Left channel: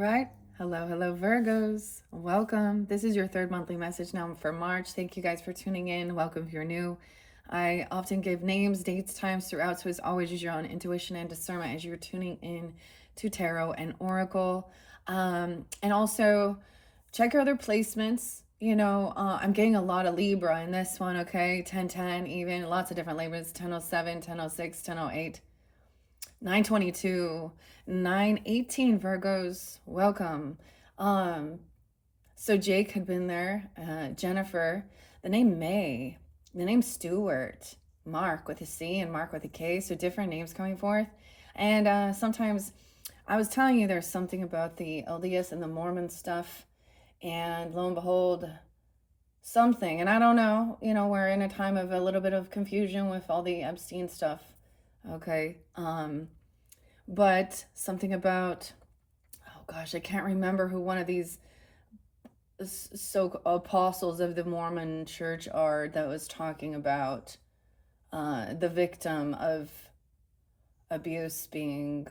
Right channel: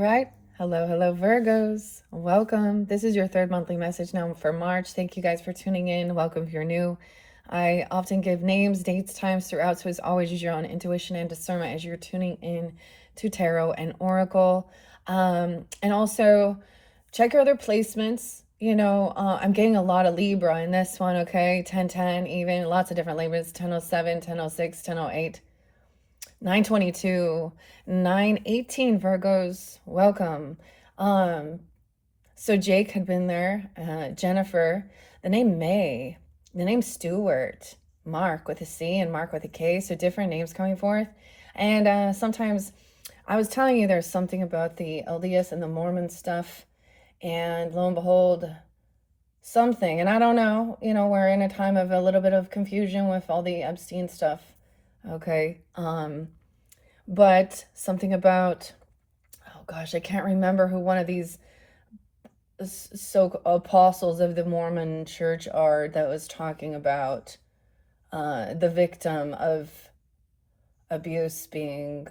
right. Hello, Virgos. Welcome. This is your third monthly message now for March. Thank you guys for tuning in. Welcome if you're new. I often give names, dates, times throughout, so as always, use your own intuition and discernment as you're tuning in to tarot and oracle. And also, check your other placements. I'm getting a lot of Libra in this one, okay? 1010, even lots of different Libras: 1007, 1006, 1008. 922, 918 Virgos, welcome. So Jake had been there, Jennifer, the name May, the name Stewart, Mark with a C and Mark with a K, so different names coming forth. And sometimes I was telling you there's something about the LDS and the Mormon stuff, and lo and behold, something, and I don't know, we're in a time of a little bit of confusion with all the Epstein stuff. Okay. But something about, oh gosh, I can't remember who one of these so apostles of the Mormon church are that was talking about the victim of abuse being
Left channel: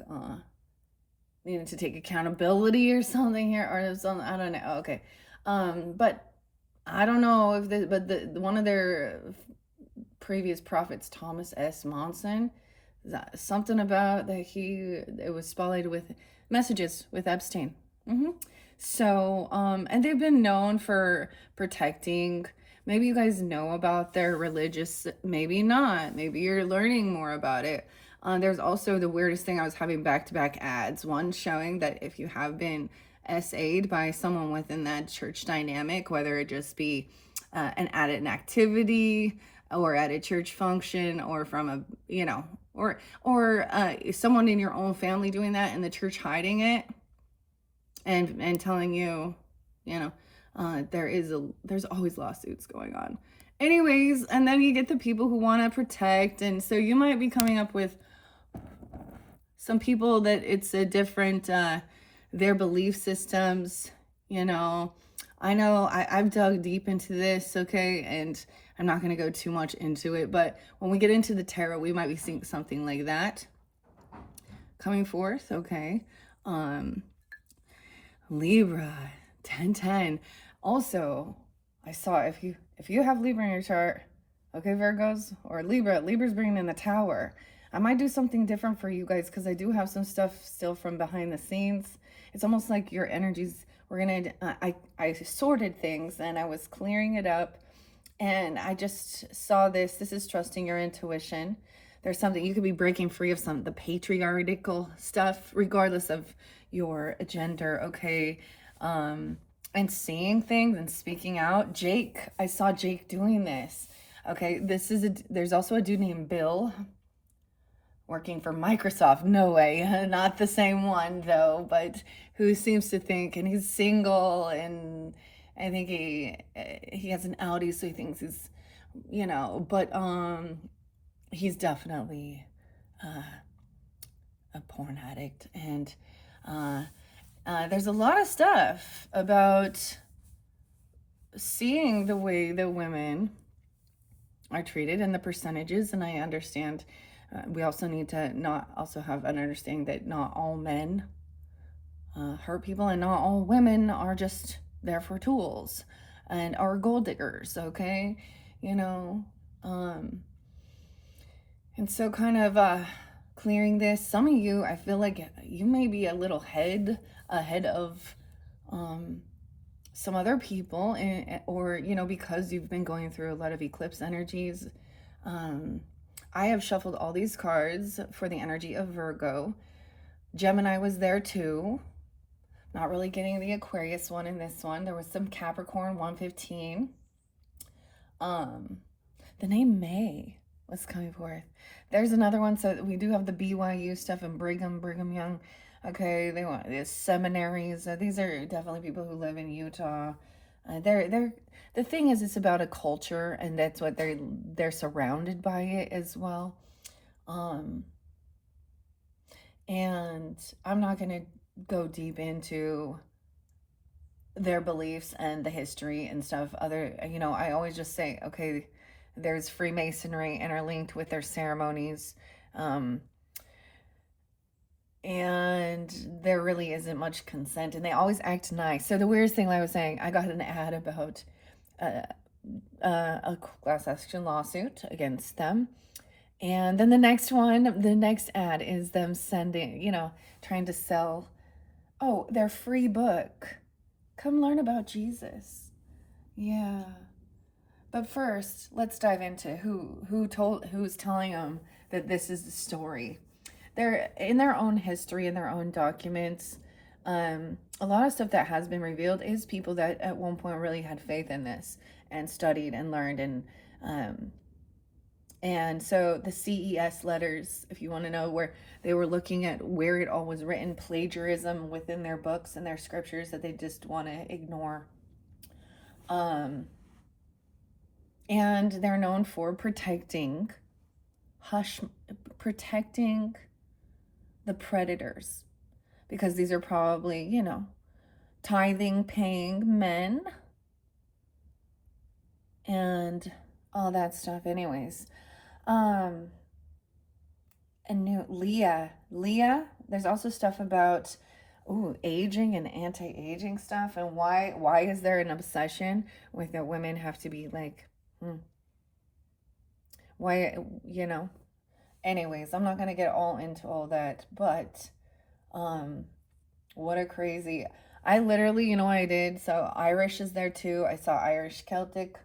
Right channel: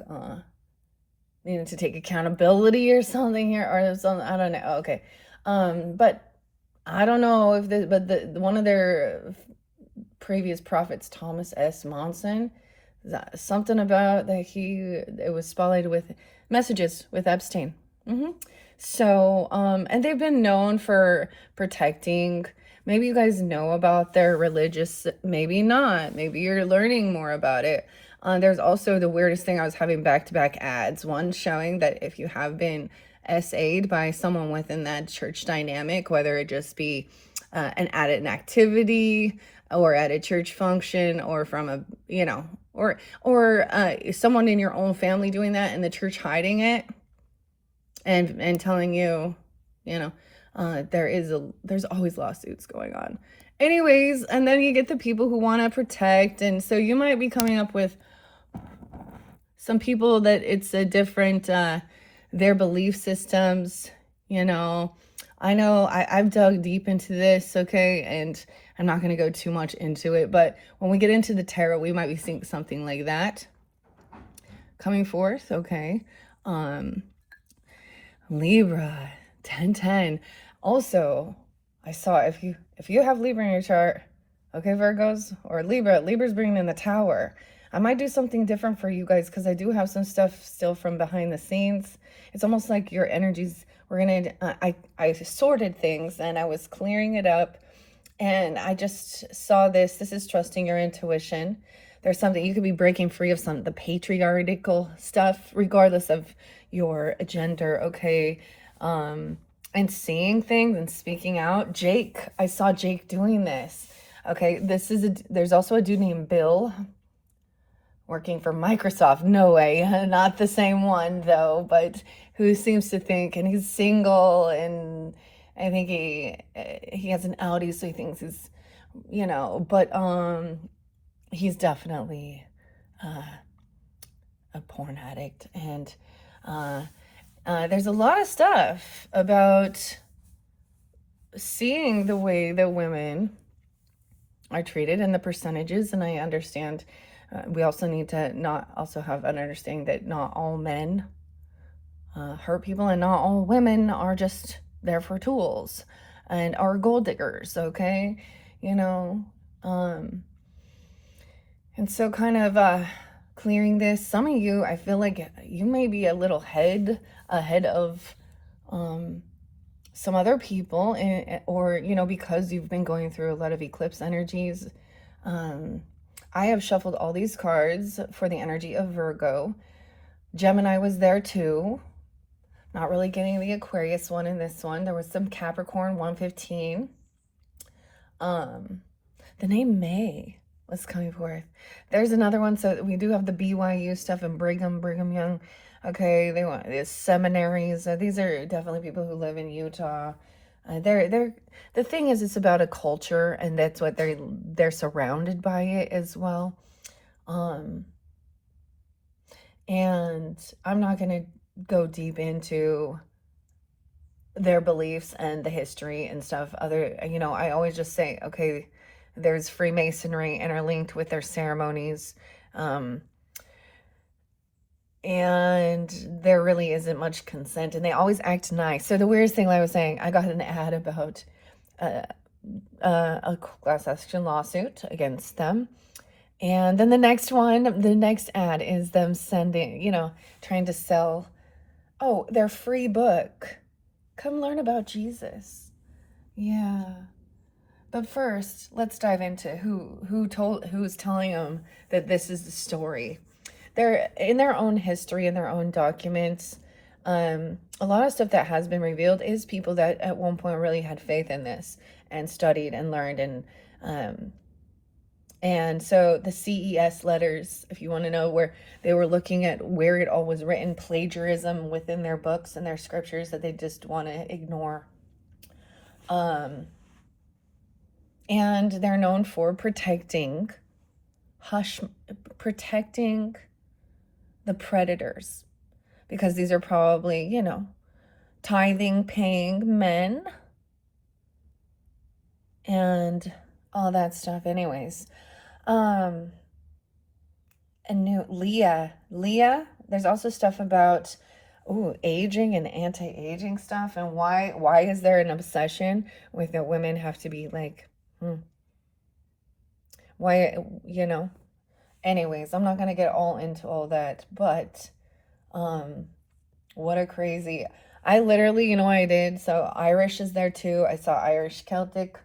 needed to take accountability or something here, or something. I don't know. Okay. But I don't know if one of their previous prophets, Thomas S. Monson, something about that it was spotlighted with messages with Epstein. So, and they've been known for protecting. Maybe you guys know about their religious, maybe not. Maybe you're learning more about it. There's also the weirdest thing. I was having back-to-back ads. One showing that if you have been SA'd by someone within that church dynamic, whether it just be an activity or at a church function or from a, or someone in your own family doing that and the church hiding it and telling you, there's always lawsuits going on. Anyways, and then you get the people who want to protect, and so you might be coming up with some people that it's a different, their belief systems, I know I've dug deep into this, okay, and I'm not going to go too much into it, but when we get into the tarot, we might be seeing something like that coming forth, okay? Libra, 1010. Also, I saw if you have Libra in your chart, okay, Virgos, or Libra's bringing in the Tower. I might do something different for you guys because I do have some stuff still from behind the scenes. It's almost like your energies, I sorted things and I was clearing it up, and I just saw this is trusting your intuition. There's something you could be breaking free of, the patriarchal stuff, regardless of your gender, okay? And seeing things and speaking out. Jake, I saw Jake doing this. Okay, there's also a dude named Bill working for Microsoft. No way, not the same one though, but who seems to think, and he's single, and I think he has an Audi, so he thinks he's, but he's definitely a porn addict, and there's a lot of stuff about seeing the way that women are treated and the percentages, and I understand we also need to not also have an understanding that not all men hurt people, and not all women are just there for tools and are gold diggers, okay? And so kind of clearing this, some of you, I feel like you may be a little ahead of some other people, or because you've been going through a lot of eclipse energies. I have shuffled all these cards for the energy of Virgo. Gemini was there too. Not really getting the Aquarius one in this one. There was some Capricorn 115. The name May was coming forth. There's another one. So we do have the BYU stuff and Brigham Young. Okay, they want these seminaries. These are definitely people who live in Utah. They're the thing is, it's about a culture, and that's what they're surrounded by it as well. And I'm not gonna go deep into their beliefs and the history and stuff. I always just say, okay, there's Freemasonry interlinked with their ceremonies. and there really isn't much consent, and they always act nice. So the weirdest thing, like I was saying, I got an ad about uh, a class action lawsuit against them. And then the next one, the next ad is them sending, trying to sell, oh, their free book. Come learn about Jesus. Yeah. But first, let's dive into who's telling them that this is the story. They're in their own history, in their own documents. A lot of stuff that has been revealed is people that at one point really had faith in this and studied and learned, and so the CES letters, if you want to know, where they were looking at where it all was written, plagiarism within their books and their scriptures that they just want to ignore. Um, and they're known for protecting the predators, because these are probably, tithing paying men and all that stuff. Anyways, and new Leah, there's also stuff about aging and anti-aging stuff, and why is there an obsession with that women have to be like, why, anyways, I'm not going to get all into all that, but what a crazy, I literally, you know what I did? So Irish is there too. I saw Irish Celtic.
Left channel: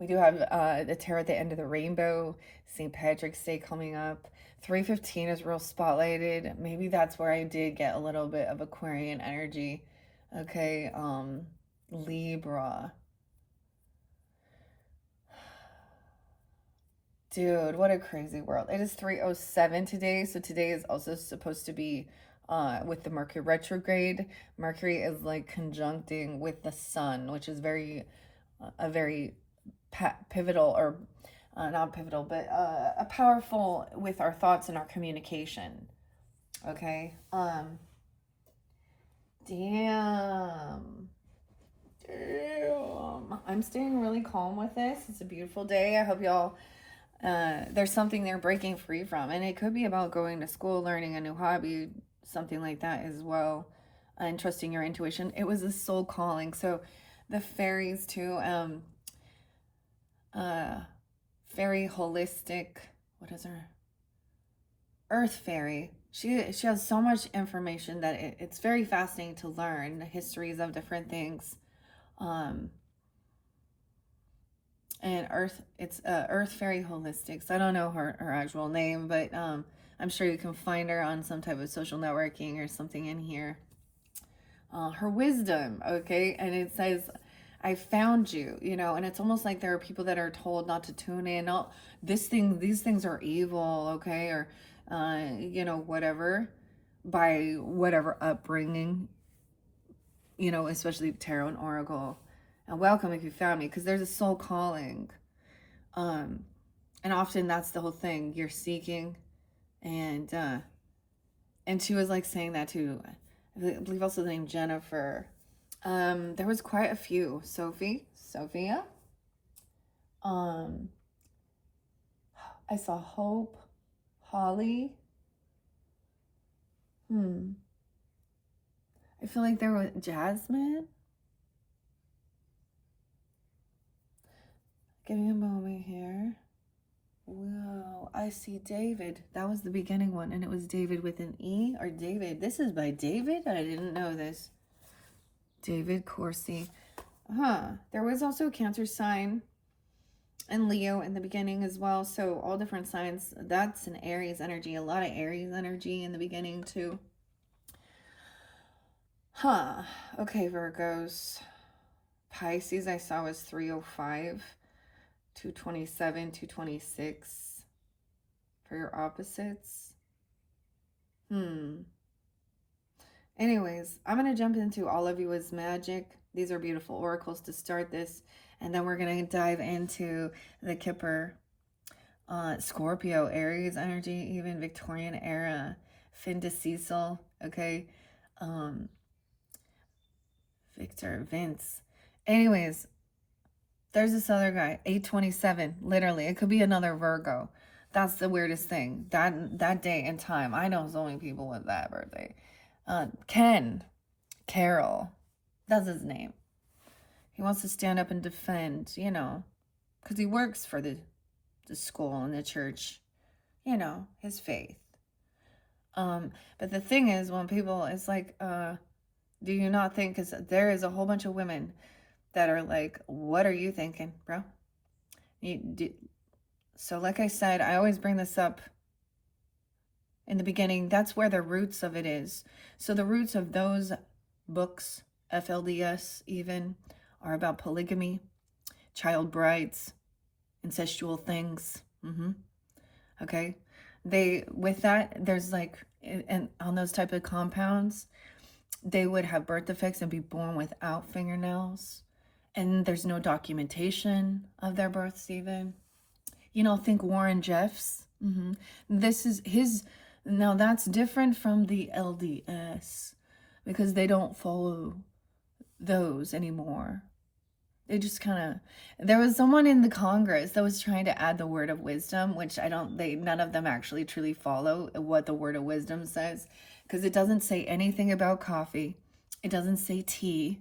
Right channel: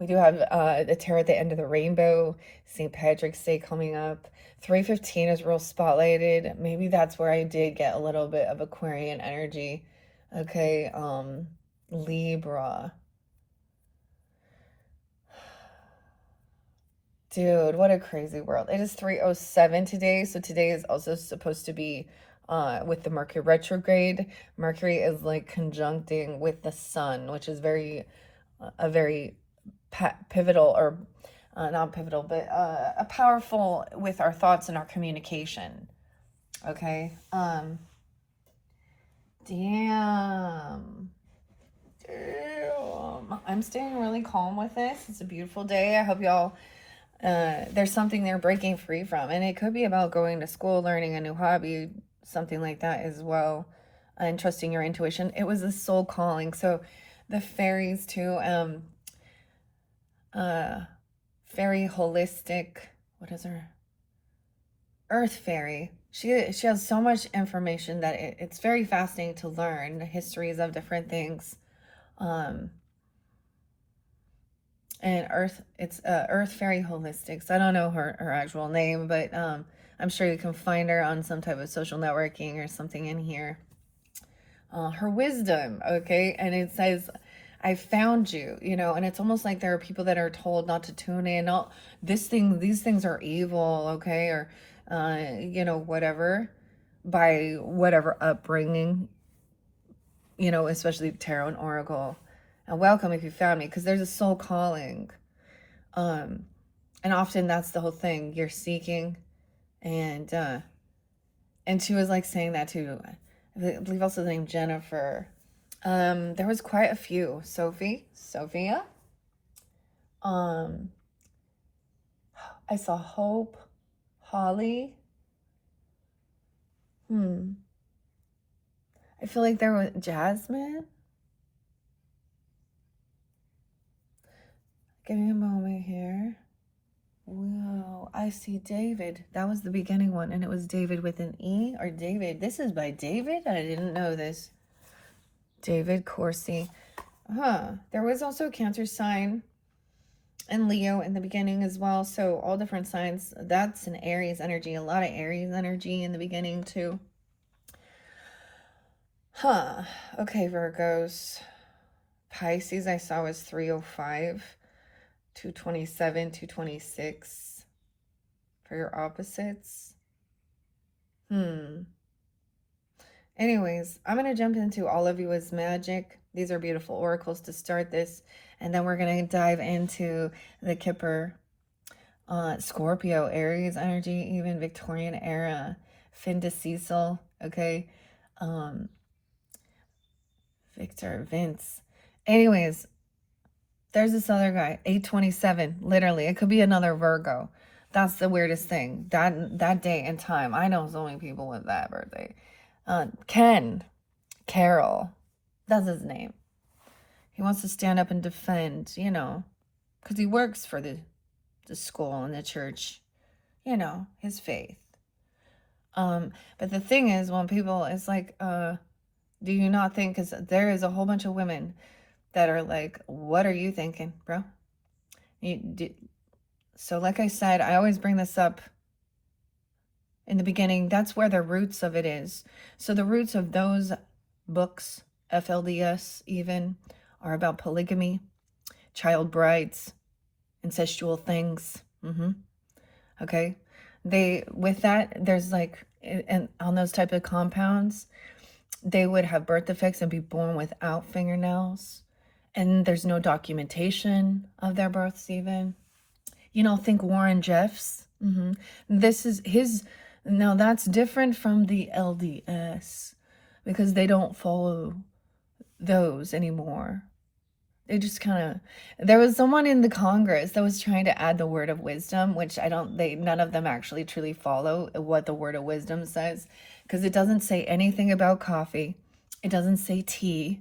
We do have the Tarot at the End of the Rainbow, St. Patrick's Day coming up. 315 is real spotlighted. Maybe that's where I did get a little bit of Aquarian energy. Okay, Libra. Dude, what a crazy world. It is 3:07 today, so today is also supposed to be with the Mercury retrograde. Mercury is like conjuncting with the sun, which is a very pivotal, or not pivotal, but a powerful with our thoughts and our communication. Okay. Damn. I'm staying really calm with this. It's a beautiful day. I hope y'all, there's something they're breaking free from, and it could be about going to school, learning a new hobby, something like that as well, and trusting your intuition. It was a soul calling. So the fairies too, very holistic, what is her, earth fairy, she has so much information that it's very fascinating to learn the histories of different things. And it's earth fairy holistics. I don't know her actual name, but I'm sure you can find her on some type of social networking or something in here. Her wisdom, okay, and it says, I found you, and it's almost like there are people that are told not to tune in. Oh, these things are evil, okay, or whatever, by whatever upbringing, especially tarot and oracle. And welcome if you found me, because there's a soul calling, and often that's the whole thing you're seeking, and she was like saying that too. I believe also the name Jennifer. There was quite a few. Sophia. I saw Hope, Holly. I feel like there was Jasmine. Give me a moment here. Whoa, I see David. That was the beginning one, and it was David with an E, or David. This is by David? I didn't know this. David Corsi. There was also a Cancer sign and Leo in the beginning as well. So all different signs. That's an Aries energy. A lot of Aries energy in the beginning too. Okay, Virgos. Pisces I saw was 305, 227, 226 for your opposites. Anyways, I'm going to jump into All of You Is Magic. These are beautiful oracles to start this. And then we're going to dive into the Kipper, Scorpio, Aries energy, even Victorian era, Finda Cecil, okay? Victor, Vince. Anyways, there's this other guy, 827, literally. It could be another Virgo. That's the weirdest thing. That day and time. I know so many people with that birthday. Ken Carroll. That's his name. He wants to stand up and defend, because he works for the school and the church, his faith. But the thing is, when people, it's like, do you not think, because there is a whole bunch of women that are like, what are you thinking, bro? So like I said, I always bring this up in the beginning. That's where the roots of it is. So the roots of those books, FLDS even, are about polygamy, child brides, incestual things. Okay. With that, there's like, and on those type of compounds, they would have birth defects and be born without fingernails. And there's no documentation of their births even. Think Warren Jeffs. This is his. Now that's different from the LDS because they don't follow those anymore. They just kind of. There was someone in the Congress that was trying to add the word of wisdom, which none of them actually truly follow what the word of wisdom says, because it doesn't say anything about coffee. It doesn't say tea.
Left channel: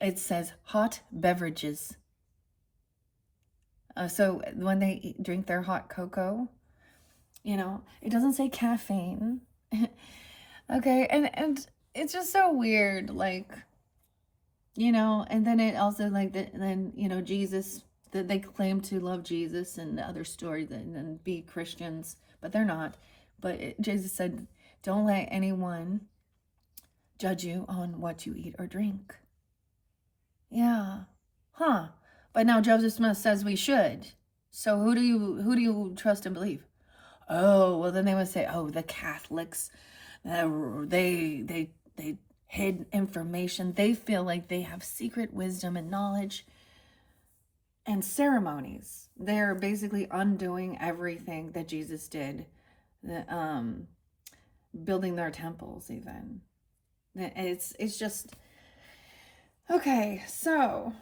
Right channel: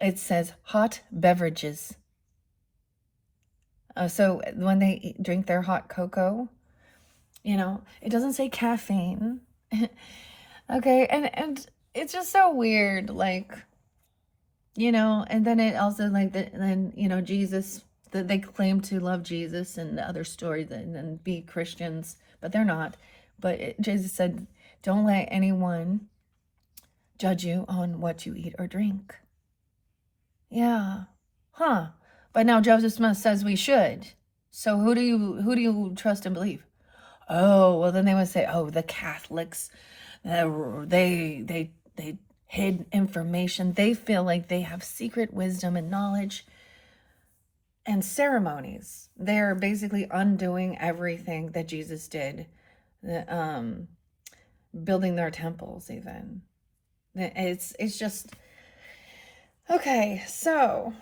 It says hot beverages. So when they drink their hot cocoa, it doesn't say caffeine. Okay, and it's just so weird, like, and then it also then Jesus, that they claim to love Jesus and the other stories and be Christians, but they're not. But Jesus said, don't let anyone judge you on what you eat or drink. Yeah. Huh. But now Joseph Smith says we should. So who do you trust and believe? Oh, well then they would say, oh, the Catholics, they hid information. They feel like they have secret wisdom and knowledge and ceremonies. They're basically undoing everything that Jesus did, building their temples even. It's just okay. So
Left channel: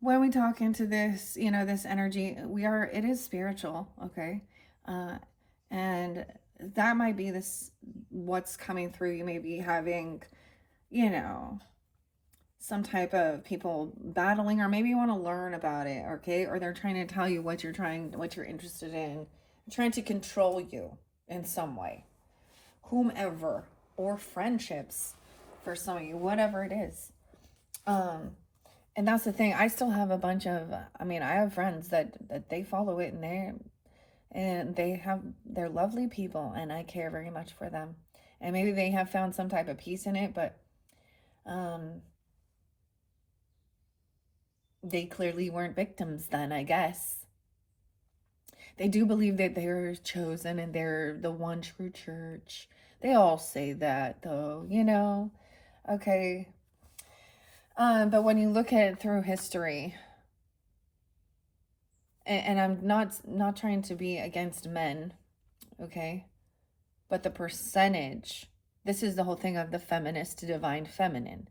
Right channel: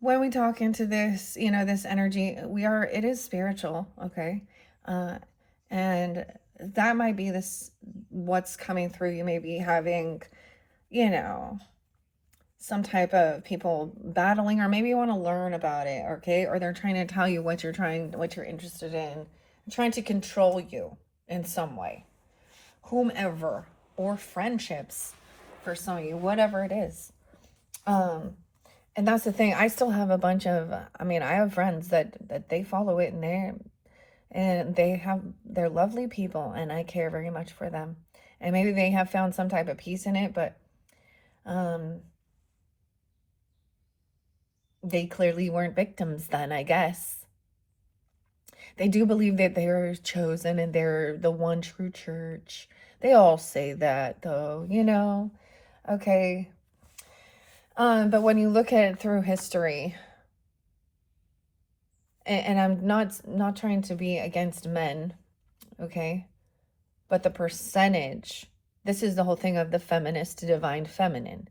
when we talk into this, this energy, it is spiritual, okay? And that might be what's coming through. You may be having, some type of people battling, or maybe you want to learn about it, okay? Or they're trying to tell you what you're interested in, trying to control you in some way, whomever, or friendships for some of you, whatever it is. And that's the thing. I still have a bunch of, I have friends that they follow it, and they're lovely people, and I care very much for them. And maybe they have found some type of peace in it, but they clearly weren't victims then, I guess. They do believe that they are chosen and they're the one true church. They all say that, though, okay. But when you look at it through history, and I'm not trying to be against men, okay, but the percentage, this is the whole thing of the feminist to divine feminine,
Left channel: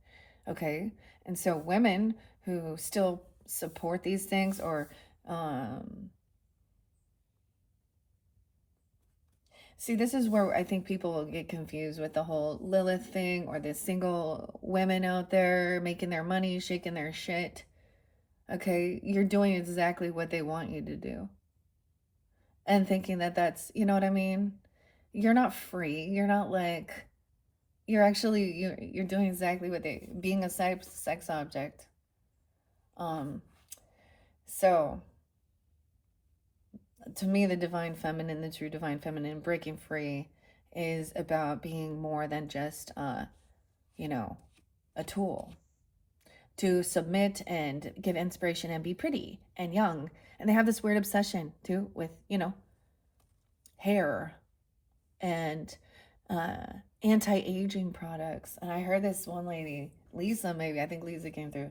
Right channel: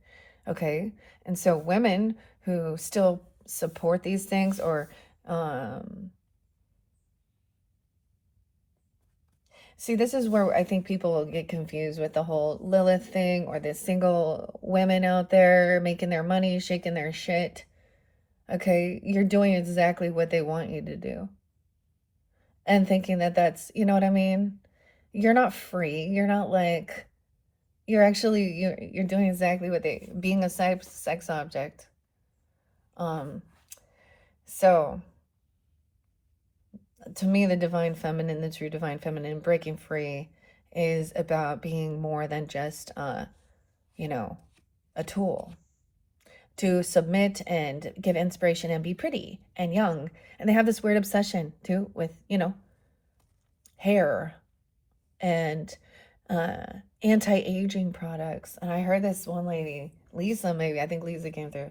okay? And so women who still support these things, or see, this is where I think people will get confused with the whole Lilith thing, or the single women out there making their money, shaking their shit. Okay, you're doing exactly what they want you to do. And thinking that that's, you know what I mean? You're not free. You're not like, you're actually, you're doing exactly what being a sex object. So to me, the divine feminine, the true divine feminine, breaking free, is about being more than just, a tool to submit and give inspiration and be pretty and young. And they have this weird obsession too with, hair and anti-aging products. And I heard this one lady, Lisa, maybe, I think Lisa came through.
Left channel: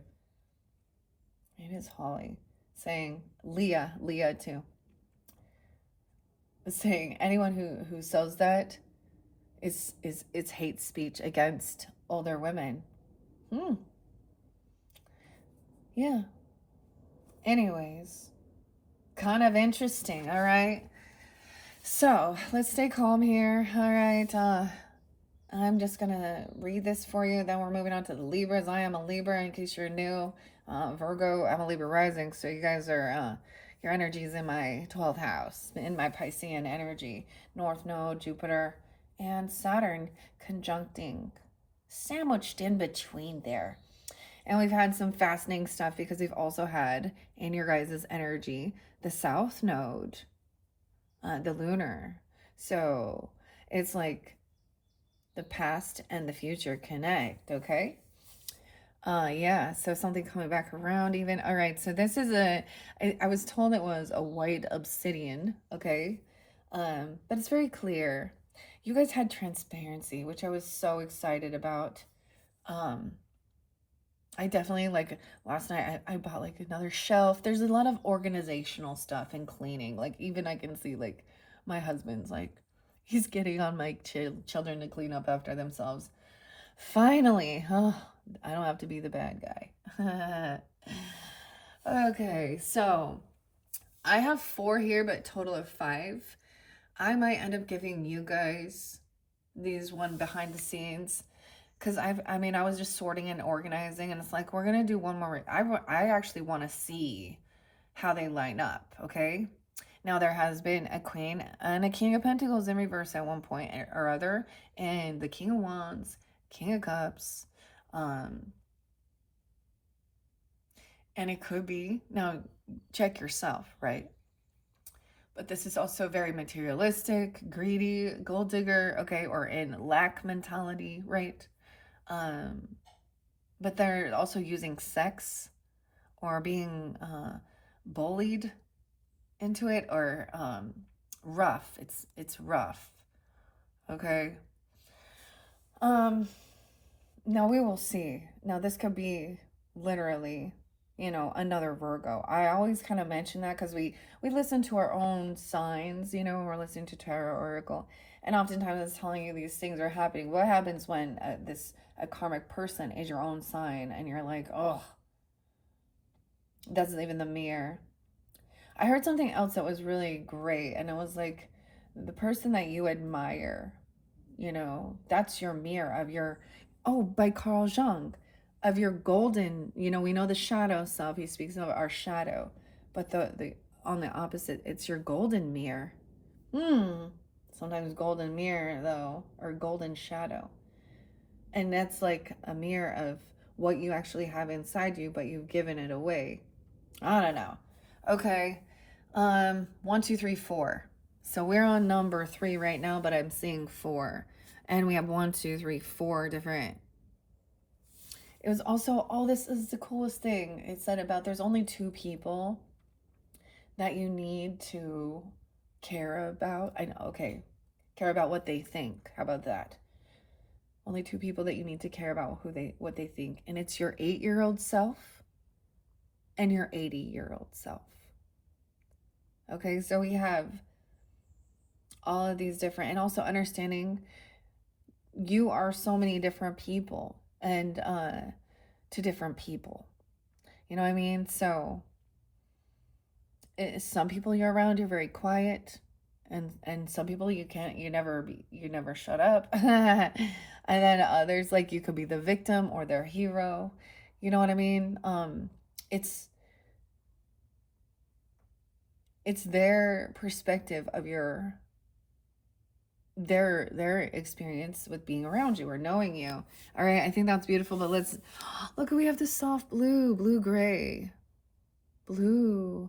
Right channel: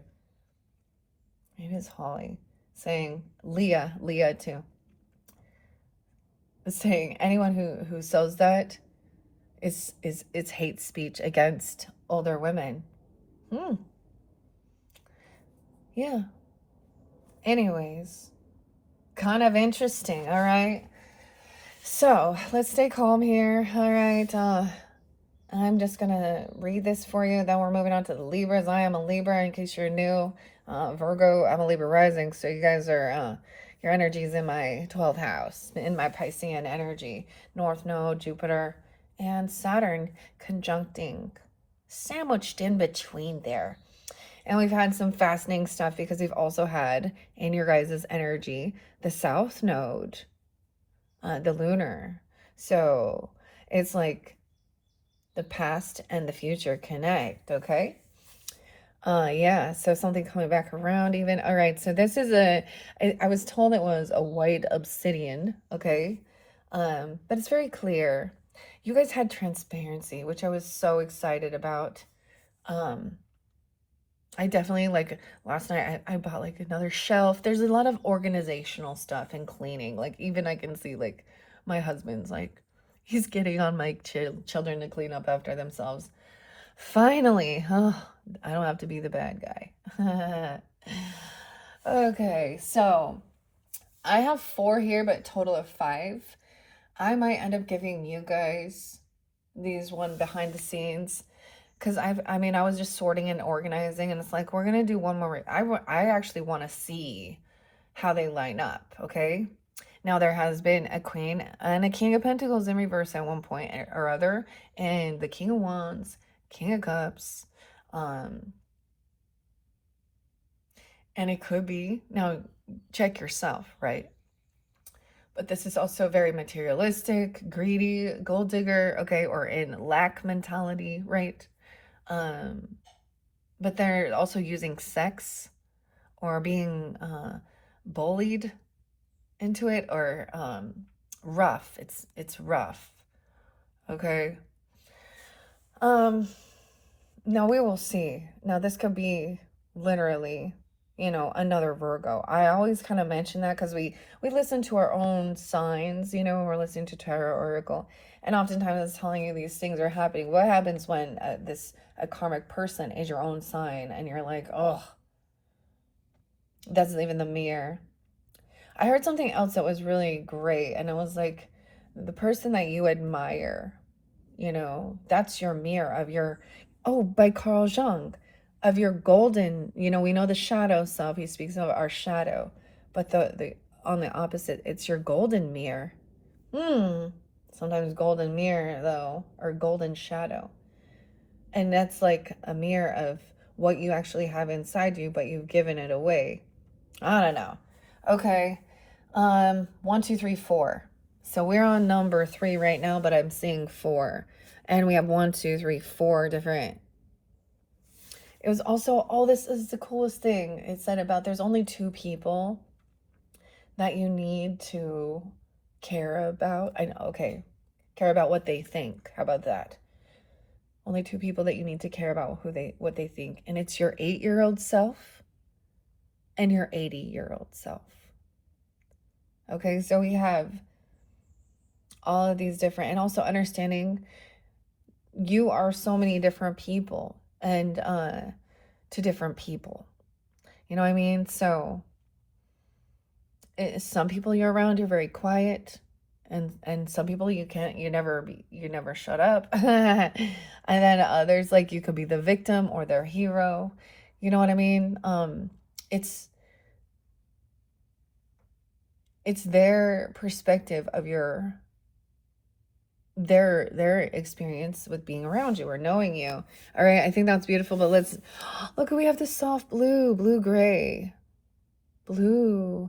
Maybe it's Holly, saying, Leah too, saying anyone who sells that is it's hate speech against older women. Yeah. Anyways, kind of interesting, all right? So let's stay calm here. All right. I'm just gonna read this for you. Then we're moving on to the Libras. I am a Libra, in case you're new. Virgo, I'm a Libra rising. So you guys are, your energy is in my 12th house, in my Piscean energy. North Node, Jupiter, and Saturn conjuncting, sandwiched in between there. And we've had some fascinating stuff because we've also had in your guys' energy the South Node, the lunar. So it's like the past and the future connect, okay? Yeah, so something coming back around even. All right, so this is I was told it was a white obsidian, okay? But it's very clear. You guys had transparency, which I was so excited about. Um, I definitely like last night I bought like another shelf. There's a lot of organizational stuff and cleaning. Like even I can see like my husband's like he's getting on my children to clean up after themselves. Finally, oh, I don't have to be the bad guy. Okay, so I have 4 here, but total of 5. I might end up giving you guys these one behind the scenes because I was just sorting and organizing, and it's like we're gonna do one more. I actually want to see how they line up. Okay, now there has been a Queen and a King of Pentacles in reverse at one point or other, and the King of Wands, King of Cups, um, and it could be now. Check yourself, right? But this is also very materialistic, greedy, gold digger, okay, or in lack mentality, right? Um, but they're also using sex or being bullied into it or rough. It's rough. Okay. Um now we will see. Now this could be literally, another Virgo. I always kind of mention that because we listen to our own signs, we're listening to Tarot Oracle, and oftentimes it's telling you these things are happening. What happens when a karmic person is your own sign and you're like, oh, that's even the mirror. I heard something else that was really great, and it was like the person that you admire, that's your mirror of your, oh, by Carl Jung, of your golden, we know the shadow self. He speaks of our shadow, but the on the opposite, it's your golden mirror. Hmm. Sometimes golden mirror, though, or golden shadow. And that's like a mirror of what you actually have inside you, but you've given it away. I don't know. Okay. 1, 2, 3, 4. So we're on number 3 right now, but I'm seeing 4. And we have 1, 2, 3, 4 different. It was also, oh, this is the coolest thing. It said about there's only 2 people that you need to care about. I know, okay. Care about what they think. How about that? Only 2 people that you need to care about what they think. And it's your 8-year-old self and your 80-year-old self. Okay, so we have all of these different, and also understanding you are so many different people and to different people. You know what I mean? So some people you're around, you're very quiet, and some people you never shut up. And then others, like, you could be the victim or their hero. You know what I mean? It's their perspective of their experience with being around you or knowing you. All right, I think that's beautiful, but let's look, we have the soft blue gray, blue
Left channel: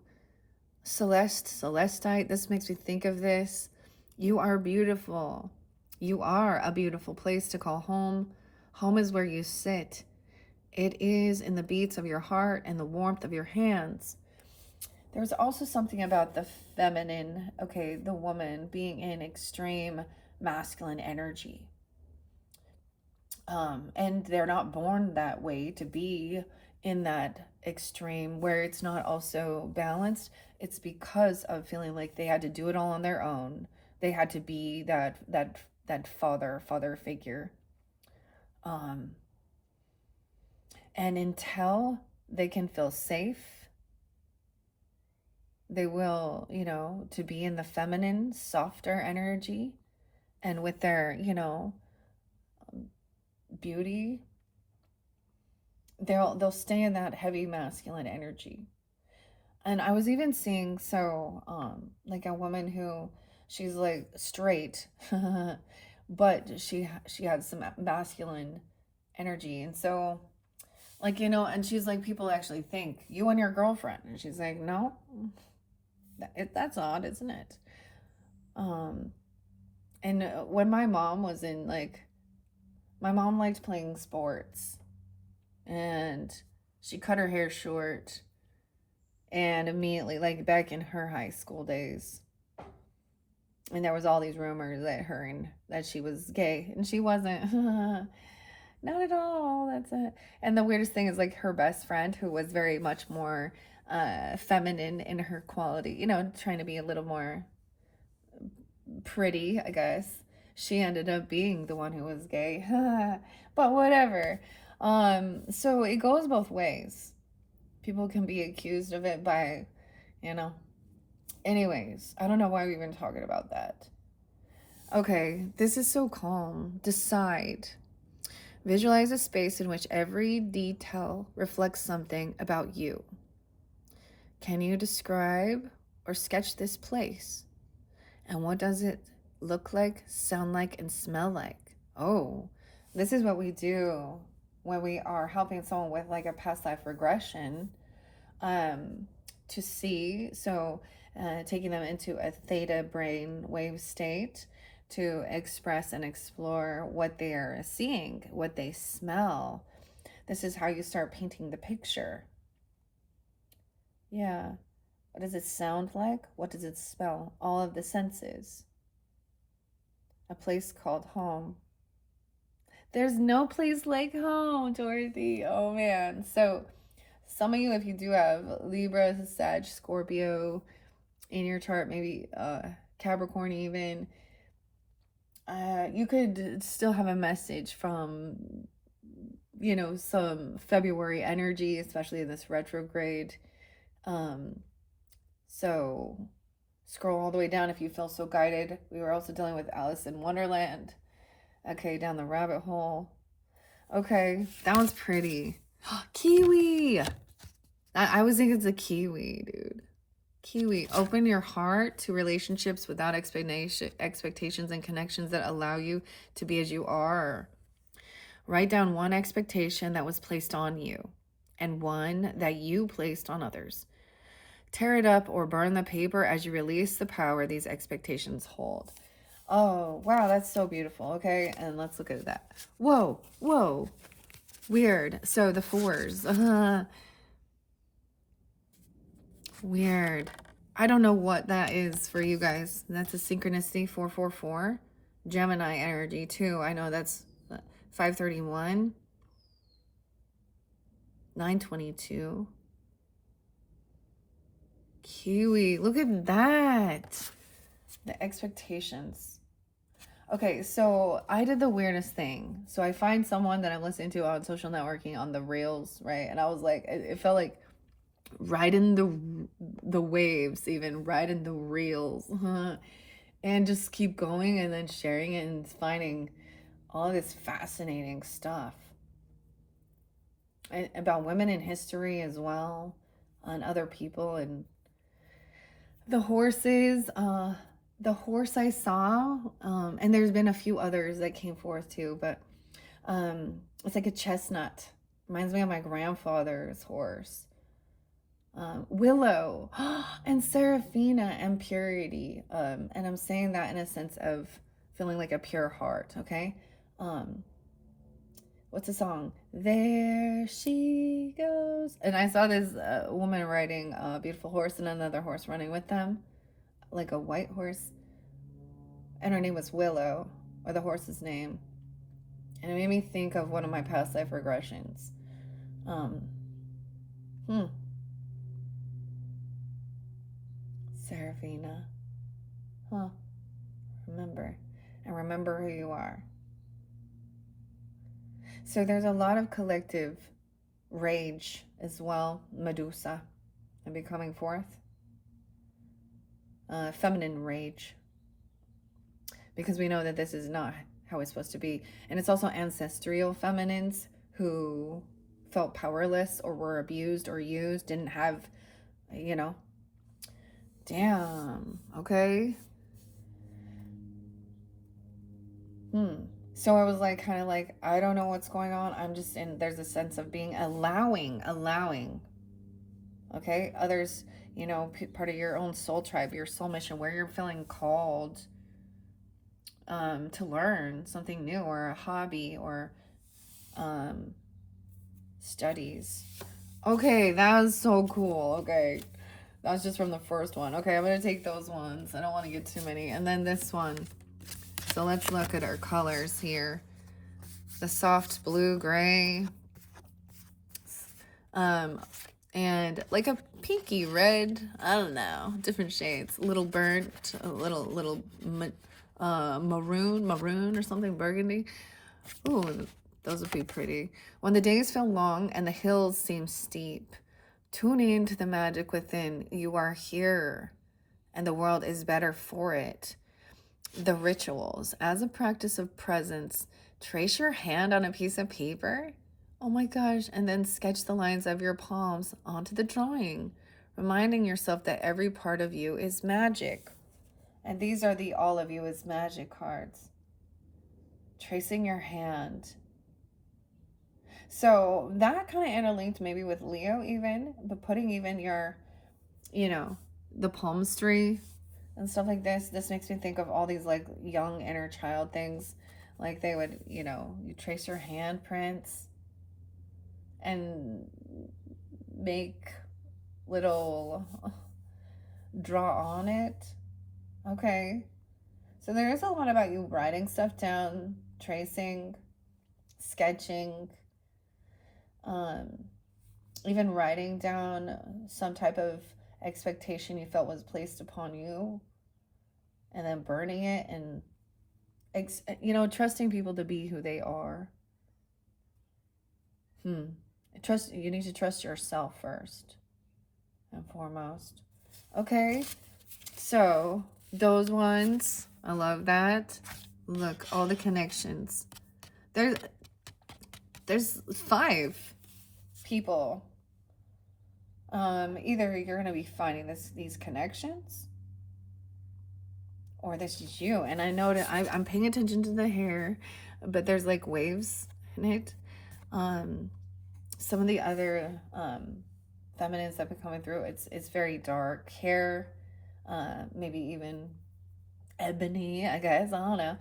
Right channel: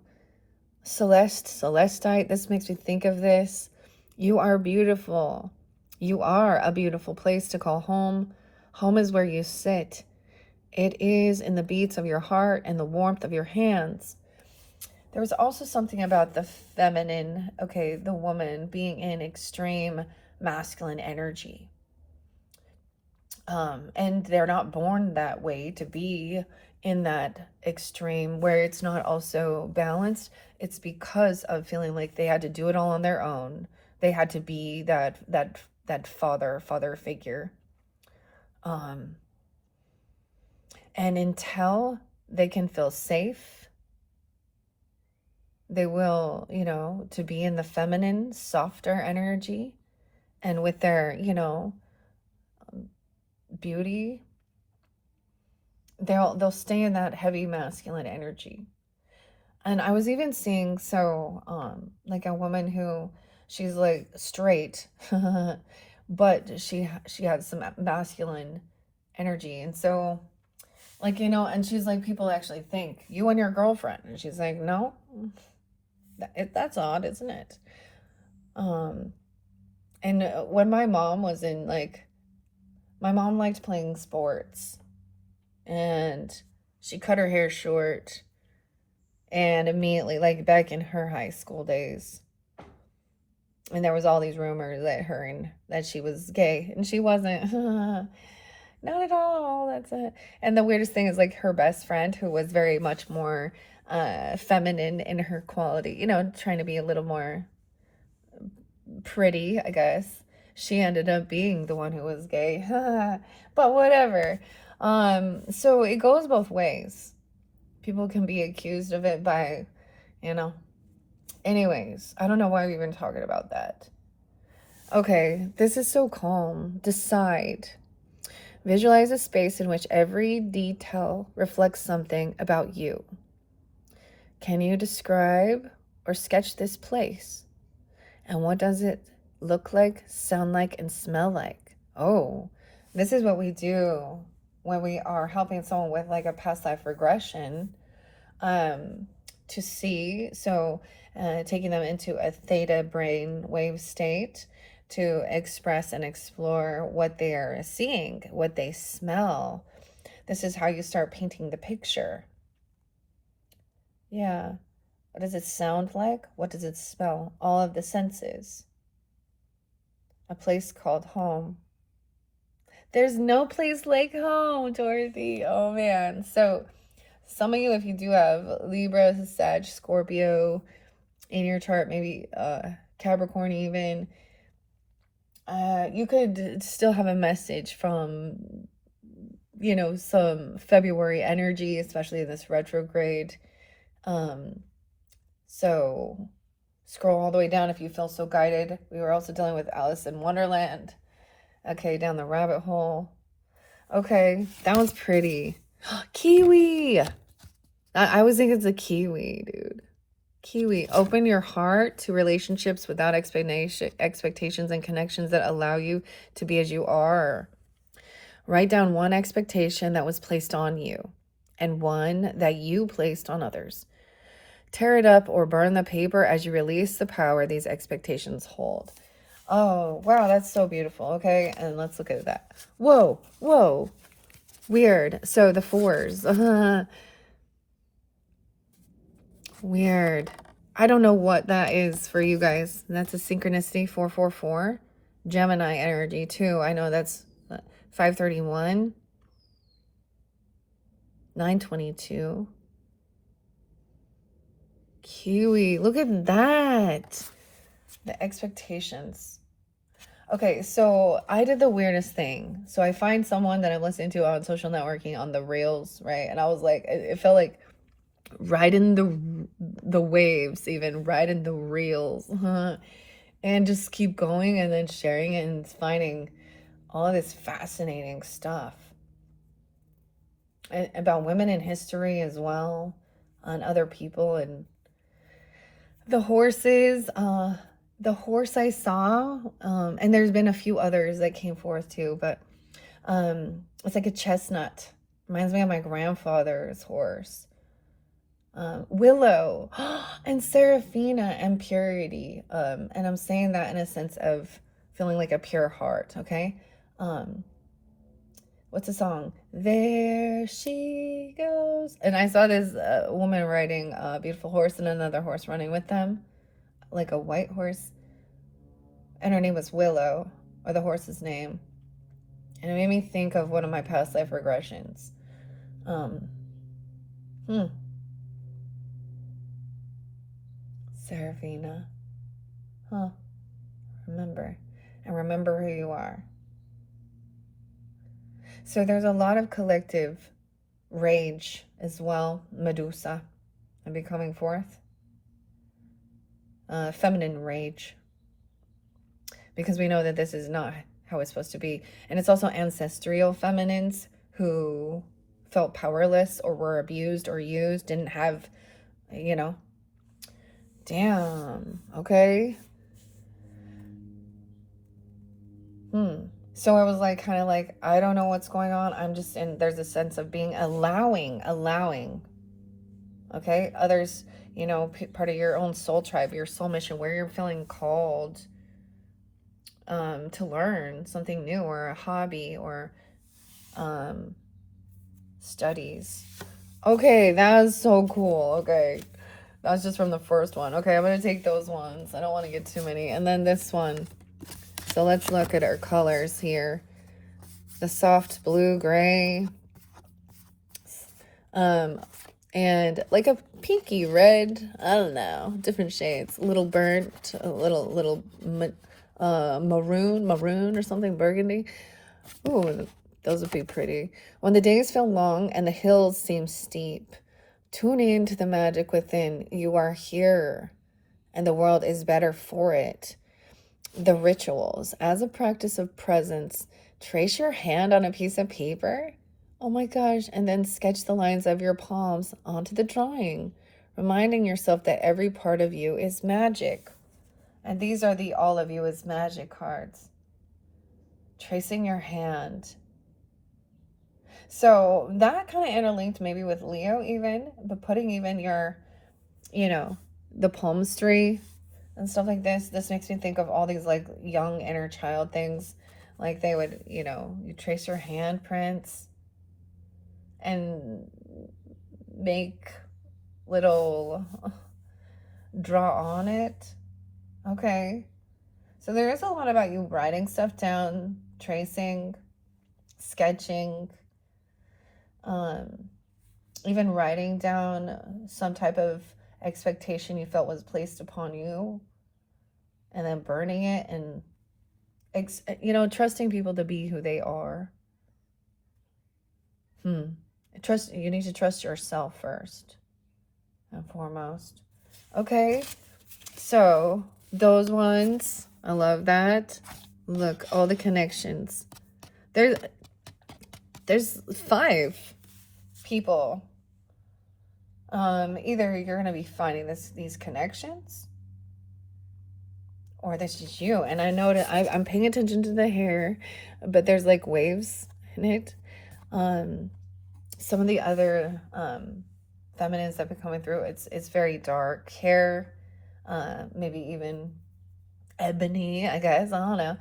celestite. This makes me think of this. You are beautiful. You are a beautiful place to call home. Home is where you sit. It is in the beats of your heart and the warmth of your hands. There was also something about the feminine, okay, the woman being in extreme masculine energy. And they're not born that way to be in that extreme where it's not also balanced. It's because of feeling like they had to do it all on their own. They had to be that father figure. Um, and until they can feel safe They will, to be in the feminine, softer energy, and with their, beauty, they'll stay in that heavy masculine energy. And I was even seeing, like a woman who, she's like straight, but she had some masculine energy. And so, like, and she's like, people actually think you and your girlfriend, and she's like, no, that's odd, isn't it? um and when my mom was in, like, my mom liked playing sports, and she cut her hair short, and immediately, like, back in her high school days, and there was all these rumors that she was gay, and she wasn't. Not at all. That's it. And the weirdest thing is, like, her best friend, who was very much more feminine in her quality, trying to be a little more pretty, I guess. She ended up being the one who was gay. But whatever. So it goes both ways. People can be accused of it by, you know. Anyways, I don't know why we've been talking about that. Okay, this is so calm. Decide. Visualize a space in which every detail reflects something about you. Can you describe or sketch this place? And what does it look like, sound like, and smell like? Oh, this is what we do when we are helping someone with, like, a past life regression, um, to see. So, taking them into a theta brain wave state to express and explore what they are seeing, what they smell. This is how you start painting the picture. Yeah. What does it sound like? What does it smell? All of the senses. A place called home. There's no place like home, Dorothy. Oh man. So, some of you, if you do have Libra, Sag, Scorpio in your chart, maybe Capricorn even, you could still have a message from, some February energy, especially in this retrograde. So scroll all the way down if you feel so guided. We were also dealing with Alice in Wonderland. Okay, down the rabbit hole. Okay, that was pretty. Kiwi! I always think it's a kiwi, dude. Kiwi. Open your heart to relationships without expectations and connections that allow you to be as you are. Write down one expectation that was placed on you and one that you placed on others. Tear it up or burn the paper as you release the power these expectations hold. Oh, wow, that's so beautiful. Okay, and let's look at that. Whoa, whoa. Weird. So the fours. Weird. I don't know what that is for you guys. That's a synchronicity 444. Gemini energy too. I know that's 531. 922. Kiwi. Look at that. The expectations. Okay, so I did the weirdest thing. So I find someone that I'm listening to on social networking on the rails, right? And I was like, it felt like riding the waves, even riding the reels, and just keep going and then sharing it and finding all of this fascinating stuff about women in history as well, and other people, and the horses. The horse I saw, and there's been a few others that came forth too, but it's like a chestnut. Reminds me of my grandfather's horse. Willow and Seraphina and purity. And I'm saying that in a sense of feeling like a pure heart, okay? What's the song? There she goes. And I saw this woman riding a beautiful horse and another horse running with them, like a white horse. And her name was Willow, or the horse's name. And it made me think of one of my past life regressions. Seraphina. Huh. Remember. And remember who you are. So there's a lot of collective rage as well. Medusa will be coming forth. feminine rage, because we know that this is not how it's supposed to be. And it's also ancestral feminines who felt powerless or were abused or used, didn't have, you know, damn, okay. So I was like, kind of like, I don't know what's going on. I'm just in, there's a sense of being allowing, okay, others, you know, part of your own soul tribe, your soul mission, where you're feeling called to learn something new, or a hobby, or studies. Okay, that was so cool. Okay, that's just from the first one. Okay, I'm gonna take those ones. I don't want to get too many. And then this one. So let's look at our colors here. The soft blue, gray, and like a pinky red. I don't know, different shades. A little burnt, a little maroon or something, burgundy. Ooh, those would be pretty. When the days feel long and the hills seem steep, tune in to the magic within. You are here, and the world is better for it. The rituals. As a practice of presence, trace your hand on a piece of paper. Oh my gosh. And then sketch the lines of your palms onto the drawing, reminding yourself that every part of you is magic. And these are the all of you is magic cards. Tracing your hand. So that kind of interlinked maybe with Leo even, but putting even your, you know, the palmistry and stuff like this makes me think of all these like young inner child things. Like they would, you know, you trace your handprints and make little draw on it. Okay. So there is a lot about you writing stuff down, tracing, sketching, even writing down some type of expectation you felt was placed upon you, and then burning it, and you know, trusting people to be who they are. Trust, you need to trust yourself first and foremost. Okay, so those ones, I love that. Look, all the connections. There's 5 people. Either you're gonna be finding these connections, or this is you. And I know that I'm paying attention to the hair, but there's like waves in it. Some of the other feminines that have been coming through, it's very dark hair, maybe even ebony, I guess. I don't know.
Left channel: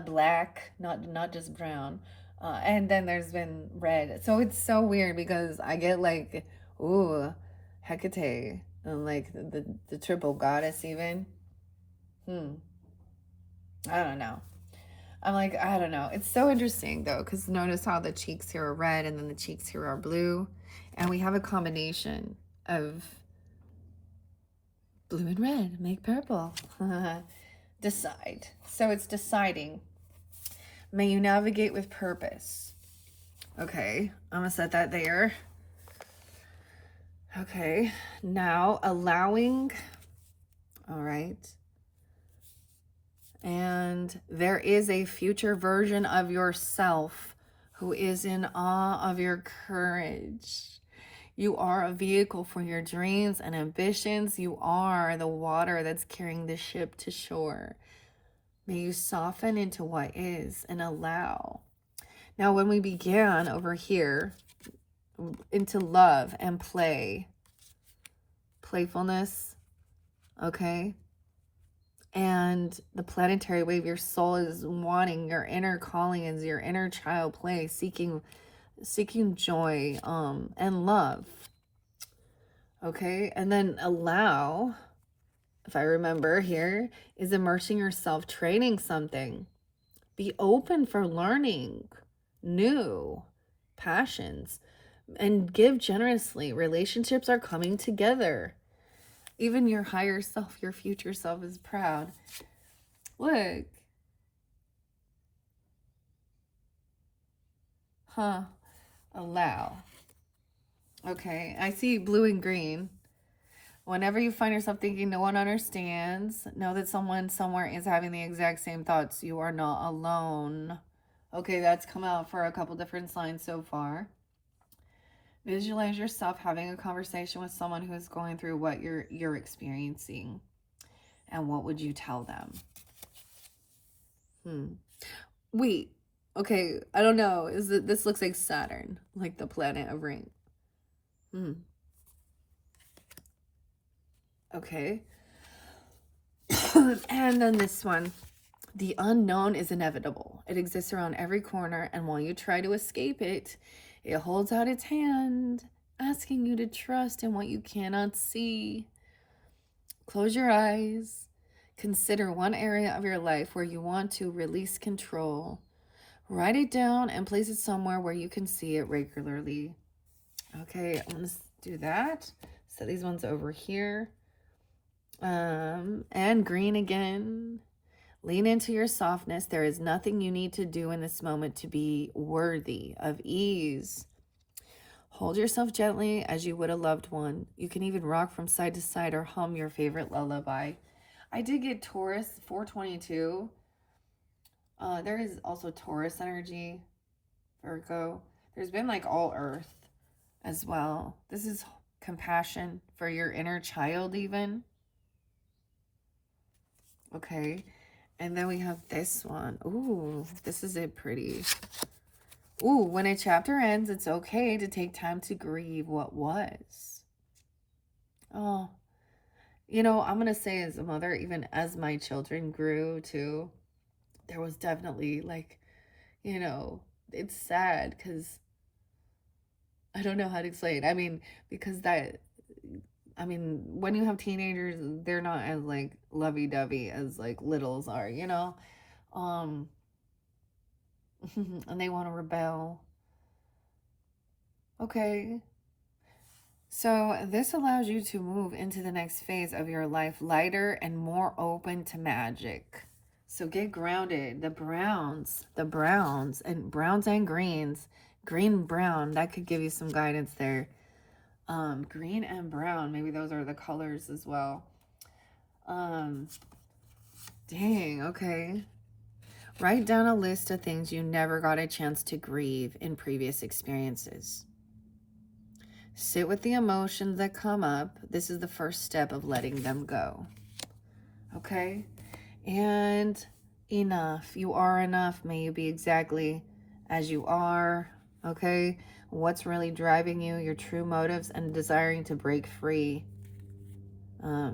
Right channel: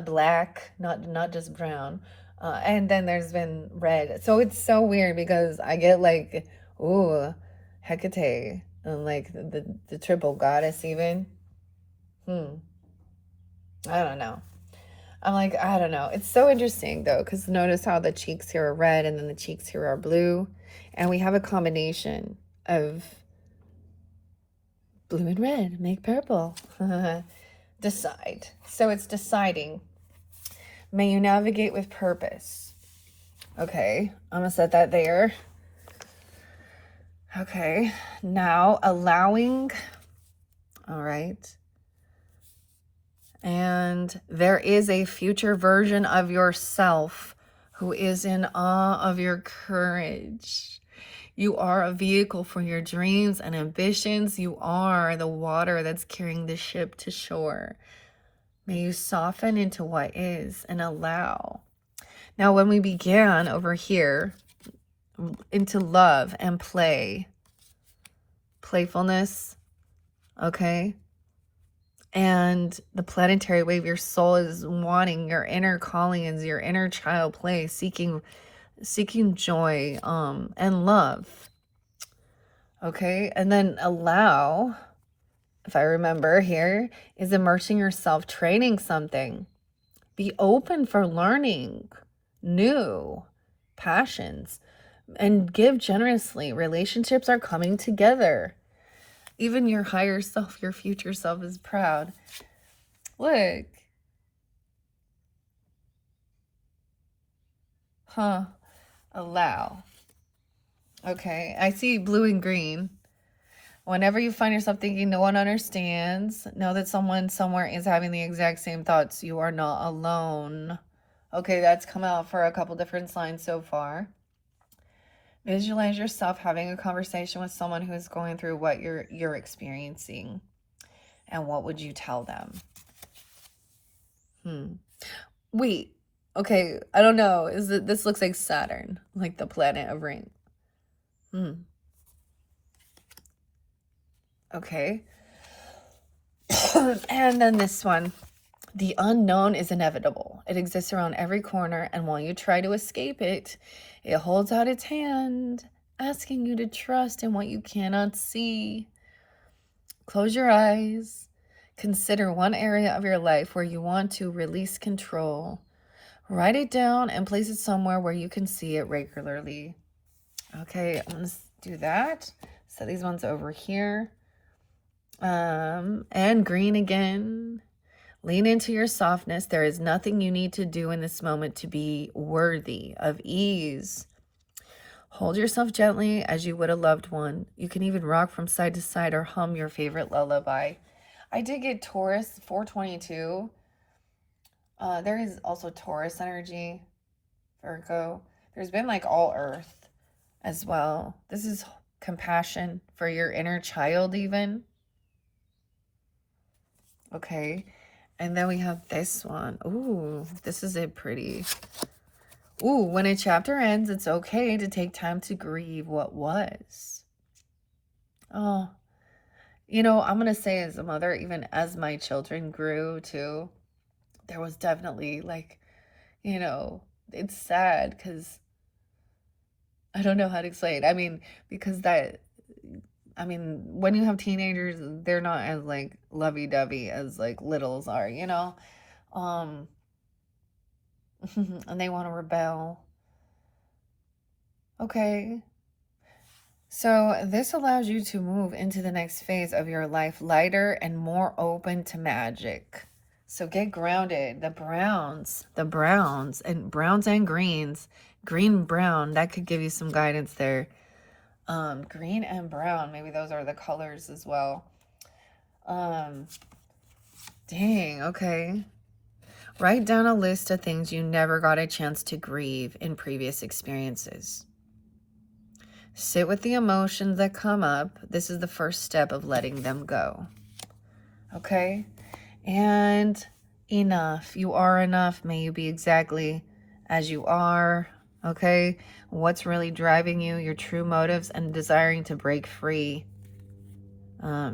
Black, not just brown. And then there's been red. So it's so weird because I get like, ooh, Hecate, and like the triple goddess even. I don't know. I'm like, I don't know. It's so interesting though, because notice how the cheeks here are red and then the cheeks here are blue. And we have a combination of blue and red make purple. Decide. So it's deciding. May you navigate with purpose. Okay, I'm gonna set that there. Okay, now allowing. All right. And there is a future version of yourself who is in awe of your courage. You are a vehicle for your dreams and ambitions. You are the water that's carrying the ship to shore. May you soften into what is and allow. Now, when we began over here into love and play, playfulness, okay? And the planetary wave, your soul is wanting, your inner calling is your inner child play, seeking joy and love. Okay, and then allow, if I remember here, is immersing yourself, training something. Be open for learning new passions and give generously. Relationships are coming together. Even your higher self, your future self is proud. Look. Allow. Okay, I see blue and green. Whenever you find yourself thinking no one understands, know that someone somewhere is having the exact same thoughts. You are not alone. Okay, that's come out for a couple different signs so far. Visualize yourself having a conversation with someone who is going through what you're experiencing. And what would you tell them? Wait. Okay, I don't know. This looks like Saturn, like the planet of rain. Okay. And then this one. The unknown is inevitable. It exists around every corner, and while you try to escape it, it holds out its hand, asking you to trust in what you cannot see. Close your eyes. Consider one area of your life where you want to release control. Write it down and place it somewhere where you can see it regularly. Okay, I'm going to do that. Set these ones over here. And green again. Lean into your softness. There is nothing you need to do in this moment to be worthy of ease. Hold yourself gently as you would a loved one. You can even rock from side to side or hum your favorite lullaby. I did get Taurus 422. There is also Taurus energy, Virgo. There's been like all earth as well. This is compassion for your inner child even. Okay. And then we have this one. Ooh, this is it pretty. Ooh, when a chapter ends, it's okay to take time to grieve what was. Oh, you know, I'm going to say as a mother, even as my children grew too, there was definitely like, you know, it's sad because I don't know how to explain. I mean, because when you have teenagers, they're not as like lovey-dovey as like littles are, you know? And they want to rebel. Okay. So this allows you to move into the next phase of your life lighter and more open to magic. So get grounded. The browns and greens, green, brown, that could give you some guidance there. Green and brown, maybe those are the colors as well. Dang, okay. Write down a list of things you never got a chance to grieve in previous experiences. Sit with the emotions that come up. This is the first step of letting them go. Okay? And enough. You are enough. May you be exactly as you are. Okay? What's really driving you, your true motives, and desiring to break free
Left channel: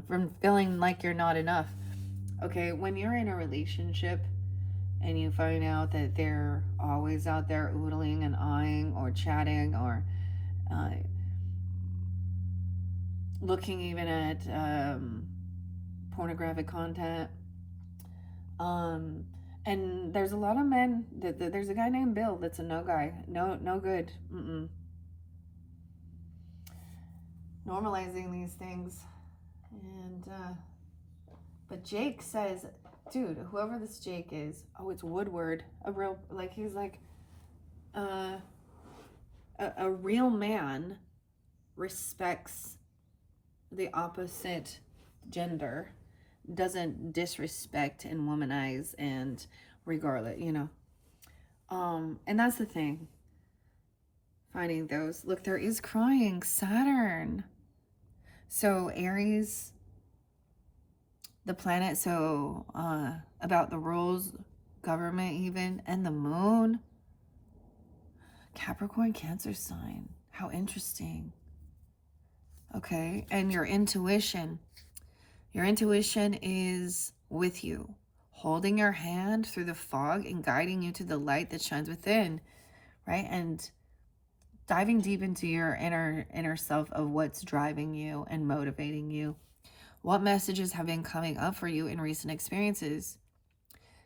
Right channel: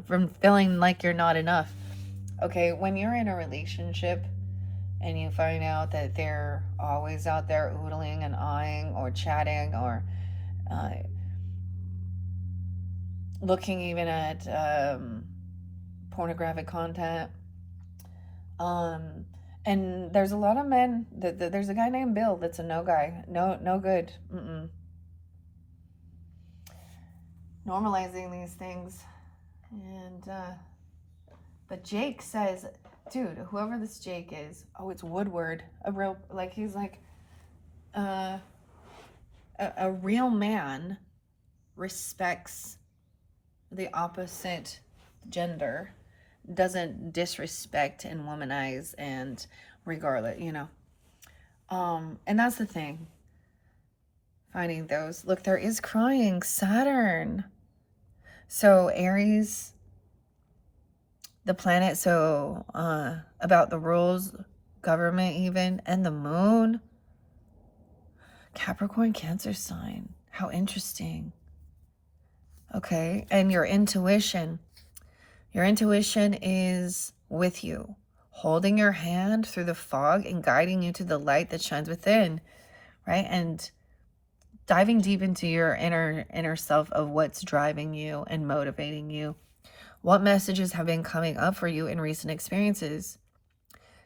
from feeling like you're not enough. Okay? When you're in a relationship and you find out that they're always out there oodling and eyeing or chatting or looking even at pornographic content. And there's a lot of men there's a guy named Bill that's a no guy. No good. Normalizing these things. And but Jake says, dude, whoever this Jake is, oh, it's Woodward. A real, like, he's like a real man respects the opposite gender, doesn't disrespect and womanize and regardless, you know. And that's the thing. Finding those. Look, there is crying. Saturn. So Aries, the planet, so about the rules, government even, and the moon. Capricorn, Cancer sign. How interesting. Okay, and your intuition. Your intuition is with you, holding your hand through the fog and guiding you to the light that shines within, right? And diving deep into your inner self of what's driving you and motivating you. What messages have been coming up for you in recent experiences?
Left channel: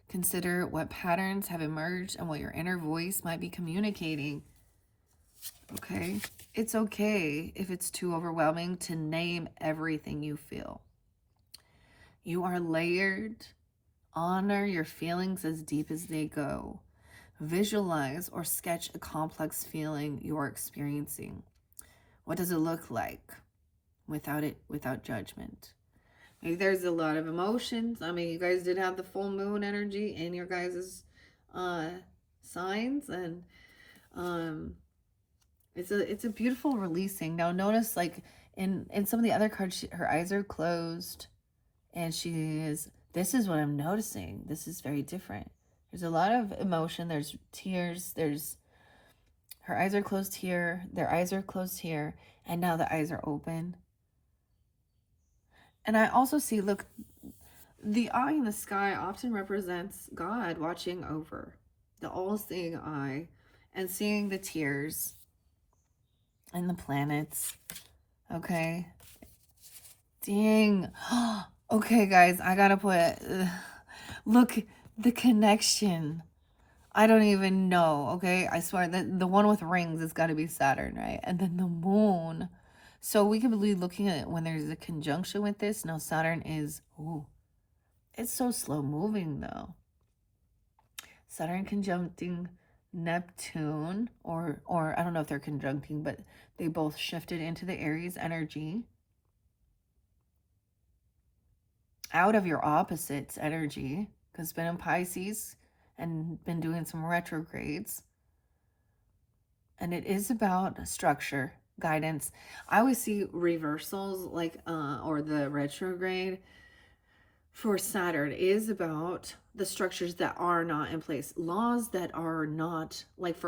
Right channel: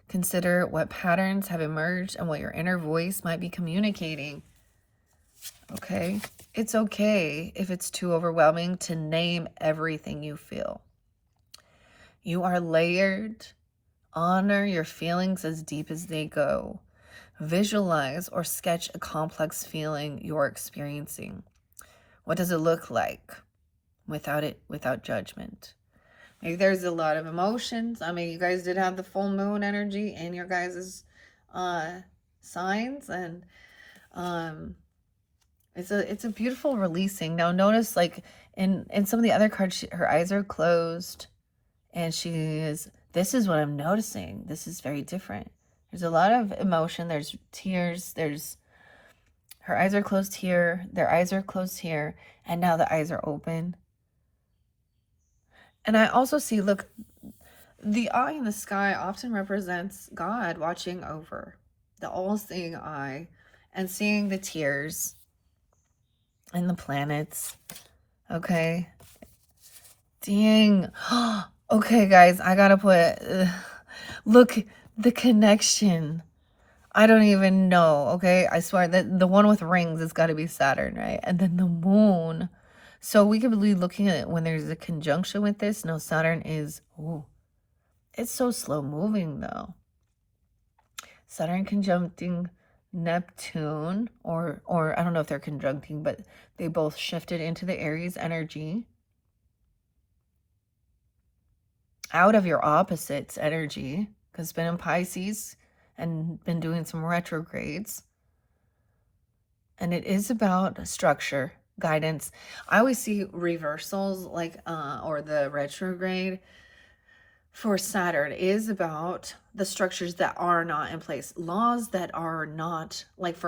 Consider what patterns have emerged and what your inner voice might be communicating. Okay? It's okay if it's too overwhelming to name everything you feel. You are layered. Honor your feelings as deep as they go. Visualize or sketch a complex feeling you're experiencing. What does it look like? without judgment. Maybe there's a lot of emotions. I mean, you guys did have the full moon energy in your guys' uh, signs, and um, it's a beautiful releasing. Now notice, like in some of the other cards, her eyes are closed, and this is what I'm noticing. This is very different. There's a lot of emotion. There's tears. There's her eyes are closed here. Their eyes are closed here, and now the eyes are open. And I also see, look, the eye in the sky often represents God watching over, the all-seeing eye, and seeing the tears and the planets. Okay. Dang. Okay, guys, I gotta put, look, the connection. I don't even know, okay? I swear that the one with rings has got to be Saturn, right? And then the moon. So we could be looking at it when there's a conjunction with this. No, Saturn is, ooh, it's so slow moving though. Saturn conjuncting Neptune, or I don't know if they're conjuncting, but they both shifted into the Aries energy. Out of your opposites energy, because it's been in Pisces and been doing some retrogrades. And it is about structure, guidance. I always see reversals, like, or the retrograde for Saturn is about the structures that are not in place, laws that are not, like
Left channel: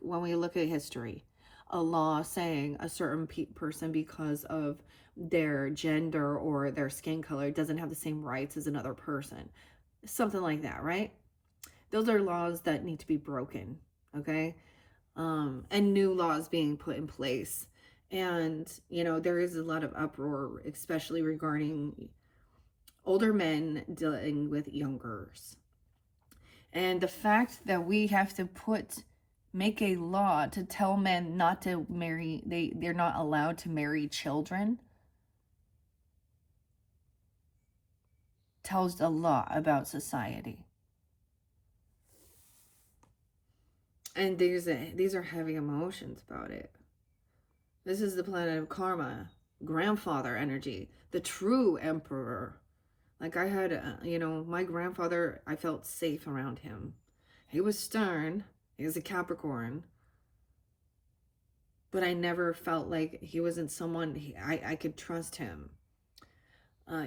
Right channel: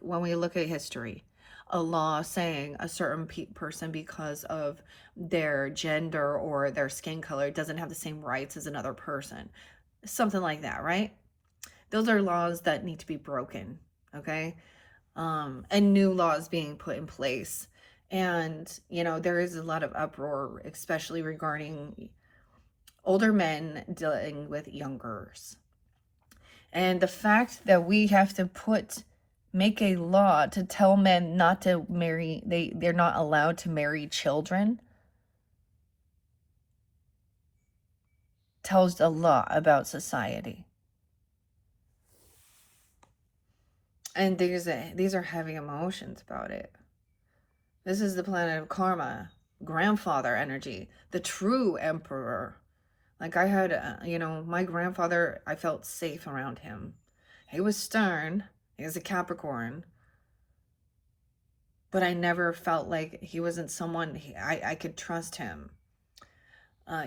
when we look at history, a law saying a certain person, because of their gender or their skin color, doesn't have the same rights as another person, something like that, right? Those are laws that need to be broken, okay? And new laws being put in place. And, you know, there is a lot of uproar, especially regarding older men dealing with youngers. And the fact that we have to make a law to tell men not to marry, they're not allowed to marry children, tells a lot about society. And these are heavy emotions about it. This is the planet of karma, grandfather energy, the true emperor. Like I had, you know, my grandfather, I felt safe around him. He was stern. He was a Capricorn. But I never felt like he wasn't someone I could trust him.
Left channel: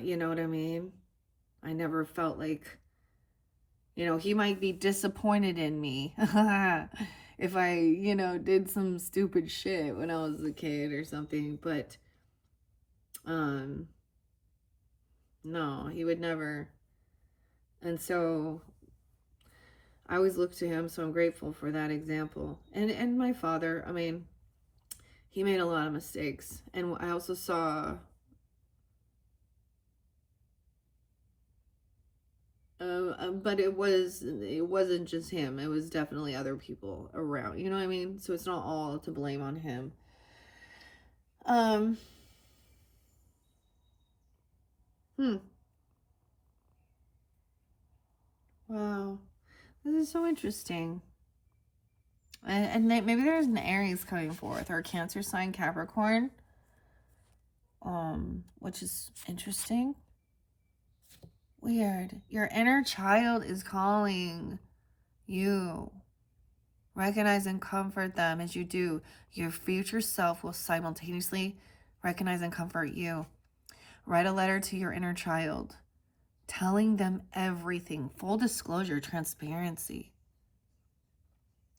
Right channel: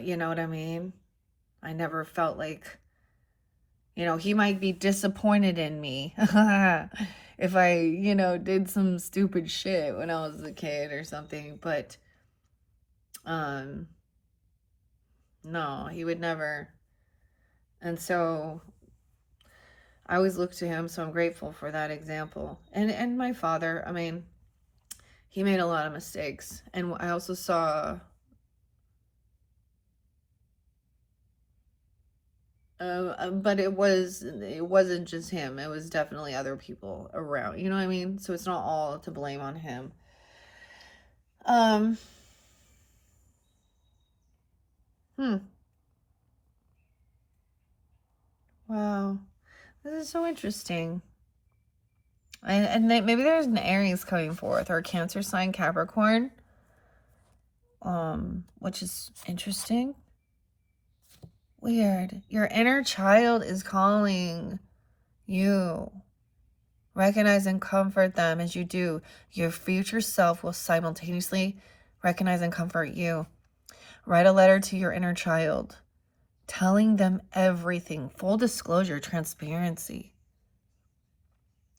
You know what I mean? I never felt like, you know, he might be disappointed in me if I, you know, did some stupid shit when I was a kid or something. But, no, he would never. And so I always look to him. So I'm grateful for that example. And my father, I mean, he made a lot of mistakes. And I also saw but it wasn't just him. It was definitely other people around. You know what I mean? So it's not all to blame on him. Wow. This is so interesting. And maybe there's an Aries coming forth, or a Cancer sign, Capricorn. Which is interesting. Weird. Your inner child is calling you. Recognize and comfort them as you do. Your future self will simultaneously recognize and comfort you. Write a letter to your inner child, telling them everything, full disclosure, transparency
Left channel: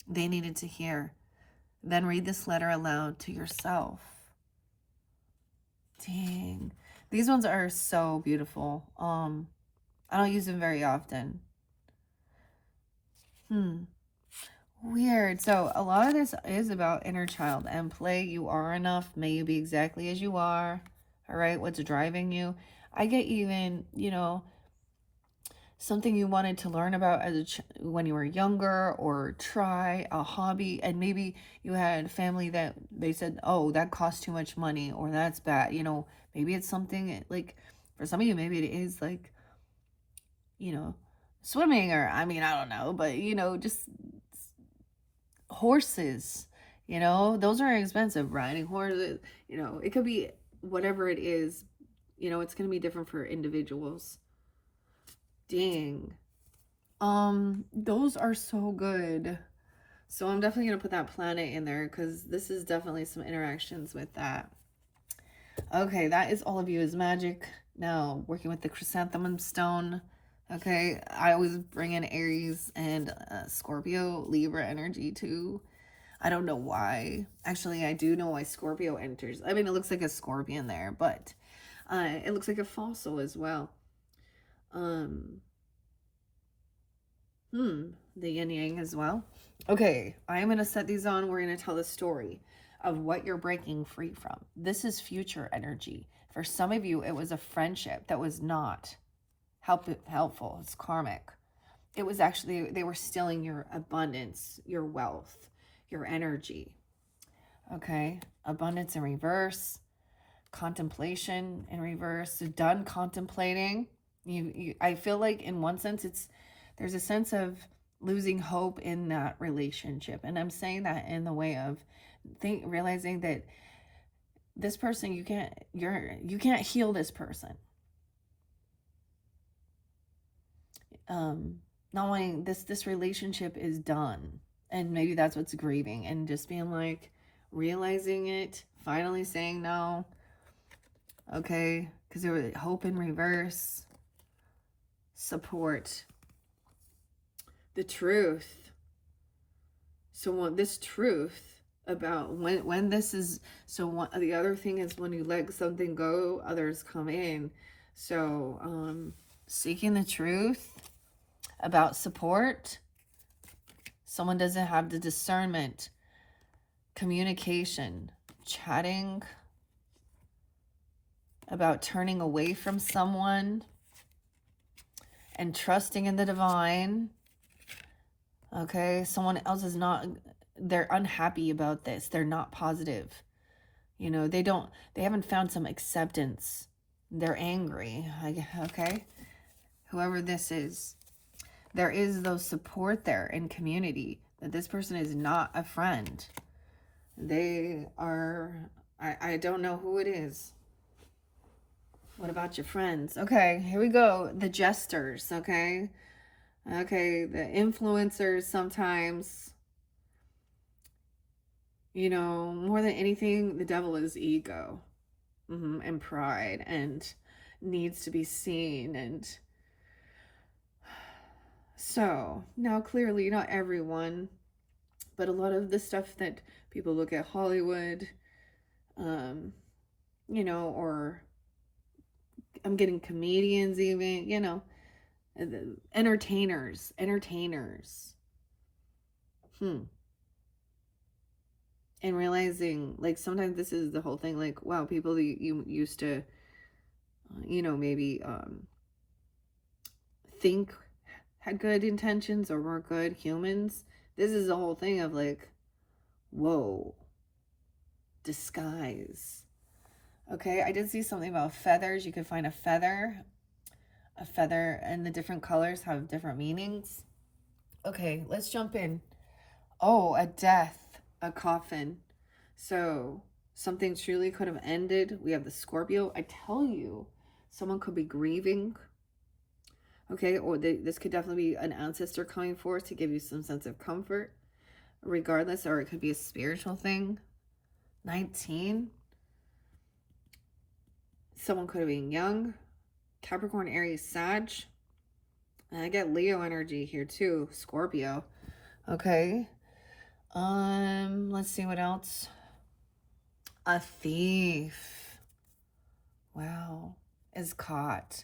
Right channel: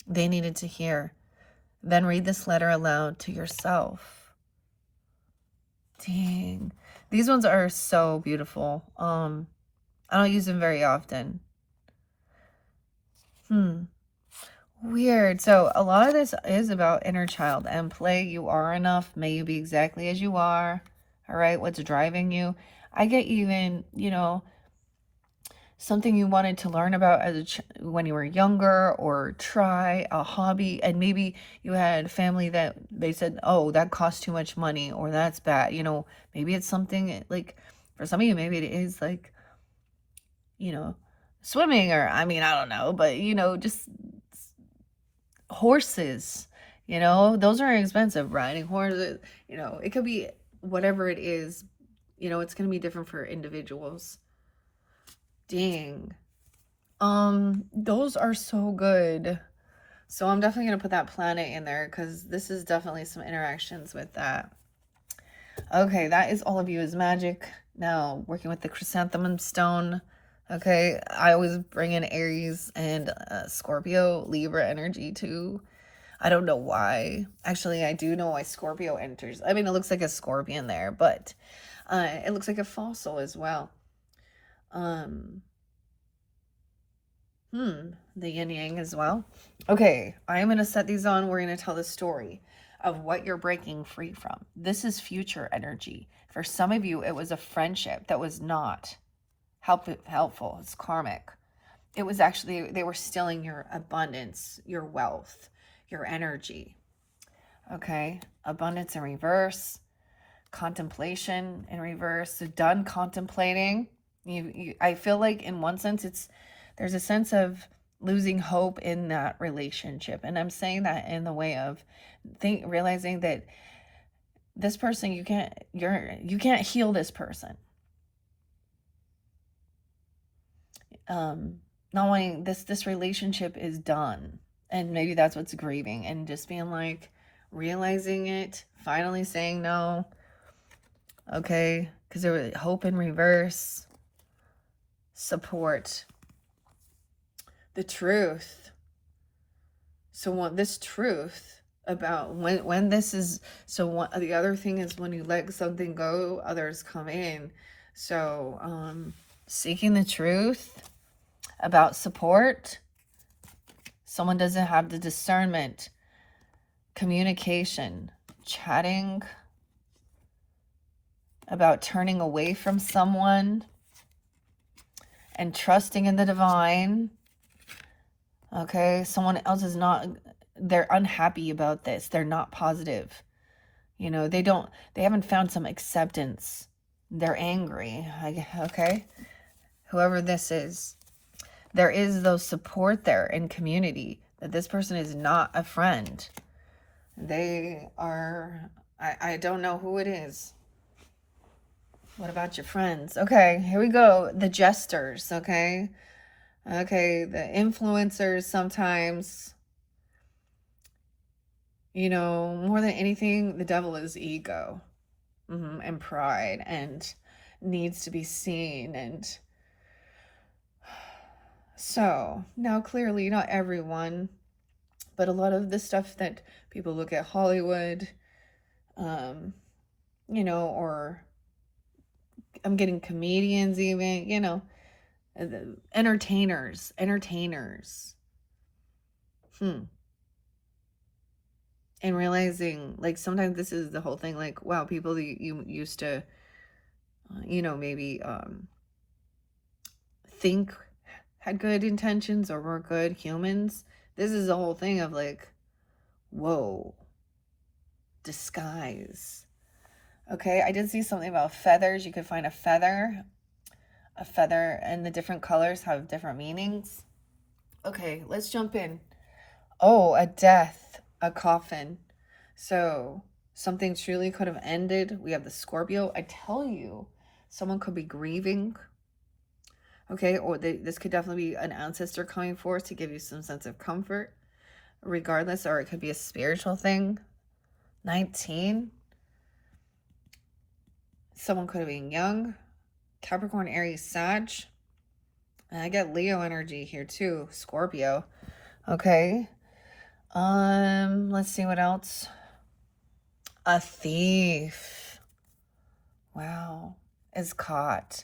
they needed to hear. Then read this letter aloud to yourself. Dang. These ones are so beautiful. I don't use them very often. Weird. So a lot of this is about inner child and play. You are enough. May you be exactly as you are. All right. What's driving you? I get even, you know, something you wanted to learn about as when you were younger, or try a hobby, and maybe you had family that they said, oh, that costs too much money, or that's bad. You know, maybe it's something like, for some of you, maybe it is like, you know, swimming, or I mean, I don't know, but you know, just horses, you know, those are expensive. Riding horses, you know, it could be whatever it is, you know, it's going to be different for individuals. Dang. Those are so good. So I'm definitely going to put that planet in there because this is definitely some interactions with that. Okay, that is all of you is magic. Now, working with the chrysanthemum stone. Okay, I always bring in Aries and Scorpio, Libra energy too. I don't know why. Actually, I do know why Scorpio enters. I mean, it looks like a scorpion there, but it looks like a fossil as well. The yin yang as well. Okay, I'm going to set these on. We're going to tell the story of what you're breaking free from. This is future energy. For some of you, it was a friendship that was not helpful. It's karmic. It was actually, they were stealing your abundance, your wealth, your energy. Okay, abundance in reverse, contemplation in reverse. So done contemplating. I feel like in one sense, there's a sense of losing hope in that relationship. And I'm saying that in the way of realizing that this person, you can't heal this person. Not wanting this relationship is done. And maybe that's what's grieving, and just being like, realizing it, finally saying no. Okay, because there was hope in reverse, support, the truth. So this truth about when this is, so the other thing is when you let something go, others come in. So seeking the truth about support. Someone doesn't have the discernment, communication, chatting about turning away from someone and trusting in the divine. Okay, someone else is not, they're unhappy about this. They're not positive. You know, they haven't found some acceptance. They're angry. Okay, whoever this is, there is though support there in community, that this person is not a friend. They are, I don't know who it is. What about your friends? Okay, here we go. The jesters, okay? Okay, the influencers sometimes, you know, more than anything, the devil is ego and pride and needs to be seen. And so now clearly not everyone, but a lot of the stuff that people look at Hollywood, you know, or I'm getting comedians even, you know, entertainers. And realizing, like, sometimes this is the whole thing, like, wow, people that you used to, you know, maybe think had good intentions or were good humans. This is the whole thing of like, whoa, disguise. Okay, I did see something about feathers. You could find a feather, and the different colors have different meanings. Okay, let's jump in. Oh, a death, a coffin. So something truly could have ended. We have the Scorpio. I tell you, someone could be grieving. Okay, or this could definitely be an ancestor coming forth to give you some sense of comfort, regardless, or it could be a spiritual thing. 19. Someone could have been young. Capricorn, Aries, Sag. And I get Leo energy here too. Scorpio. Okay. Let's see what else. A thief. Wow. Is caught.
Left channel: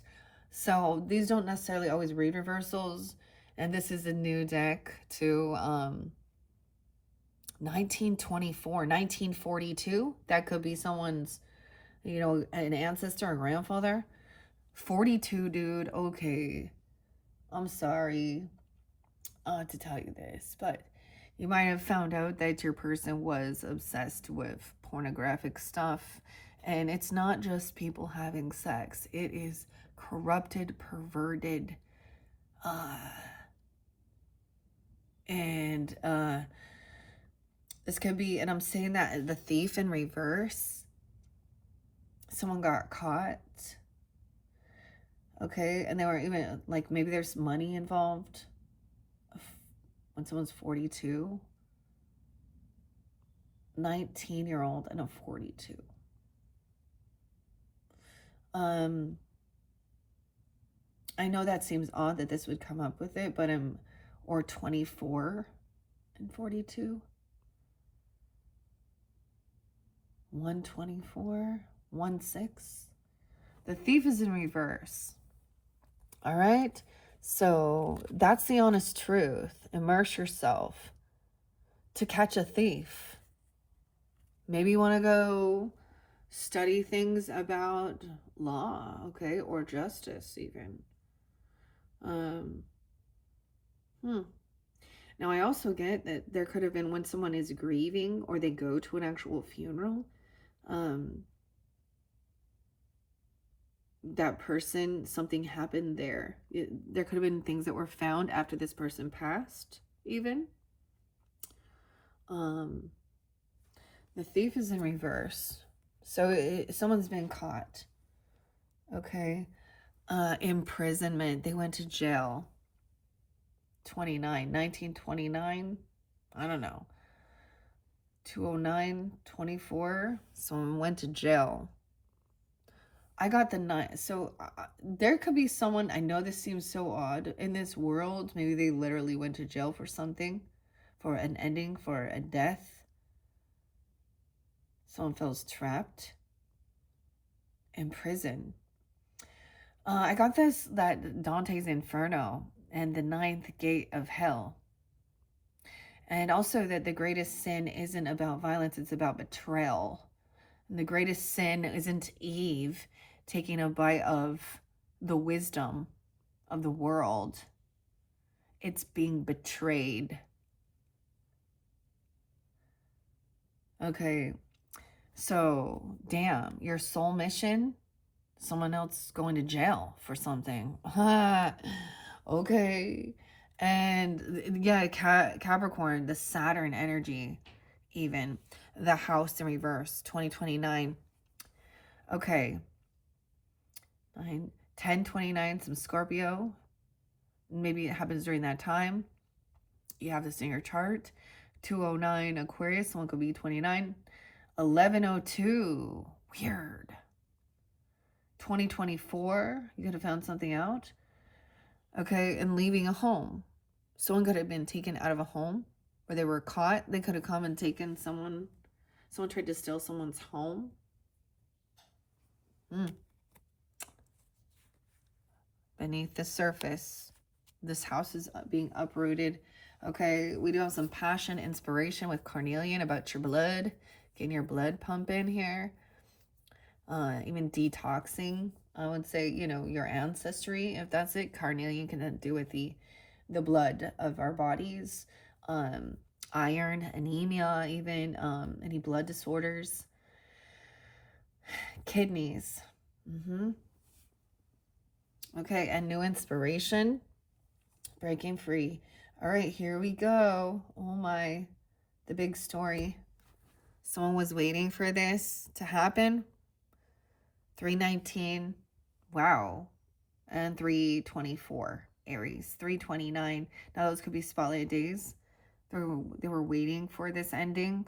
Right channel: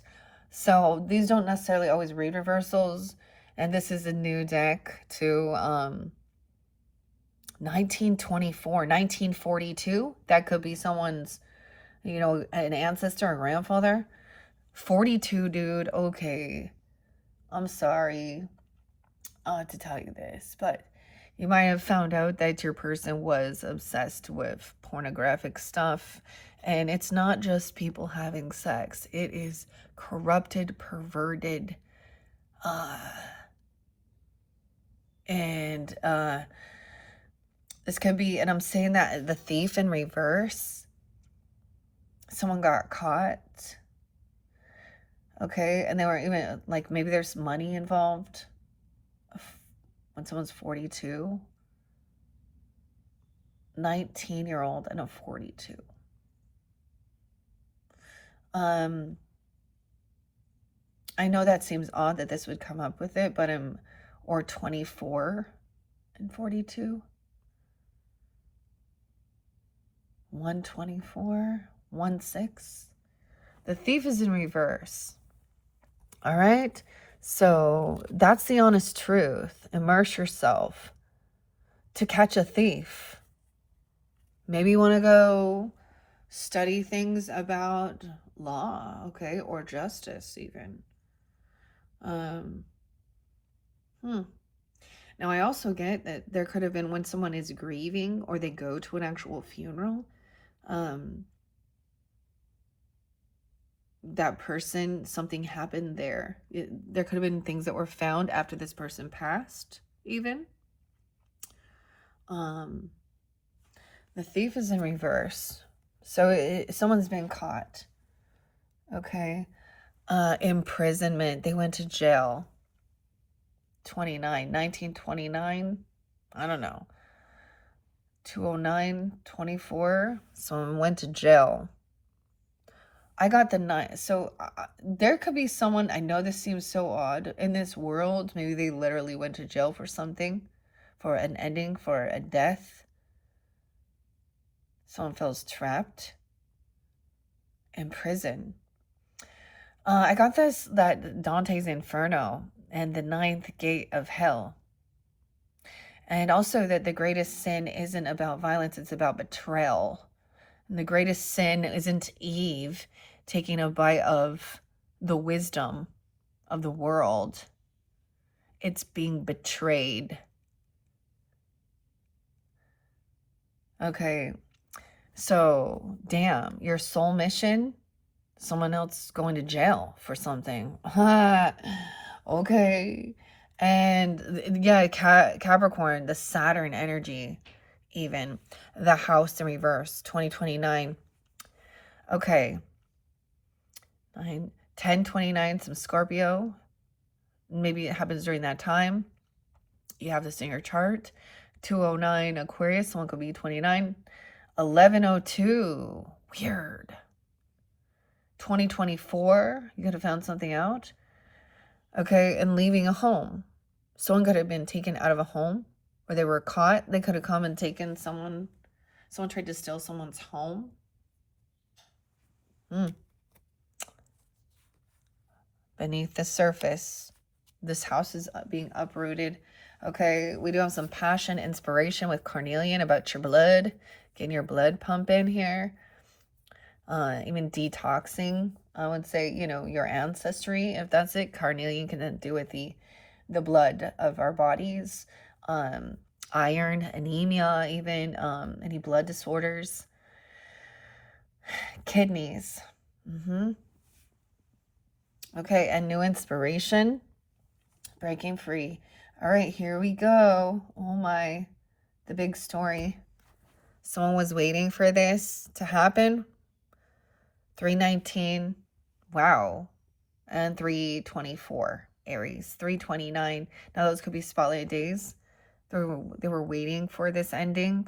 So these don't necessarily always read reversals. And this is a new deck to 1924, 1942. That could be someone's, you know, an ancestor or grandfather. 42, dude. Okay. I'm sorry to tell you this, but you might have found out that your person was obsessed with pornographic stuff. And it's not just people having sex. It is corrupted, perverted, and this could be, and I'm saying that the thief in reverse. someone got caught. Okay, and they were even like, maybe there's money involved when someone's 42. 19-year-old and a 42. I know that seems odd that this would come up with it, but or 24 and 42. 124, 16. The thief is in reverse. All right. So that's the honest truth. Immerse yourself to catch a thief. Maybe you want to go study things about law, okay, or justice even. Now, I also get that there could have been when someone is grieving or they go to an actual funeral, that person, something happened there. There could have been things that were found after this person passed, even. The thief is in reverse. So someone's been caught. Okay. Imprisonment. They went to jail. 1929. I don't know. 209, 24. Someone went to jail. I got the 9. So there could be someone, I know this seems so odd in this world. Maybe they literally went to jail for something, for an ending, for a death. Someone feels trapped in prison. I got that Dante's Inferno and the 9th gate of hell. And also that the greatest sin isn't about violence, it's about betrayal. And the greatest sin isn't Eve taking a bite of the wisdom of the world. It's being betrayed. Okay, so damn, your soul mission, someone else going to jail for something. Okay. And yeah, Capricorn, the Saturn energy, even the house in reverse, 2029. Okay. 1029, some Scorpio. Maybe it happens during that time. You have this in your chart. 209 Aquarius, someone could be 29. 1102, weird. 2024, you could have found something out. Okay, and leaving a home. Someone could have been taken out of a home, or they were caught. They could have come and taken someone tried to steal someone's home. Beneath the surface, this house is being uprooted. Okay, we do have some passion, inspiration with Carnelian about your blood, getting your blood pumping here. Even detoxing, I would say, your ancestry, if that's it. Carnelian can do with the blood of our bodies. Iron, anemia, even any blood disorders. Kidneys. Okay, and new inspiration. Breaking free. All right, here we go. Oh my, the big story. Someone was waiting for this to happen. 319, wow, and 324, Aries. 329, now those could be spotlight days. They were waiting for this ending.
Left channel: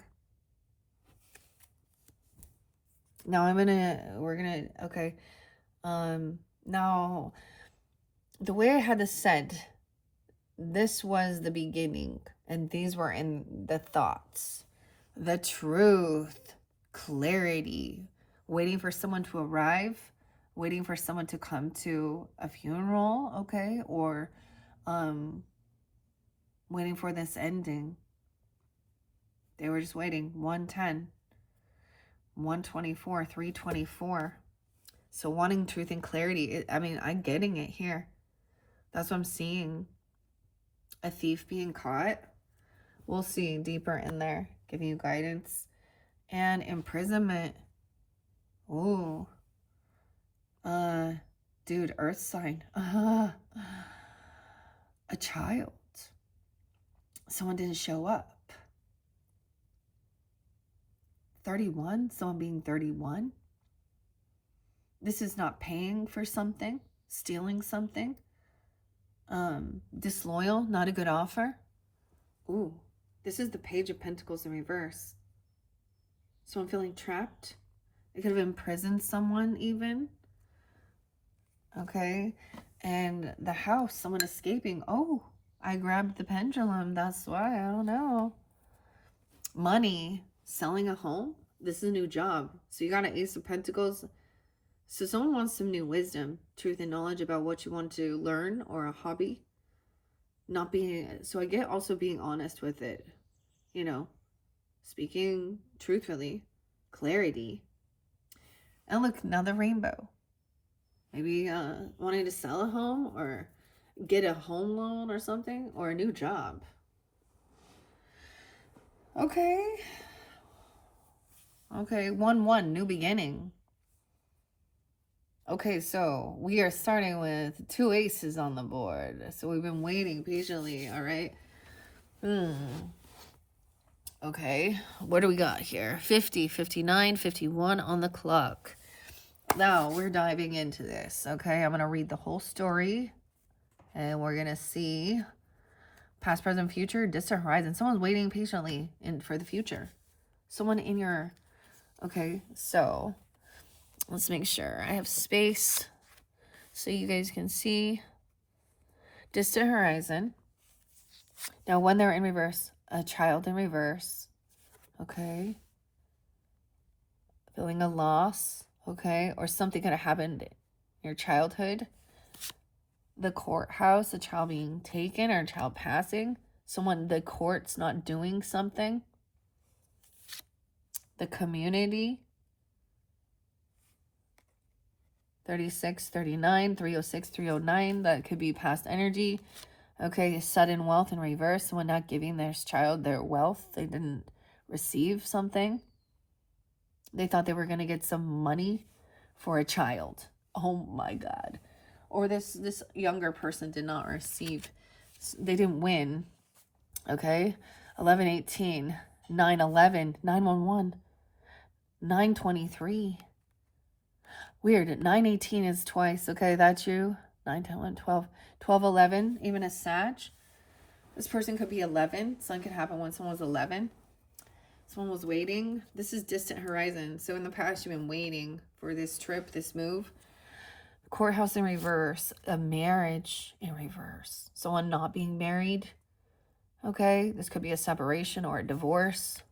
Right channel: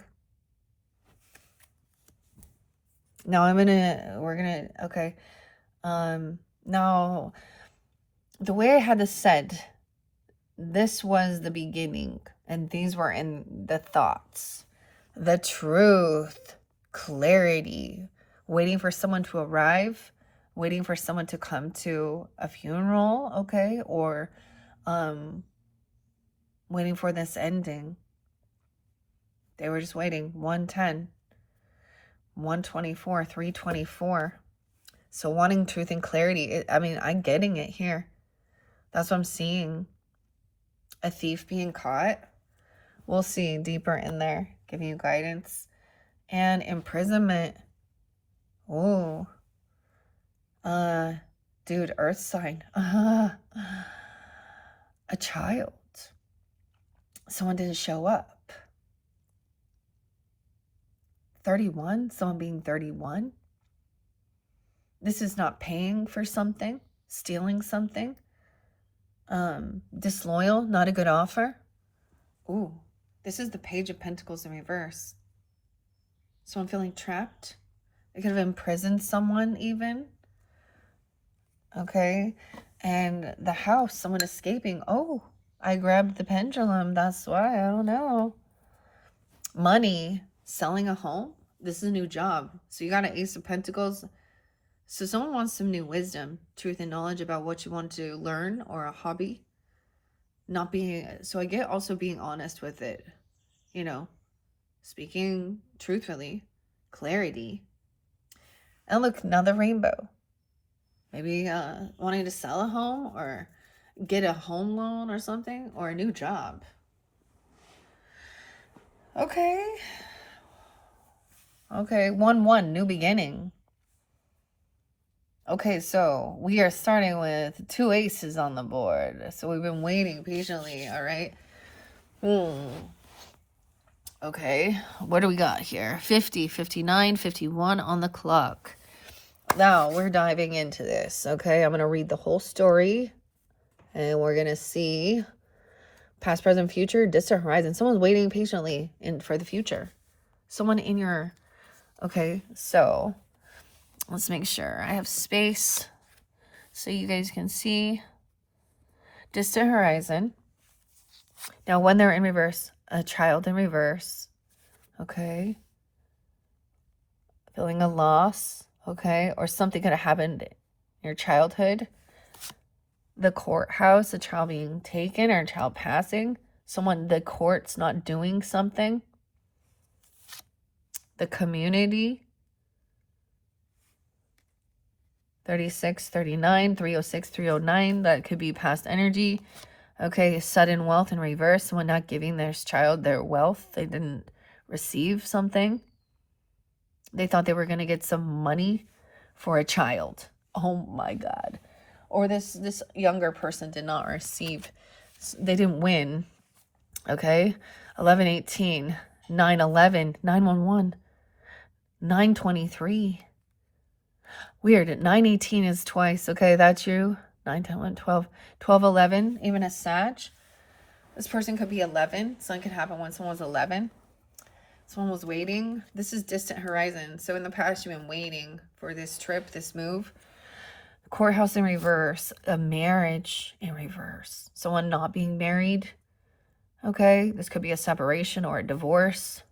Now okay. Now, the way I had this said, this was the beginning, and these were in the thoughts. The truth, clarity, waiting for someone to arrive, waiting for someone to come to a funeral, okay, or waiting for this ending. They were just waiting. 110, 124, 324. So wanting truth and clarity. I'm getting it here. That's what I'm seeing. A thief being caught. We'll see deeper in there. Give you guidance. And imprisonment. Oh. Dude, earth sign. A child. Someone didn't show up. 31, someone being 31. This is not paying for something, stealing something, disloyal, not a good offer. Ooh, this is the Page of Pentacles in reverse. So I'm feeling trapped. I could have imprisoned someone even. Okay. And the house, someone escaping. Oh, I grabbed the pendulum. That's why. I don't know. Money, selling a home. This is a new job. So you got an Ace of Pentacles. So someone wants some new wisdom, truth, and knowledge about what you want to learn, or a hobby. Not being, so I get also being honest with it, you know, speaking truthfully, clarity. And look, another rainbow. Maybe wanting to sell a home or get a home loan or something, or a new job. Okay. Okay, 1-1, new beginning. Okay, so we are starting with 2 aces on the board. So we've been waiting patiently, all right? Okay, what do we got here? 50, 59, 51 on the clock. Now we're diving into this, okay? I'm going to read the whole story, and we're going to see past, present, future, distant horizon. Someone's waiting patiently for the future. Someone in your... Okay, so let's make sure I have space so you guys can see. Distant horizon. Now, when they're in reverse, a child in reverse. Okay. Feeling a loss. Okay. Or something could have happened in your childhood. The courthouse, a child being taken or a child passing. Someone, the court's not doing something. The community. 36, 39, 306, 309. That could be past energy. Okay, sudden wealth in reverse. Someone not giving their child their wealth. They didn't receive something. They thought they were going to get some money for a child. Oh my God. Or this younger person did not receive. They didn't win. Okay. 1118, 911, 911, 923. Weird. 918 is twice. Okay, that's you. 9, 10, 11, 12, 12, 11, even a Sag. This person could be 11. Something could happen when someone was 11. Someone was waiting. This is distant horizon. So in the past, you've been waiting for this trip, this move. Courthouse in reverse. A marriage in reverse. Someone not being married. Okay, this could be a separation or a divorce.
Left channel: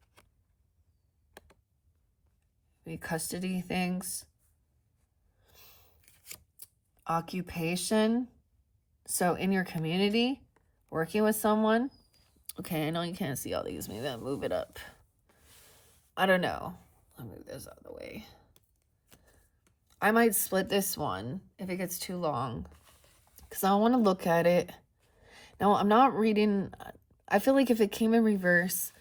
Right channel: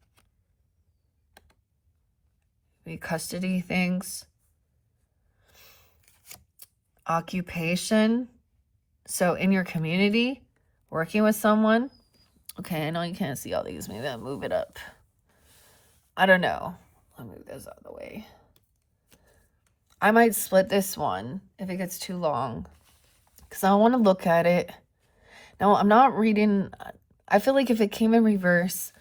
Maybe custody things. Occupation. So in your community, working with someone. Okay, I know you can't see all these. Maybe I'll move it up. I don't know. I'll move this out of the way. I might split this one if it gets too long, because I want to look at it. Now, I'm not reading. I feel like if it came in reverse,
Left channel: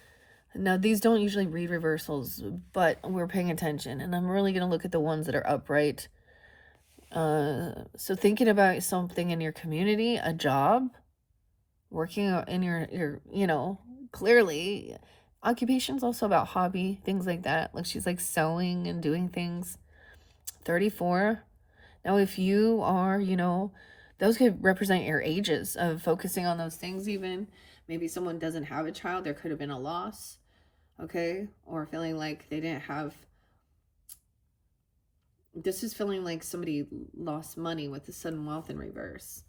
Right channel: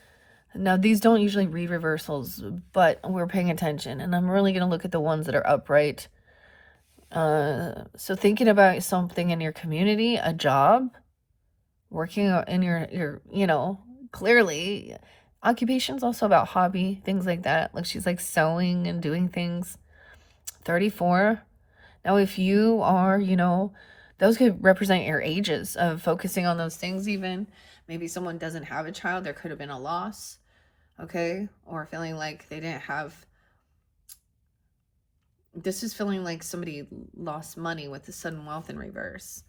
now these don't usually read reversals, but we're paying attention, and I'm really going to look at the ones that are upright. So thinking about something in your community, a job, working in your you know, clearly occupation's also about hobby, things like that. Like she's like sewing and doing things. 34. Now, if you are, you know, those could represent your ages of focusing on those things even. Maybe someone doesn't have a child. There could have been a loss, okay? Or feeling like they didn't have... This is feeling like somebody lost money with the sudden wealth in reverse.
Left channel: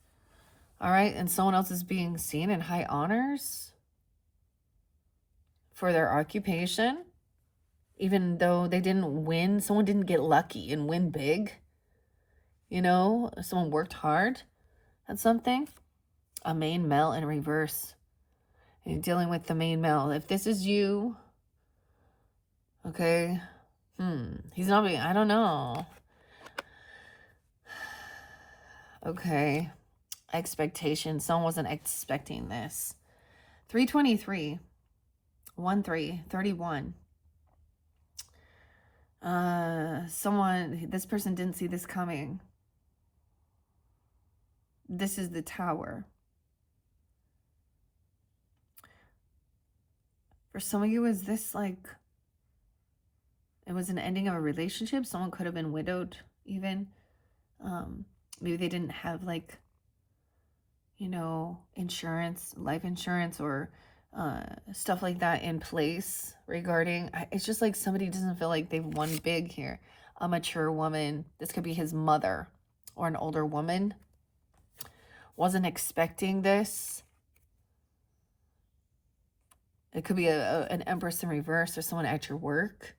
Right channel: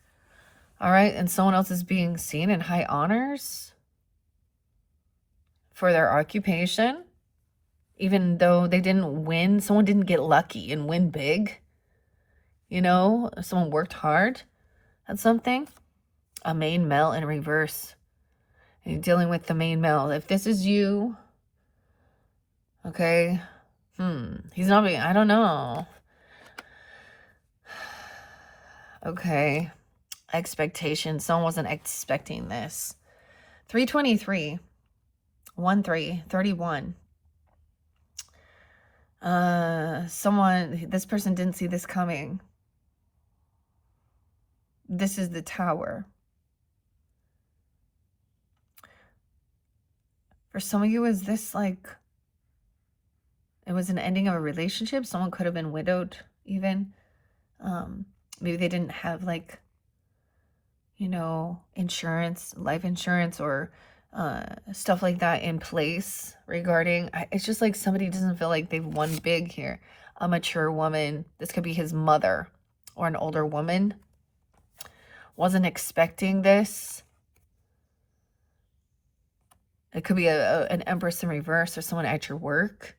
All right, and someone else is being seen in high honors for their occupation. Even though they didn't win, someone didn't get lucky and win big. You know, someone worked hard at something. A main male in reverse. And you're dealing with the main male. If this is you, okay, he's not being, I don't know. Okay, expectation. Someone wasn't expecting this. 323, 13, 31. This person didn't see this coming. This is the Tower. For some of you, is this like, it was an ending of a relationship? Someone could have been widowed even. Maybe they didn't have like, insurance, life insurance, or stuff like that in place regarding. It's just like somebody doesn't feel like they've won big here. A mature woman, this could be his mother or an older woman, wasn't expecting this. It could be an Empress in reverse or someone at your work.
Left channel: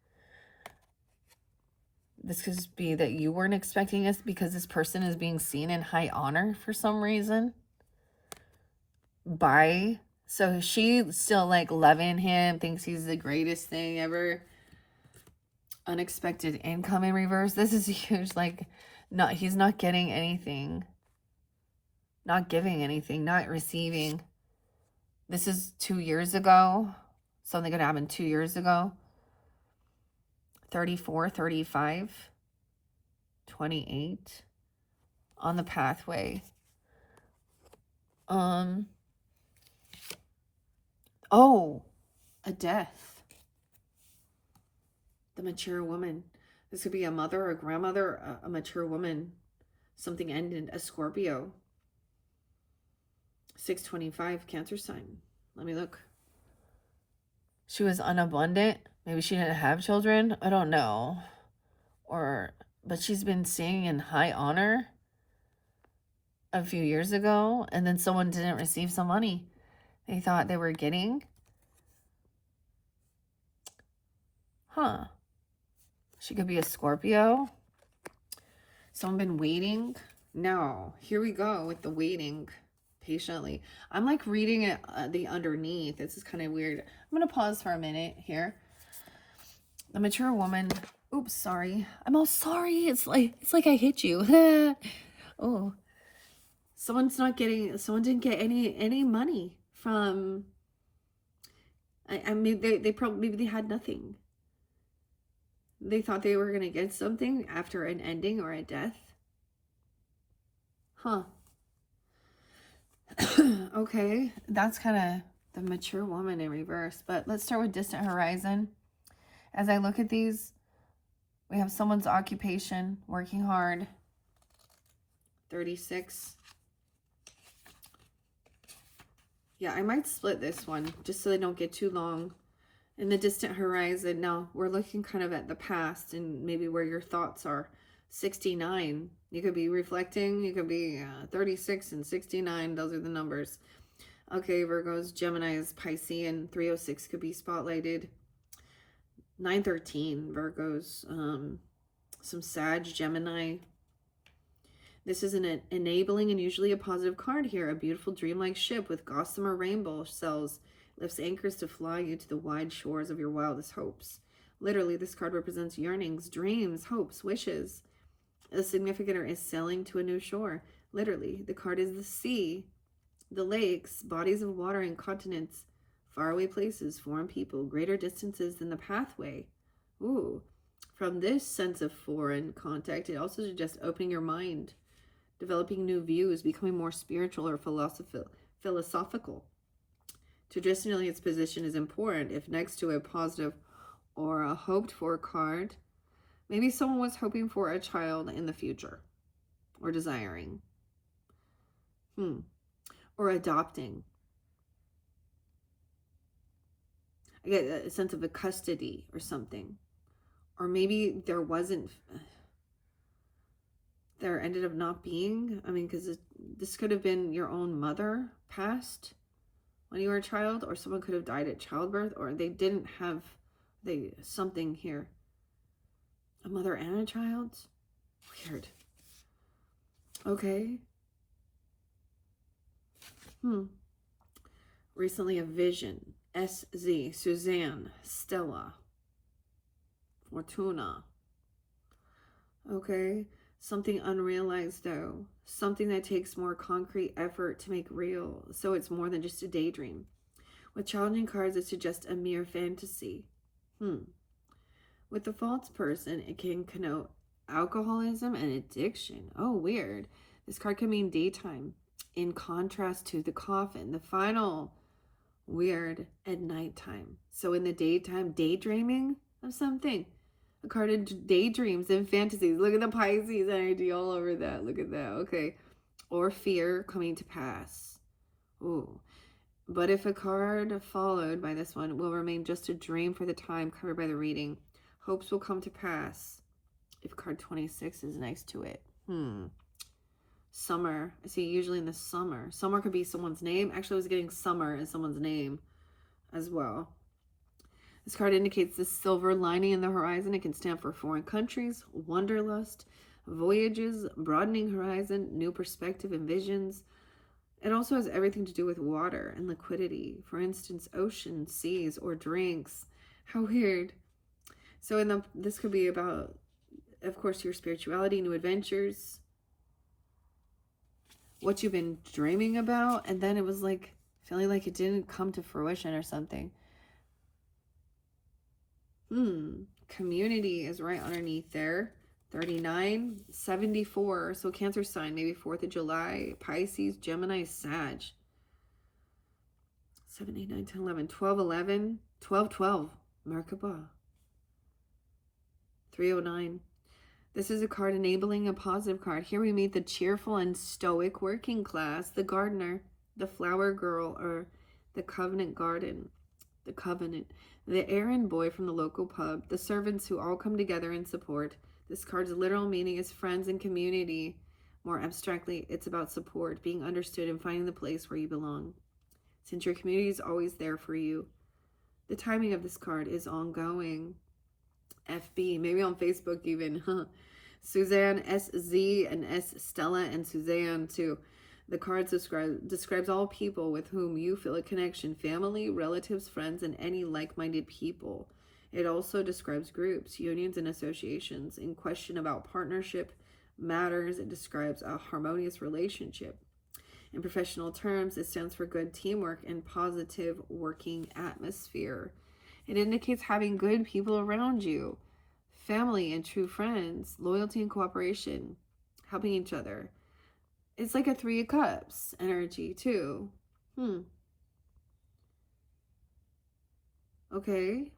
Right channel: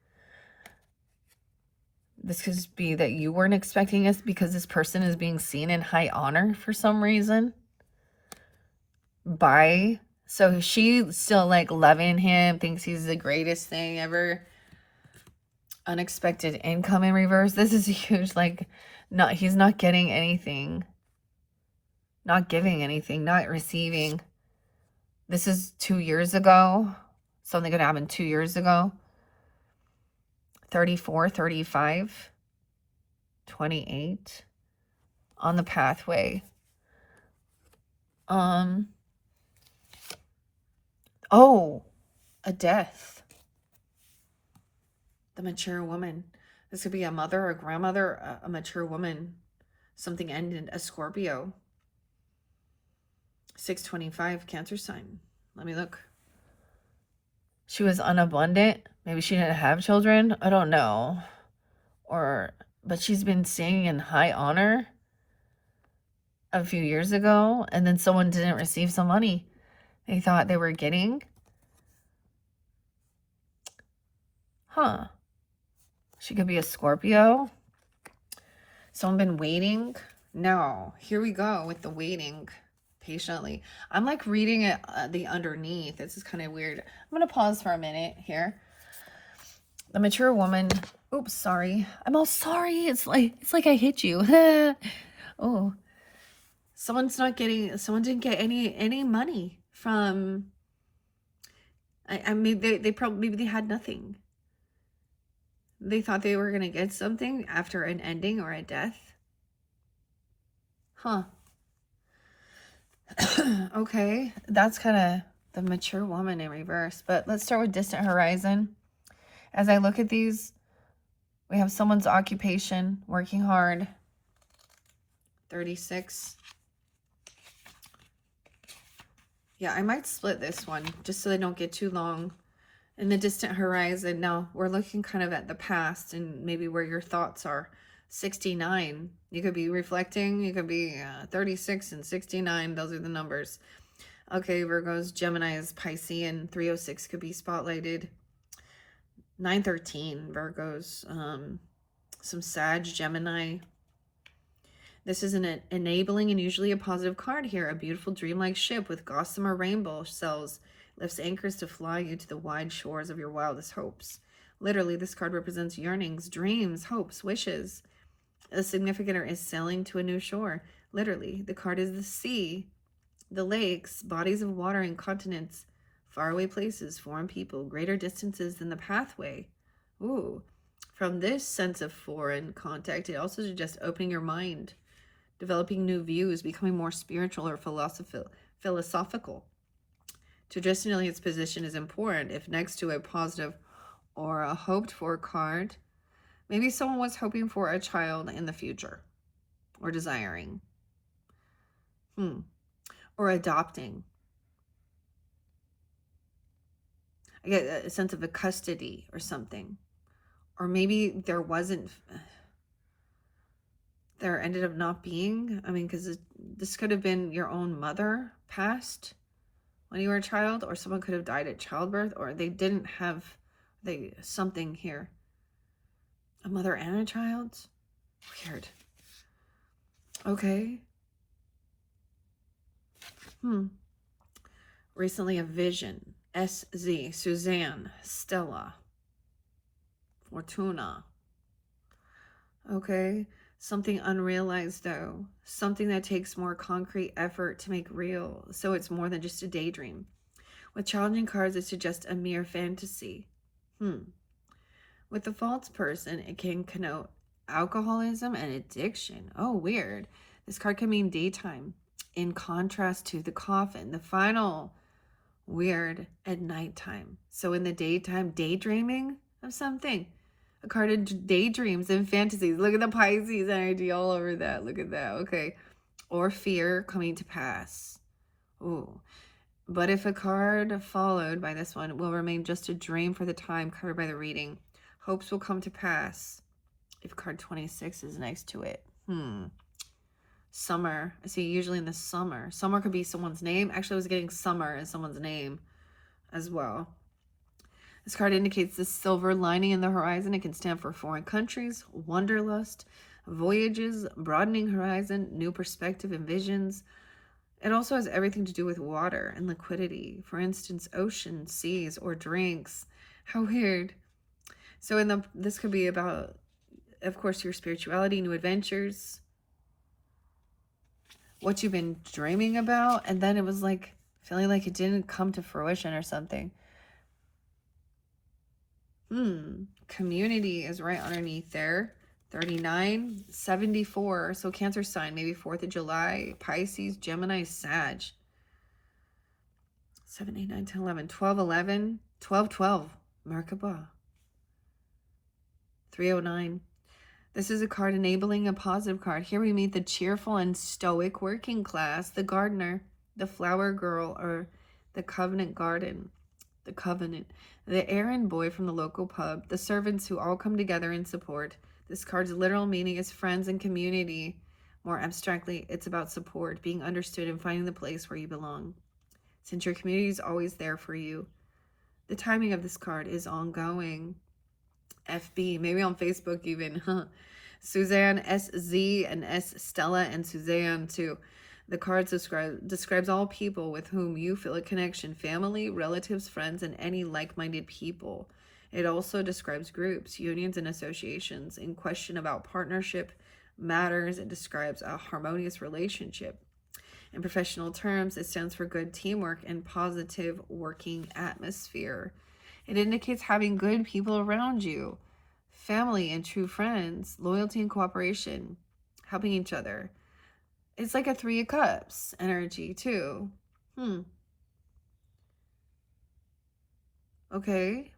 This could be that you weren't expecting this because this person is being seen in high honor for some reason. So she's still like loving him, thinks he's the greatest thing ever. Unexpected income in reverse. This is huge. Like, he's not getting anything, not giving anything, not receiving. This is 2 years ago. Something could happen 2 years ago. 34, 35, 28 on the pathway. Oh, a death. The mature woman. This could be a mother, a grandmother, a mature woman. Something ended. A Scorpio. 625, Cancer sign. Let me look. She was unabundant. Maybe she didn't have children. I don't know. But she's been staying in high honor a few years ago, and then someone didn't receive some money they thought they were getting. She could be a Scorpio. Someone been waiting. No, here we go with the waiting patiently. I'm like reading it, the underneath. This is kind of weird. I'm going to pause for a minute here. The mature woman. Oops, sorry. I'm all sorry. It's like I hit you. Oh, someone didn't get any money from, I mean, maybe they had nothing. They thought they were going to get something after an ending or a death. Okay, that's kind of the mature woman in reverse. But let's start with distant horizon. As I look at these, we have someone's occupation, working hard. 36. Yeah, I might split this one just so they don't get too long. In the distant horizon, now we're looking kind of at the past and maybe where your thoughts are. 69, you could be reflecting, you could be 36 and 69, those are the numbers. Okay, Virgos, Gemini is Piscean, 306 could be spotlighted. 913, Virgos, some Sag, Gemini. This is an enabling and usually a positive card here. A beautiful dreamlike ship with gossamer rainbow cells lifts anchors to fly you to the wide shores of your wildest hopes. Literally, this card represents yearnings, dreams, hopes, wishes. The significator is sailing to a new shore. Literally, the card is the sea, the lakes, bodies of water and continents, faraway places, foreign people, greater distances than the pathway. Ooh. From this sense of foreign contact, it also suggests opening your mind, developing new views, becoming more spiritual or philosophical. Traditionally, its position is important. If next to a positive or a hoped-for card, maybe someone was hoping for a child in the future or desiring. Or adopting. I get a sense of a custody or something. Or maybe there ended up not being. I mean, because this could have been your own mother passed when you were a child, or someone could have died at childbirth, or they didn't have something here. A mother and a child? Weird. Okay. Recently a vision. SZ, Suzanne, Stella, Fortuna. Okay. Something unrealized though. Something that takes more concrete effort to make real. So it's more than just a daydream. With challenging cards, it suggests a mere fantasy. With the false person, it can connote alcoholism and addiction. Oh, weird. This card can mean daytime. In contrast to the coffin, the final weird at nighttime. So in the daytime, daydreaming of something. A card of daydreams and fantasies. Look at the Pisces energy all over that. Look at that. Okay. Or fear coming to pass. Ooh. But if a card followed by this one will remain just a dream for the time covered by the reading, hopes will come to pass. If card 26 is next to it. Summer. I see usually in the summer. Summer could be someone's name. Actually, I was getting summer as someone's name as well. This card indicates the silver lining in the horizon. It can stand for foreign countries, wanderlust, voyages, broadening horizon, new perspective and visions. It also has everything to do with water and liquidity. For instance, ocean, seas, or drinks. How weird. So this could be about, of course, your spirituality, new adventures, what you've been dreaming about, and then it was like feeling like it didn't come to fruition or something. Community is right underneath there. 39, 74. So Cancer sign, maybe 4th of July, Pisces, Gemini, Sag. 7, 8, 9, 10, 11, 12, 11, 12, 12, Merkaba. 309. This is a card enabling a positive card. Here we meet the cheerful and stoic working class, the gardener, the flower girl, or the covenant garden. The covenant. The errand boy from the local pub, the servants who all come together in support. This card's literal meaning is friends and community. More abstractly, it's about support, being understood, and finding the place where you belong. Since your community is always there for you. The timing of this card is ongoing. FB, maybe on Facebook even. Suzanne SZ and S Stella and Suzanne too. The card describes all people with whom you feel a connection, family, relatives, friends, and any like-minded people. It also describes groups, unions, and associations. In question about partnership matters, it describes a harmonious relationship. In professional terms, it stands for good teamwork and positive working atmosphere. It indicates having good people around you, family and true friends, loyalty and cooperation, helping each other. It's like a 3 of Cups energy too. Okay.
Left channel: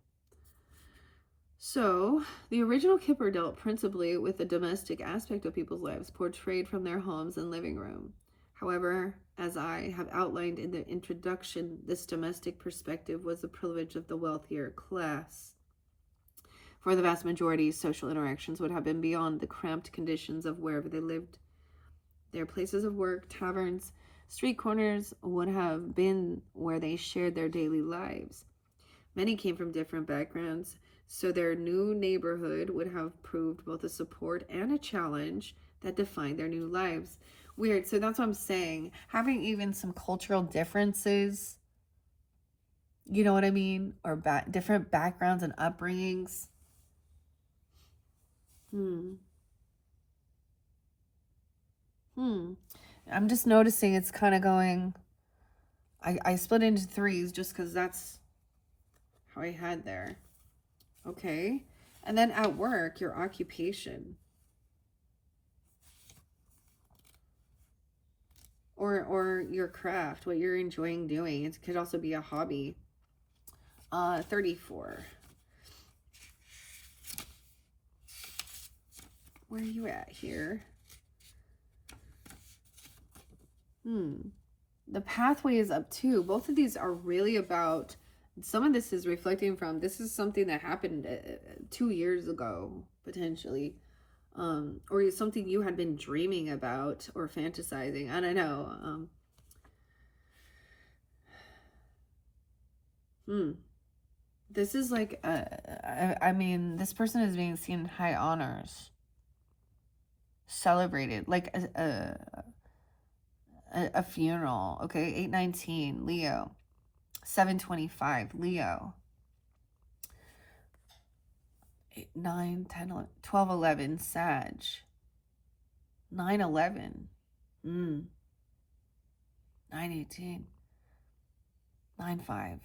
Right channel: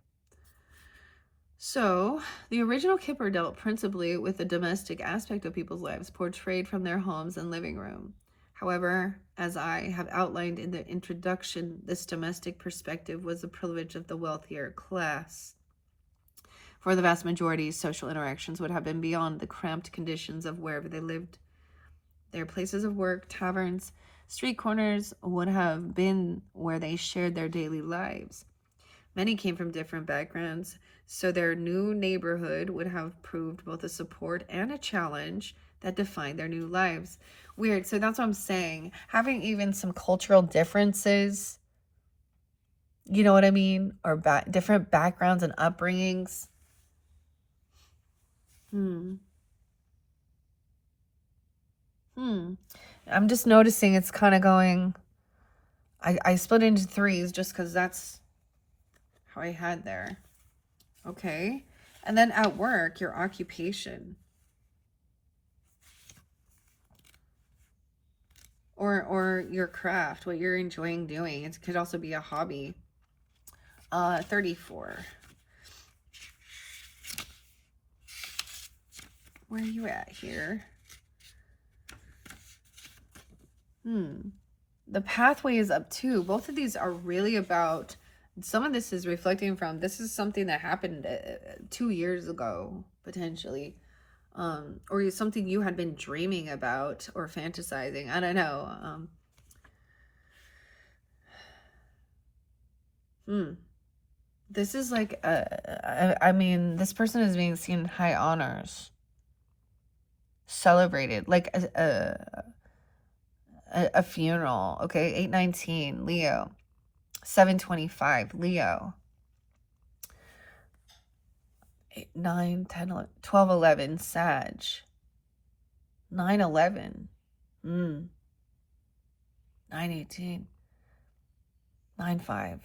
So, the original Kipper dealt principally with the domestic aspect of people's lives, portrayed from their homes and living room. However, as I have outlined in the introduction, this domestic perspective was the privilege of the wealthier class. For the vast majority, social interactions would have been beyond the cramped conditions of wherever they lived. Their places of work, taverns, street corners would have been where they shared their daily lives. Many came from different backgrounds, so their new neighborhood would have proved both a support and a challenge that defined their new lives. Weird. So that's what I'm saying. Having even some cultural differences, you know what I mean? Or different backgrounds and upbringings. I'm just noticing it's kind of going, I split into 3s just because that's how I had there. Okay. And then at work, your occupation. Or your craft, what you're enjoying doing. It could also be a hobby. 34. Where are you at here? The pathway is up too. Both of these are really about, some of this is reflecting from, this is something that happened 2 years ago, potentially. Or something you had been dreaming about or fantasizing. I don't know. This is like, I mean, this person is being seen in high honors. Celebrated, like a funeral. Okay, 819, Leo. 725, Leo. 8, 9, 10, 11, 12, 11, Sag. 9, 11. 9, 18. 9, 5.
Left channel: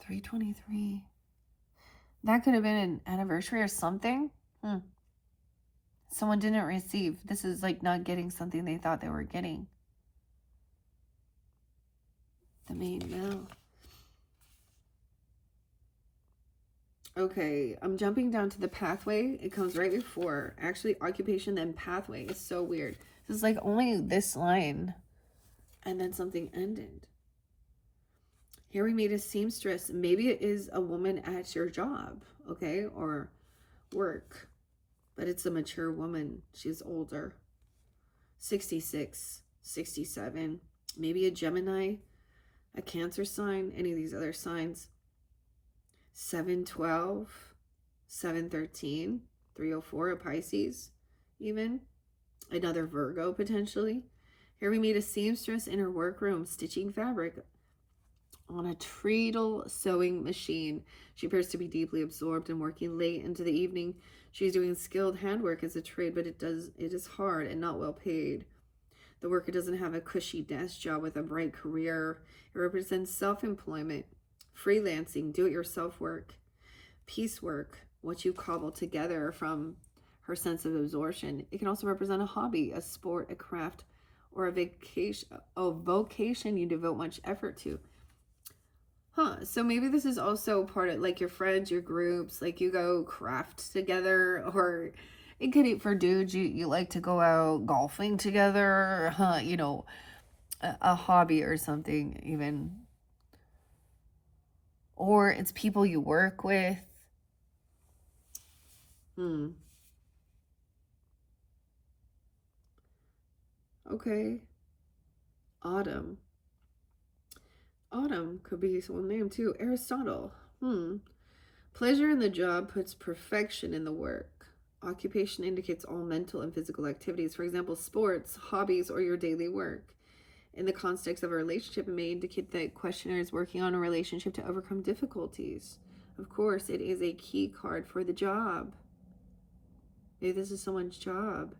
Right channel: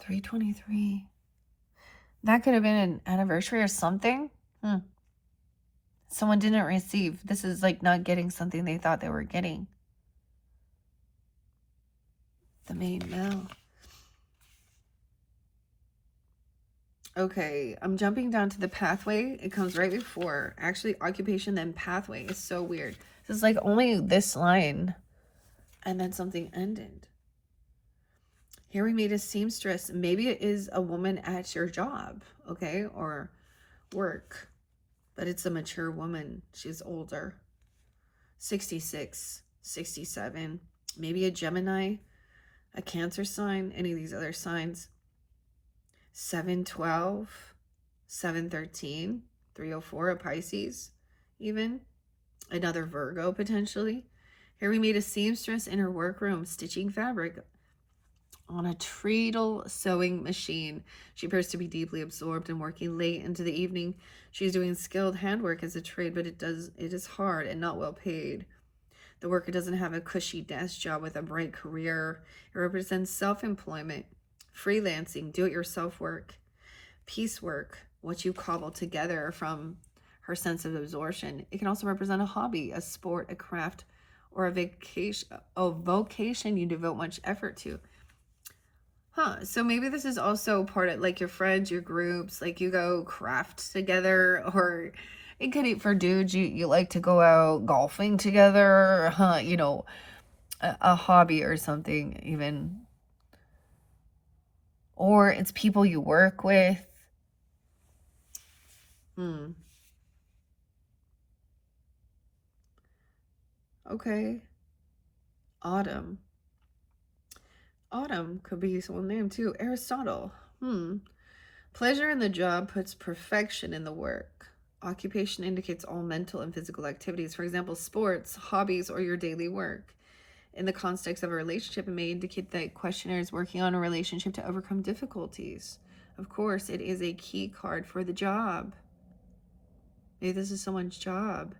323. That could have been an anniversary or something. Someone didn't receive. This is like not getting something they thought they were getting. The main male. Okay, I'm jumping down to the pathway. It comes right before. Actually, occupation, then pathway. It's so weird. It's like only this line. And then something ended. Here we meet a seamstress. Maybe it is a woman at your job, okay? Or work. But it's a mature woman. She's older. 66, 67. Maybe a Gemini, a Cancer sign, any of these other signs. 712, 713, 304, a Pisces, even. Another Virgo, potentially. Here we meet a seamstress in her workroom, stitching fabric on a treadle sewing machine. She appears to be deeply absorbed and working late into the evening. She's doing skilled handwork as a trade, but it is hard and not well paid. The worker doesn't have a cushy desk job with a bright career. It represents self-employment, freelancing, do-it-yourself work, piecework, what you cobble together from her sense of absorption. It can also represent a hobby, a sport, a craft, or a vocation you devote much effort to. So maybe this is also part of like your friends, your groups, like you go craft together, or it could be for dudes, you like to go out golfing together, you know, a hobby or something even. Or it's people you work with. Okay. Autumn. Autumn could be someone's name too. Aristotle. Pleasure in the job puts perfection in the work. Occupation indicates all mental and physical activities. For example, sports, hobbies, or your daily work. In the context of a relationship, it may indicate that questioner is working on a relationship to overcome difficulties. Of course, it is a key card for the job. Maybe this is someone's job.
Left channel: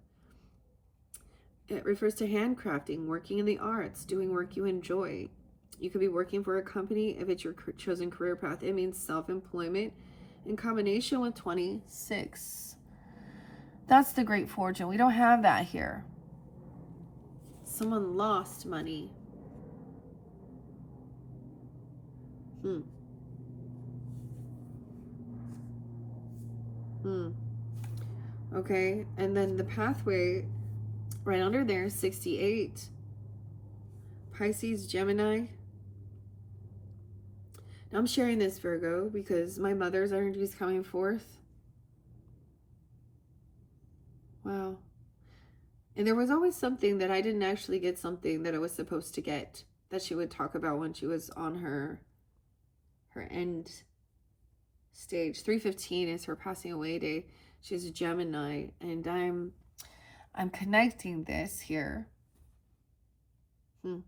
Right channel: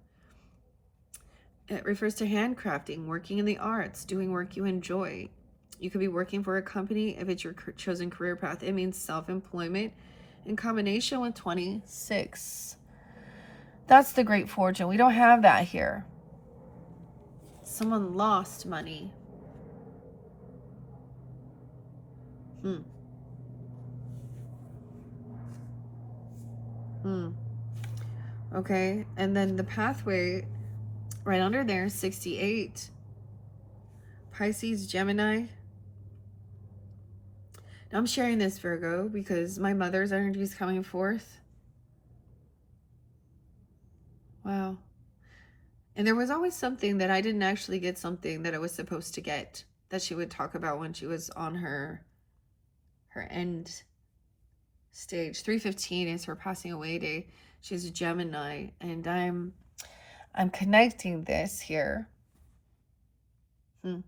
It refers to handcrafting, working in the arts, doing work you enjoy. You could be working for a company if it's your chosen career path. It means self-employment in combination with 26. That's the Great Fortune. We don't have that here. Someone lost money. Okay, and then the pathway right under there, 68. Pisces, Gemini. Now I'm sharing this, Virgo, because my mother's energy is coming forth. Wow. And there was always something that I didn't actually get something that I was supposed to get, that she would talk about when she was on her end stage. 315 is her passing away day. She's a Gemini, and I'm connecting this here. And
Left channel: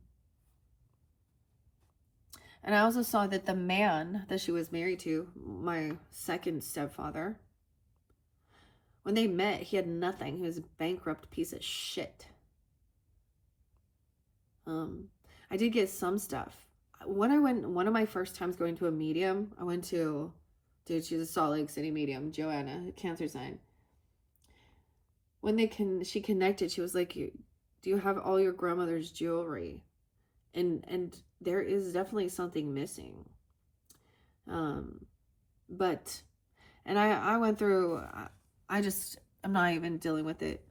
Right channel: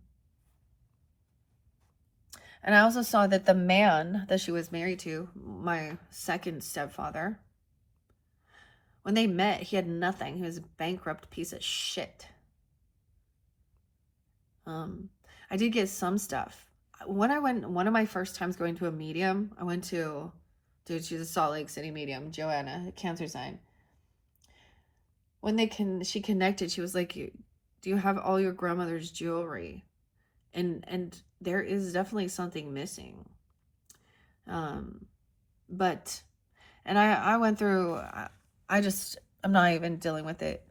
I also saw that the man that she was married to, my second stepfather, when they met, he had nothing. He was a bankrupt piece of shit. I did get some stuff. One of my first times going to a medium, I went to, dude, she's a Salt Lake City medium, Joanna, a Cancer sign. When she connected, she was like, do you have all your grandmother's jewelry? And there is definitely something missing. But I went through, I'm not even dealing with it.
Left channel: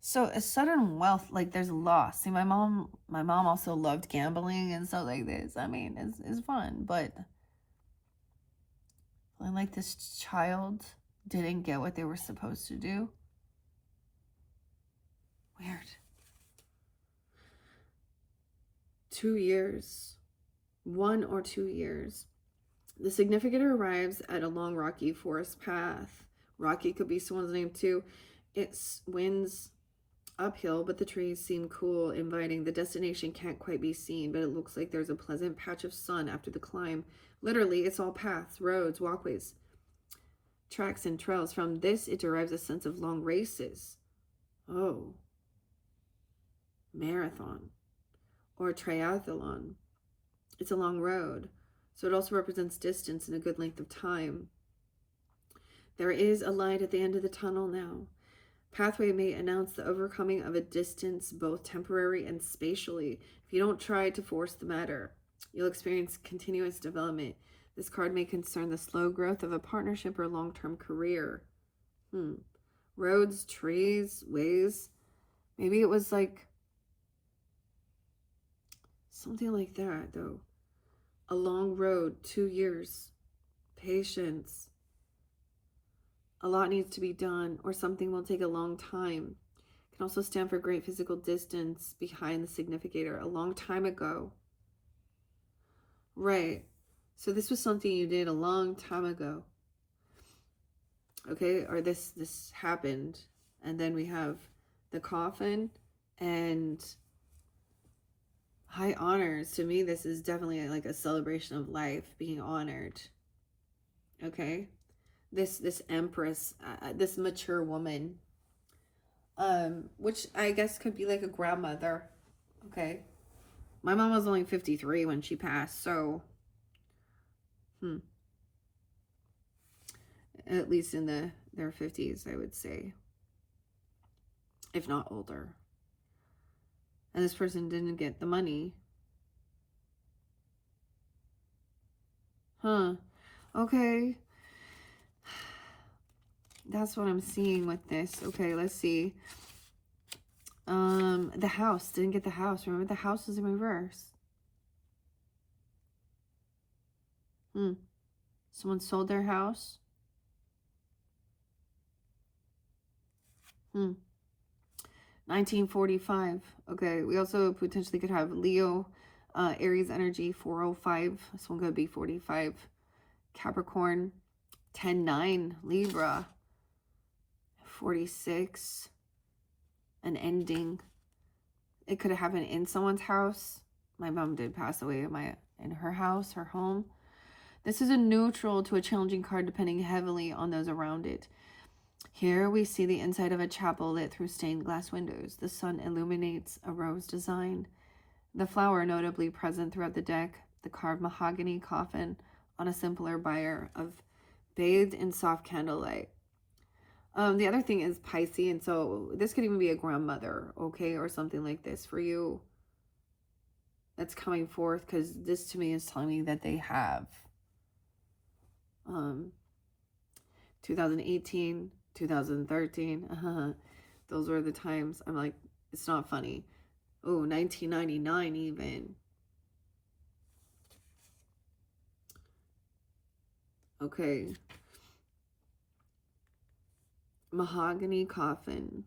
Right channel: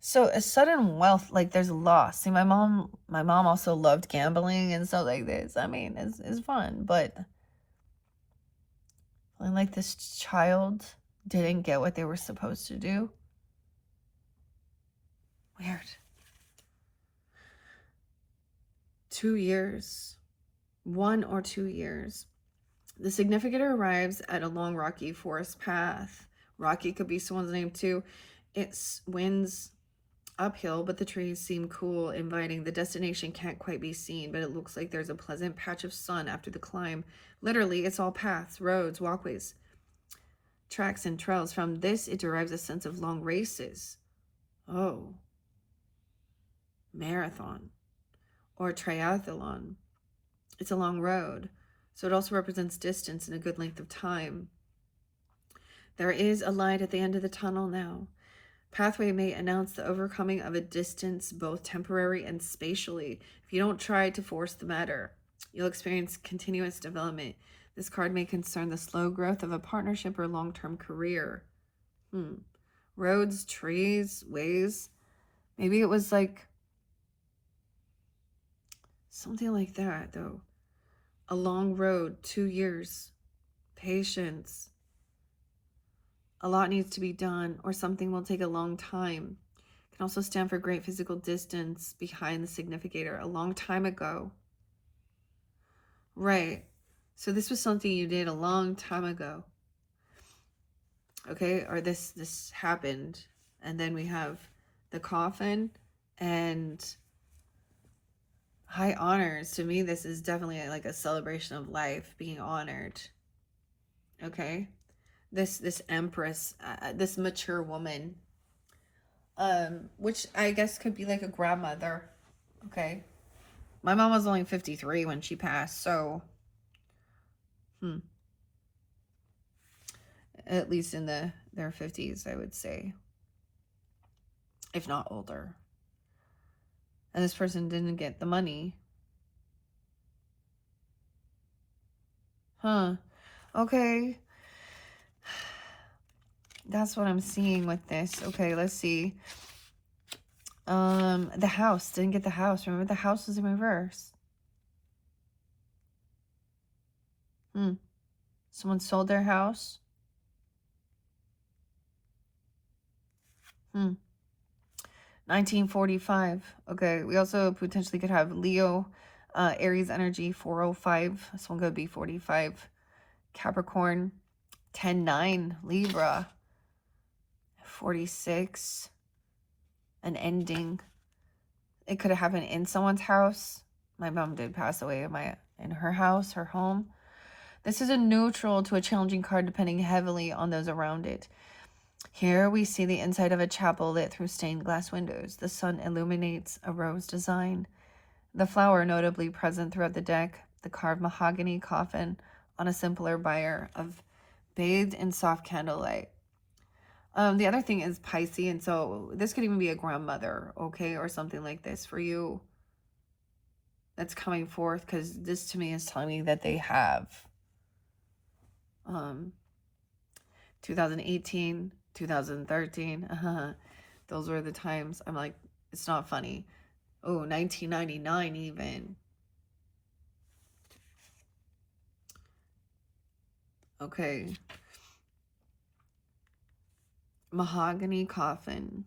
So a sudden wealth, like there's loss. See, my mom also loved gambling and stuff like this. I mean, it's fun, but like this child didn't get what they were supposed to do. Weird. 2 years, 1 or 2 years. The significant arrives at a long rocky forest path. Rocky could be someone's name too. It winds uphill, but the trees seem cool, inviting. The destination can't quite be seen, but it looks like there's a pleasant patch of sun after the climb. Literally, it's all paths, roads, walkways, tracks, and trails. From this, it derives a sense of long races. Oh. Marathon or triathlon. It's a long road, so it also represents distance and a good length of time. There is a light at the end of the tunnel now. Pathway may announce the overcoming of a distance, both temporary and spatially. If you don't try to force the matter, you'll experience continuous development. This card may concern the slow growth of a partnership or long-term career. Roads, trees, ways. Maybe it was like something like that, though. A long road, 2 years, patience. A lot needs to be done, or something will take a long time. It can also stand for great physical distance behind the significator, a long time ago. Right. So this was something you did a long time ago. Okay, or this happened. And then we have the coffin and high honors. To me, this is definitely like a celebration of life, being honored. Okay, this empress, this mature woman, which I guess could be like a grandmother. Okay, my mom was only 53 when she passed, so at least in their 50s, I would say, if not older. And this person didn't get the money. Okay. That's what I'm seeing with this. Okay, let's see. The house. Didn't get the house. Remember, the house was in reverse. Someone sold their house. 1945. Okay, we also potentially could have Leo, Aries energy, 405. This one could be 45. Capricorn, 10-9. Libra, 46. An ending. It could have happened in someone's house. My mom did pass away in her house, her home. This is a neutral to a challenging card, depending heavily on those around it. Here we see the inside of a chapel lit through stained glass windows. The sun illuminates a rose design. The flower notably present throughout the deck. The carved mahogany coffin on a simpler bier of bathed in soft candlelight. The other thing is Pisces, and so this could even be a grandmother, okay, or something like this for you that's coming forth, because this to me is telling me that they have 2018, 2013, those were the times. I'm like, it's not funny. Oh, 1999 even. Okay. Mahogany coffin.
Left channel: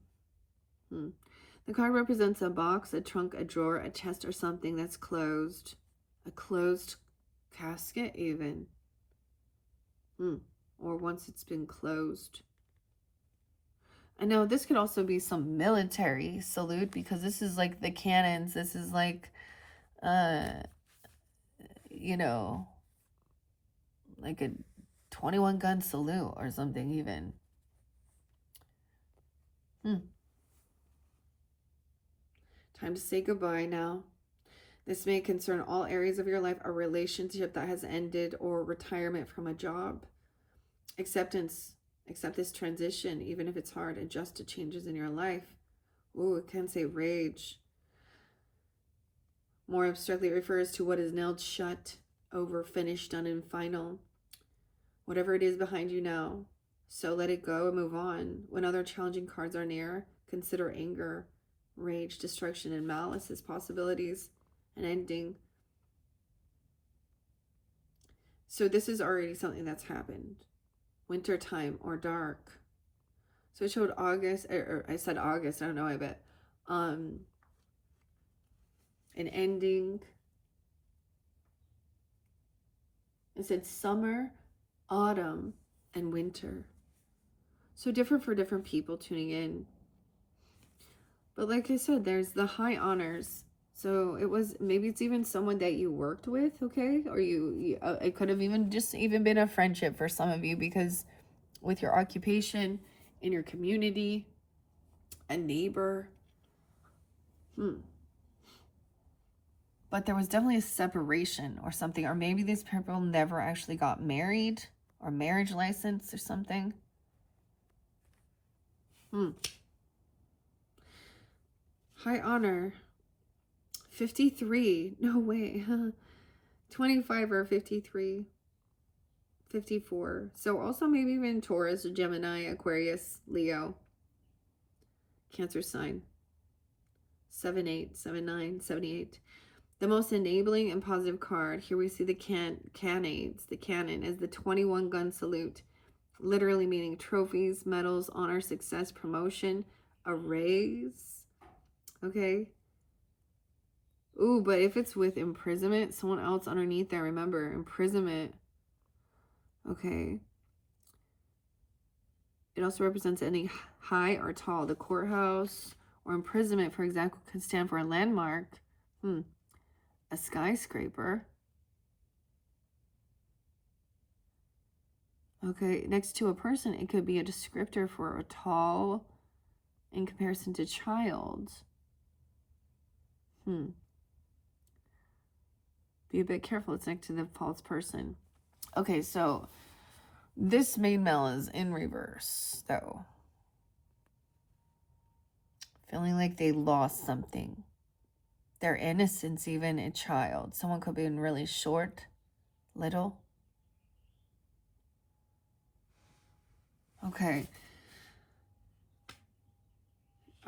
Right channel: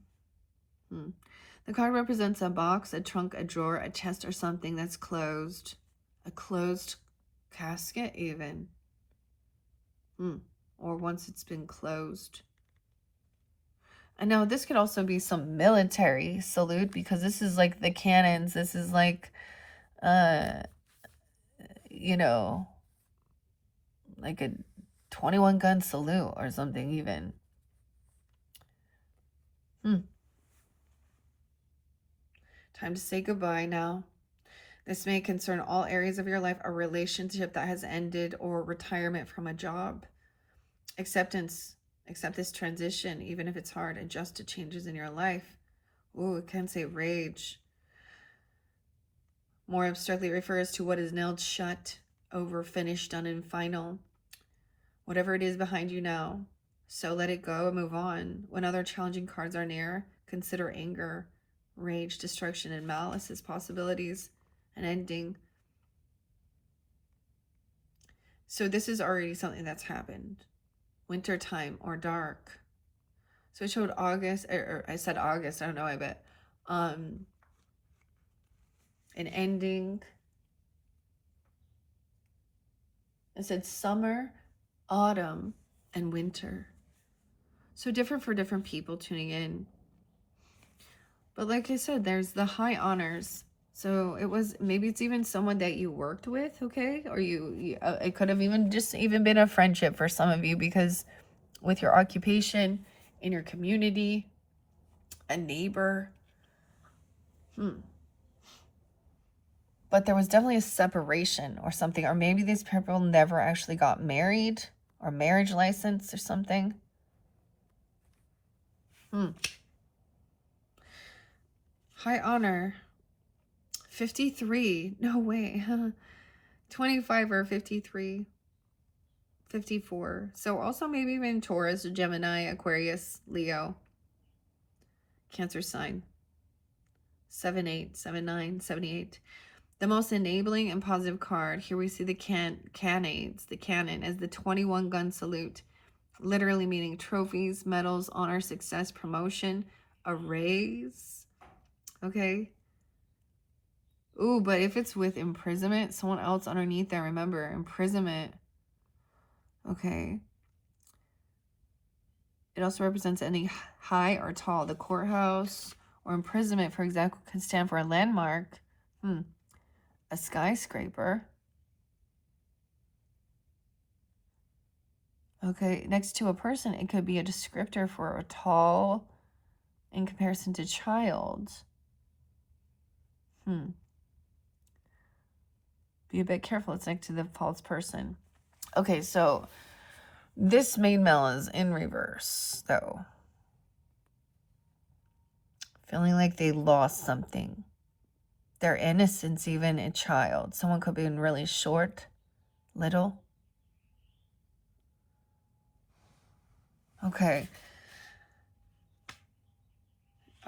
The card represents a box, a trunk, a drawer, a chest, or something that's closed. A closed casket even. Or once it's been closed. And now this could also be some military salute, because this is like the cannons. This is like, you know, like a 21 gun salute or something even. Time to say goodbye now. This may concern all areas of your life, a relationship that has ended, or retirement from a job. Acceptance. Accept this transition, even if it's hard. Adjust to changes in your life. Ooh, it can say rage. More abstractly refers to what is nailed shut, over, finished, done, and final. Whatever it is behind you now. So let it go and move on. When other challenging cards are near, consider anger, rage, destruction, and malice as possibilities. An ending. So this is already something that's happened. Wintertime or dark. So it showed August, or I said August, I don't know, I bet. An ending. I said summer, autumn, and winter. So different for different people tuning in. But like I said, there's the high honors. So it was, maybe it's even someone that you worked with, okay? Or it could have even been a friendship for some of you, because with your occupation, in your community, a neighbor. But there was definitely a separation or something. Or maybe these people never actually got married, or marriage license or something. High honor. 53. No way. 25 or 53. 54. So also maybe even Taurus, Gemini, Aquarius, Leo, Cancer sign. 7-8, 7-9, 78. The most enabling and positive card. Here we see the cannons. The cannon is the 21 gun salute, literally meaning trophies, medals, honor, success, promotion, a raise. Okay. Ooh, but if it's with imprisonment, someone else underneath there, remember, imprisonment. Okay. It also represents any high or tall. The courthouse or imprisonment, for example, could stand for a landmark. A skyscraper. Okay, next to a person, it could be a descriptor for a tall in comparison to child. Be a bit careful. It's next to the false person. Okay, so this main male is in reverse, though. Feeling like they lost something. Their innocence, even a child. Someone could be really short, little. Okay.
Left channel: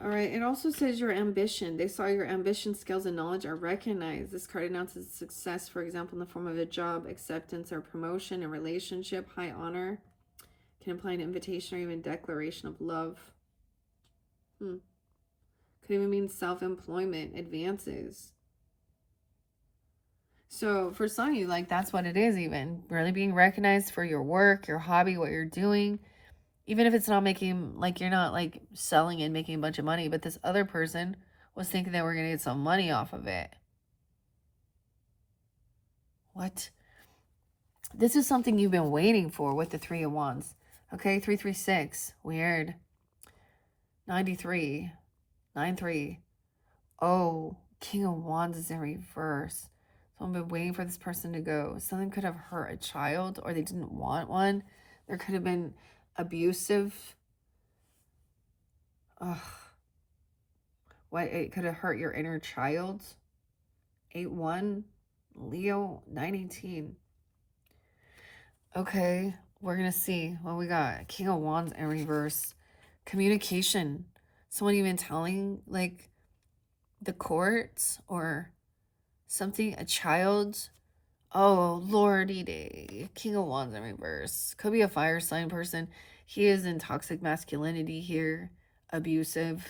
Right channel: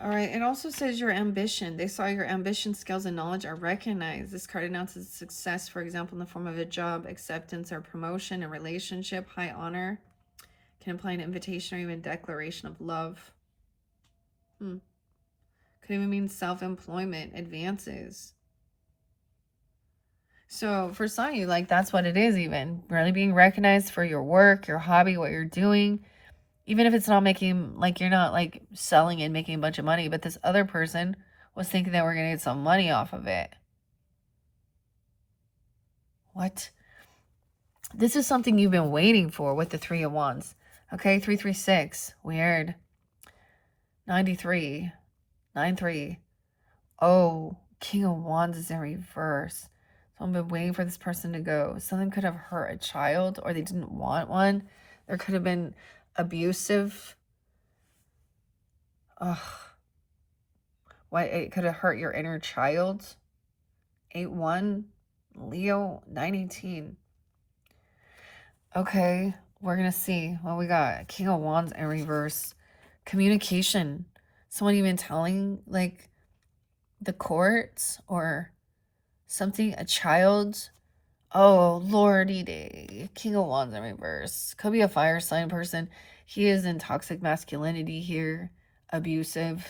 All right. It also says your ambition. They saw your ambition, skills, and knowledge are recognized. This card announces success, for example, in the form of a job, acceptance, or promotion, a relationship, high honor. Can imply an invitation or even declaration of love. Could even mean self-employment, advances. So for some of you, like, that's what it is even. Really being recognized for your work, your hobby, what you're doing. Even if it's not making, like, you're not, like, selling and making a bunch of money, but this other person was thinking that we're going to get some money off of it. What? This is something you've been waiting for with the 3 of Wands. Okay, 336. Weird. 93. 93. Oh, King of Wands is in reverse. So I've been waiting for this person to go. Something could have hurt a child, or they didn't want one. There could have been abusive. Ugh. What? It could have hurt your inner child. 8-1. Leo, 9-18. Okay, we're going to see what we got. King of Wands in reverse. Communication. Someone even telling, like, the courts or something, a child. Oh, lordy day. King of Wands in reverse. Could be a fire sign person. He is in toxic masculinity here. Abusive.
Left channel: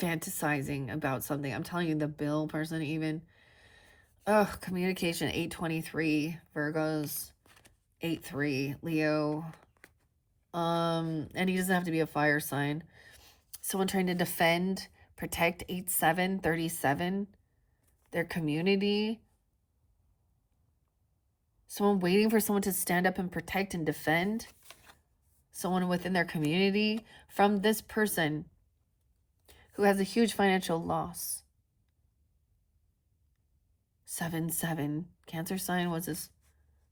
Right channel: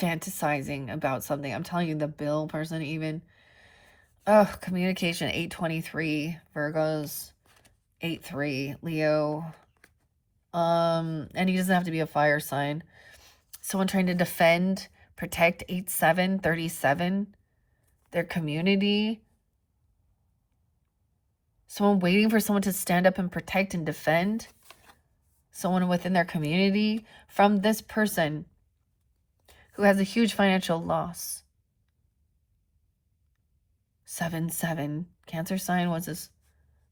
Fantasizing about something. I'm telling you, the bill person even. Oh, communication. 8-23. Virgos. 8-3. Leo. And he doesn't have to be a fire sign. Someone trying to defend, protect. 8-7. 37. Their community. Someone waiting for someone to stand up and protect and defend. Someone within their community from this person who has a huge financial loss. 7-7. Cancer sign was this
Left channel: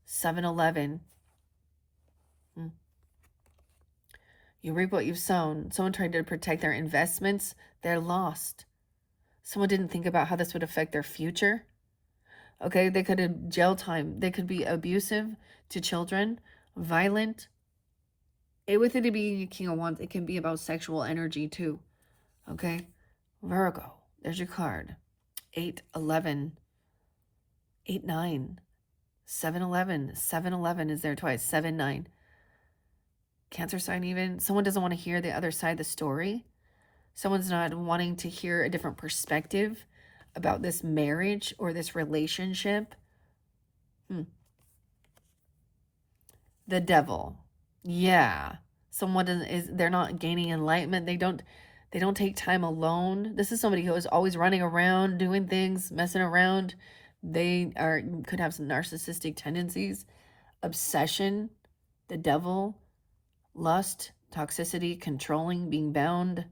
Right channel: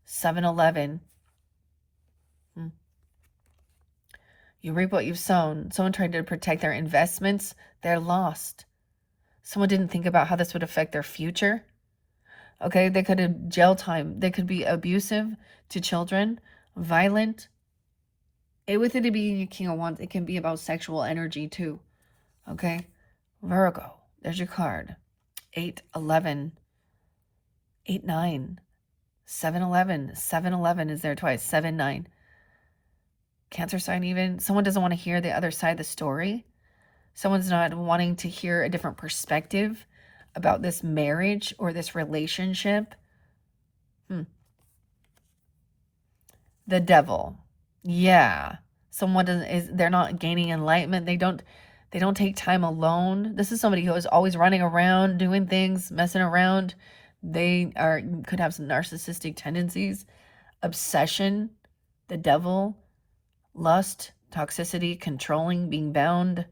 7-11. You reap what you've sown. Someone trying to protect their investments. They're lost. Someone didn't think about how this would affect their future. Okay, they could have jail time. They could be abusive to children, violent. With it being a King of Wands, it can be about sexual energy too. Okay, Virgo, there's your card. 8-11, 8-9, 7-11, 7-11 is there twice, 7-9. Cancer sign even. Someone doesn't want to hear the other side of the story. Someone's not wanting to hear a different perspective about this marriage or this relationship. The devil. Yeah. Someone they're not gaining enlightenment. They don't take time alone. This is somebody who is always running around, doing things, messing around. They could have some narcissistic tendencies, obsession, the devil, lust, toxicity, controlling, being bound.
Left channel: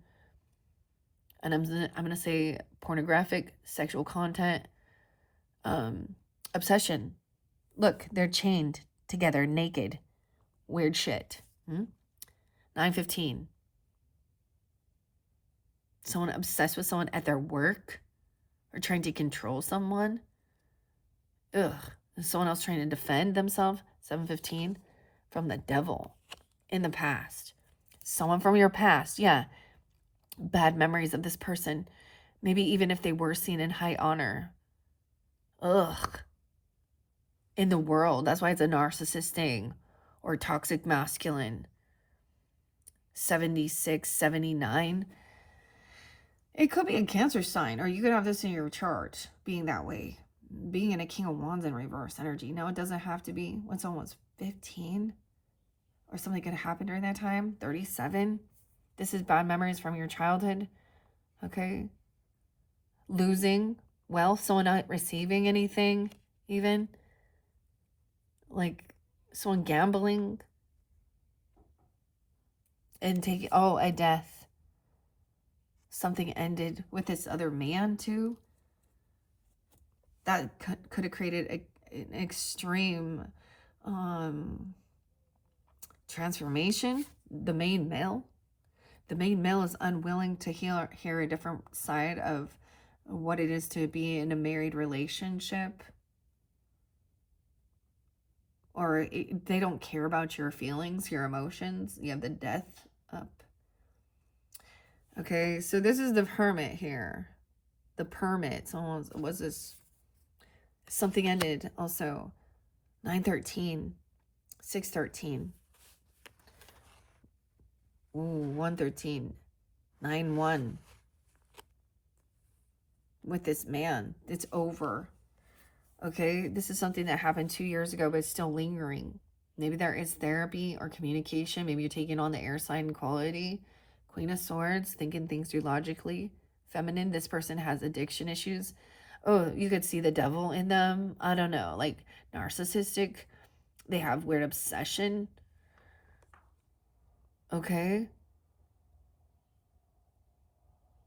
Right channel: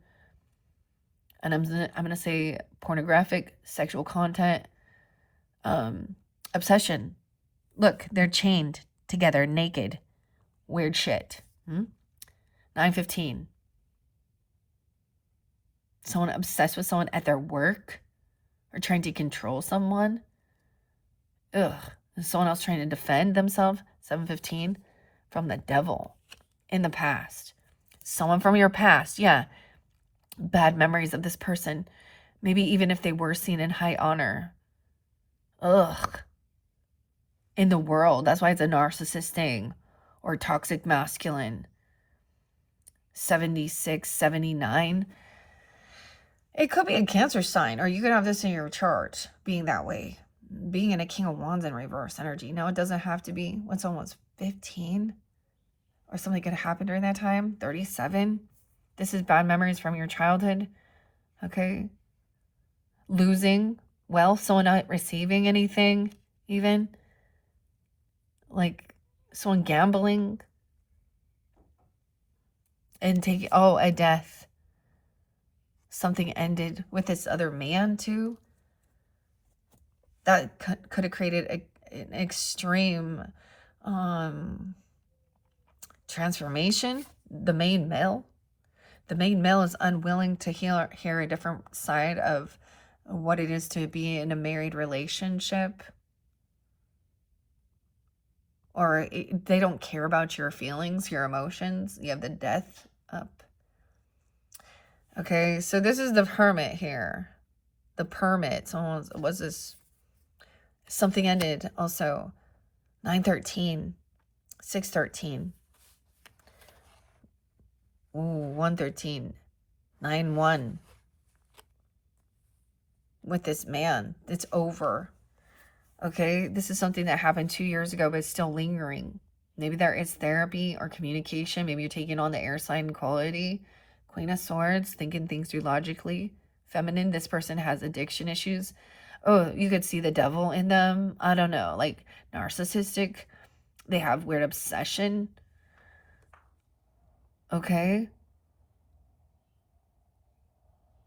And I'm gonna say pornographic, sexual content, obsession. Look, they're chained together, naked. Weird shit. 9-15. Someone obsessed with someone at their work or trying to control someone. Ugh. Someone else trying to defend themselves. 715 from the devil in the past. Someone from your past. Yeah. Bad memories of this person. Maybe even if they were seen in high honor. Ugh. In the world. That's why it's a narcissist thing. Or toxic masculine. 76, 79. It could be a Cancer sign, or you could have this in your chart being that way. Being in a King of Wands in reverse energy. Now, it doesn't have to be when someone's 15 or something could happen during that time. 37. This is bad memories from your childhood. Okay. Losing wealth, someone not receiving anything, even. Like someone gambling and taking, a death. Something ended with this other man, too. That could have created an extreme transformation. The main male is unwilling to hear a different side of what it is to be in a married relationship, or they don't care about your feelings, your emotions. You have the death up. Okay, so this is the hermit here. The permit. Someone was this. Something ended also. 913. 613. Ooh, 113. 9-1. With this man. It's over. Okay, this is something that happened 2 years ago, but it's still lingering. Maybe there is therapy or communication. Maybe you're taking on the air sign quality. Queen of Swords, thinking things through logically. Feminine, this person has addiction issues. Oh, you could see the devil in them. I don't know, like narcissistic. They have weird obsession. Okay.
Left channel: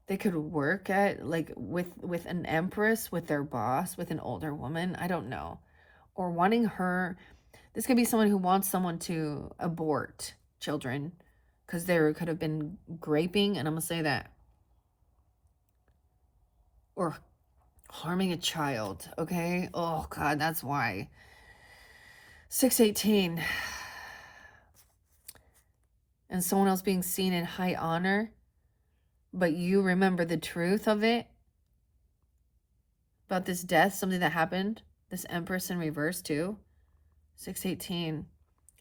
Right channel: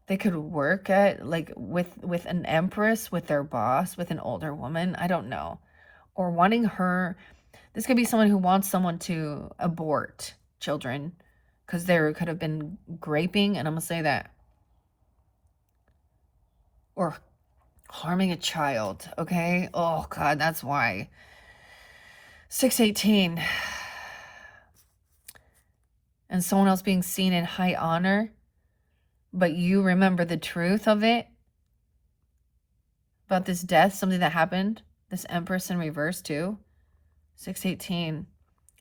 They could work at, like, with an empress, with their boss, with an older woman. I don't know. Or wanting her. This could be someone who wants someone to abort children because there could have been graping, and I'm going to say that. Or harming a child, okay? Oh, God, that's why. 618. And someone else being seen in high honor, but you remember the truth of it. About this death, something that happened. This Empress in reverse, too. 618.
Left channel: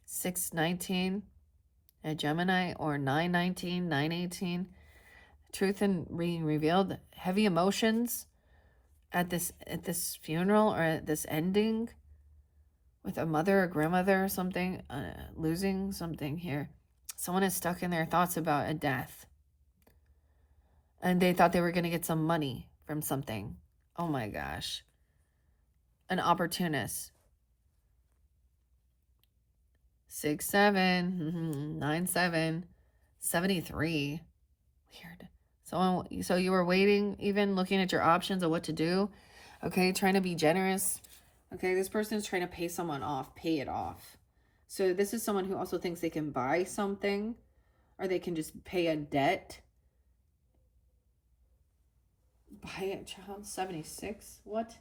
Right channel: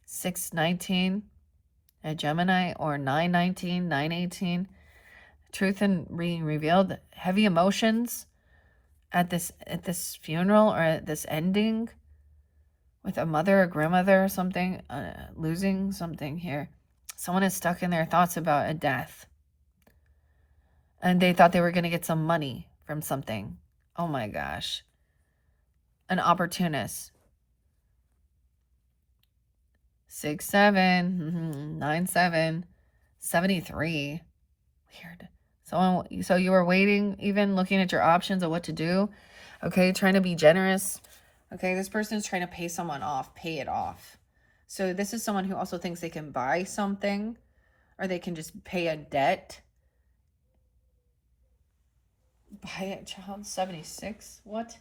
619. A Gemini, or 919, 918. Truth and being revealed. Heavy emotions at this funeral, or at this ending with a mother or grandmother or something, losing something here. Someone is stuck in their thoughts about a death, and they thought they were going to get some money from something. Oh my gosh. An opportunist. 6-7, 9-7, 73. Weird. So you were waiting, even looking at your options of what to do. Okay, trying to be generous. Okay, this person is trying to pay someone off, pay it off. So this is someone who also thinks they can buy something, or they can just pay a debt. Buy a child. 76. What?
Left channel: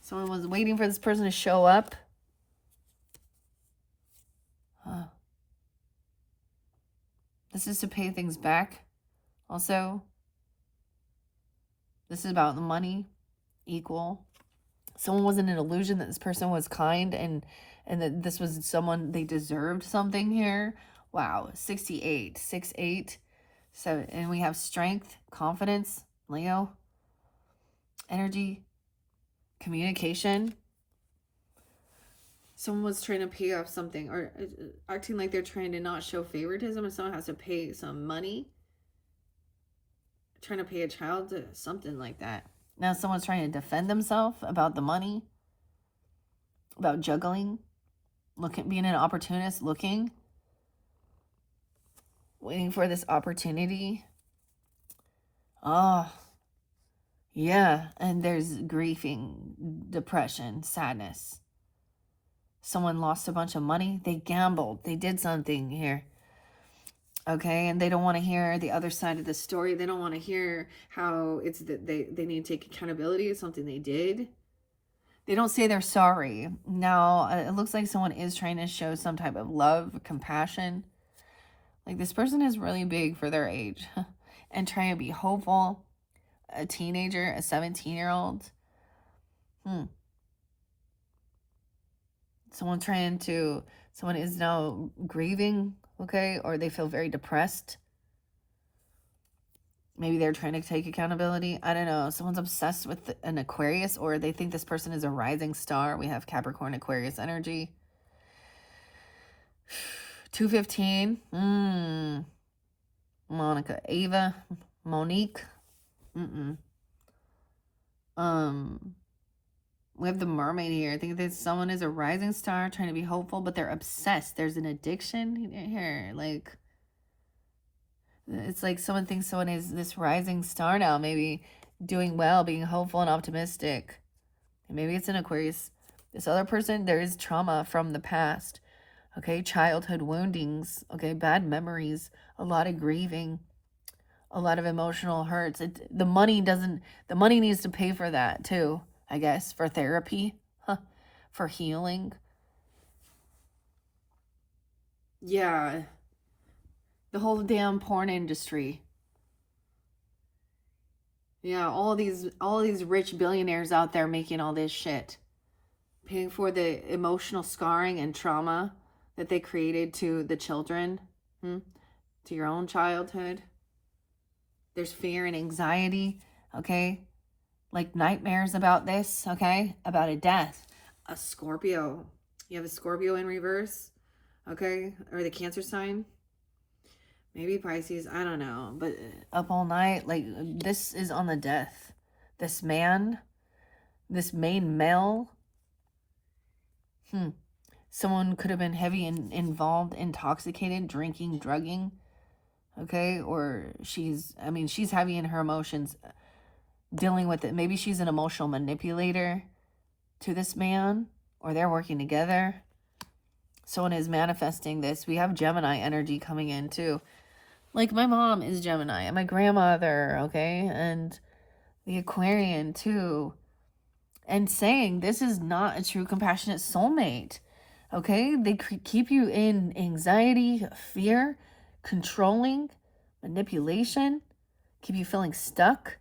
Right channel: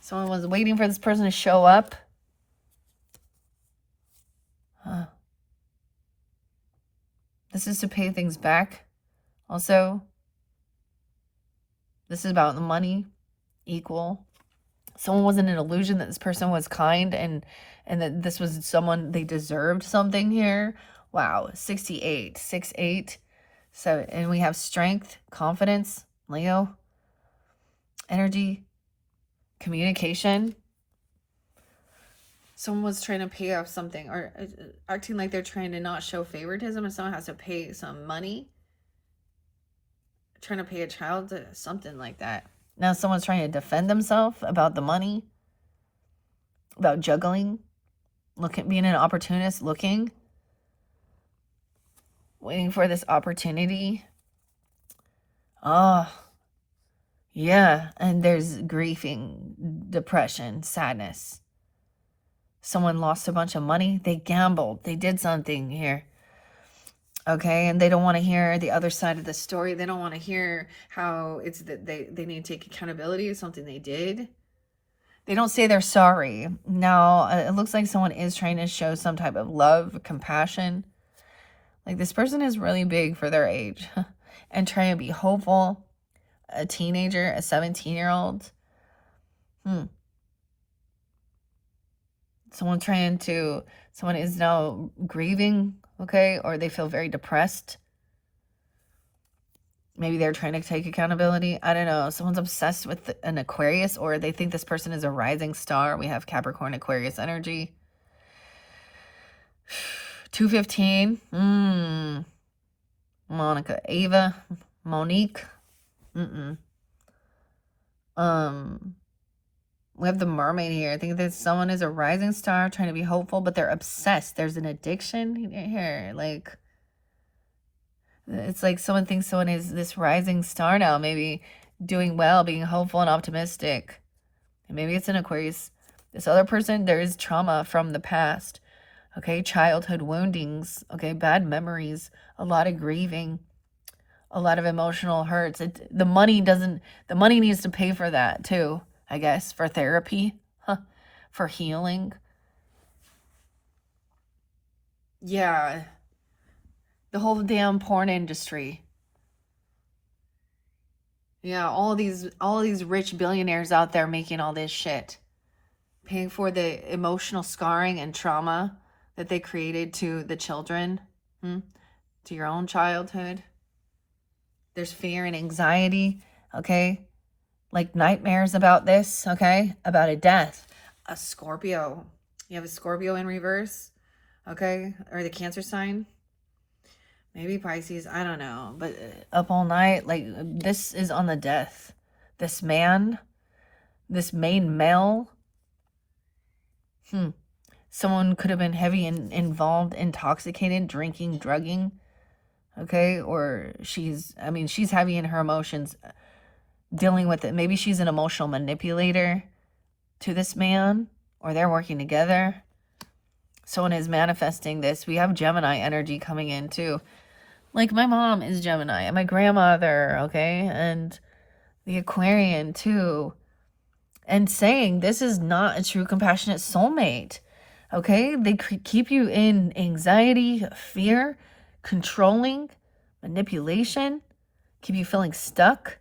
Someone was waiting for this person to show up. Huh. This is to pay things back. Also, this is about the money. Equal. Someone was in an illusion that this person was kind, and that this was someone they deserved something here. Wow. 68. 6-8. So, and we have strength, confidence, Leo, energy, communication. Someone was trying to pay off something, or acting like they're trying to not show favoritism, and someone has to pay some money. Trying to pay a child, something like that. Now someone's trying to defend themselves about the money, about juggling, being an opportunist, waiting for this opportunity. Oh, yeah. And there's grieving, depression, sadness. Someone lost a bunch of money. They gambled. They did something here. Okay, and they don't want to hear the other side of the story. They don't want to hear how it's that they need to take accountability of something they did. They don't say they're sorry. Now, it looks like someone is trying to show some type of love, compassion. Like this person is really big for their age and trying to be hopeful. A teenager, a 17-year-old. Someone is now grieving, okay? Or they feel very depressed. Maybe they're trying to take accountability. I don't know. Someone's obsessed with an Aquarius, or they think this person is a rising star. We have Capricorn, Aquarius energy. 215. Monica, Ava, Monique. We have the mermaid here. I think that someone is a rising star trying to be hopeful, but they're obsessed. There's an addiction here. Like, it's like someone thinks someone is this rising star now, maybe doing well, being hopeful and optimistic. And maybe it's an Aquarius. This other person, there is trauma from the past. Okay, childhood woundings. Okay, bad memories, a lot of grieving, a lot of emotional hurts. The money needs to pay for that too, I guess, for therapy, for healing. Yeah. The whole damn porn industry. Yeah, all these rich billionaires out there making all this shit. Paying for the emotional scarring and trauma that they created to the children, to your own childhood. There's fear and anxiety, okay? Like nightmares about this, okay? About a death. A Scorpio. You have a Scorpio in reverse, okay? Or the Cancer sign. Maybe Pisces, I don't know. But up all night, like this is on the death. This man, this main male. Someone could have been heavy and involved, intoxicated, drinking, drugging. Okay, or she's heavy in her emotions, dealing with it. Maybe she's an emotional manipulator to this man, or they're working together. Someone is manifesting this. We have Gemini energy coming in too. Like my mom is Gemini, and my grandmother, okay, and the Aquarian too. And saying this is not a true compassionate soulmate, okay? They keep you in anxiety, fear, controlling, manipulation, keep you feeling stuck.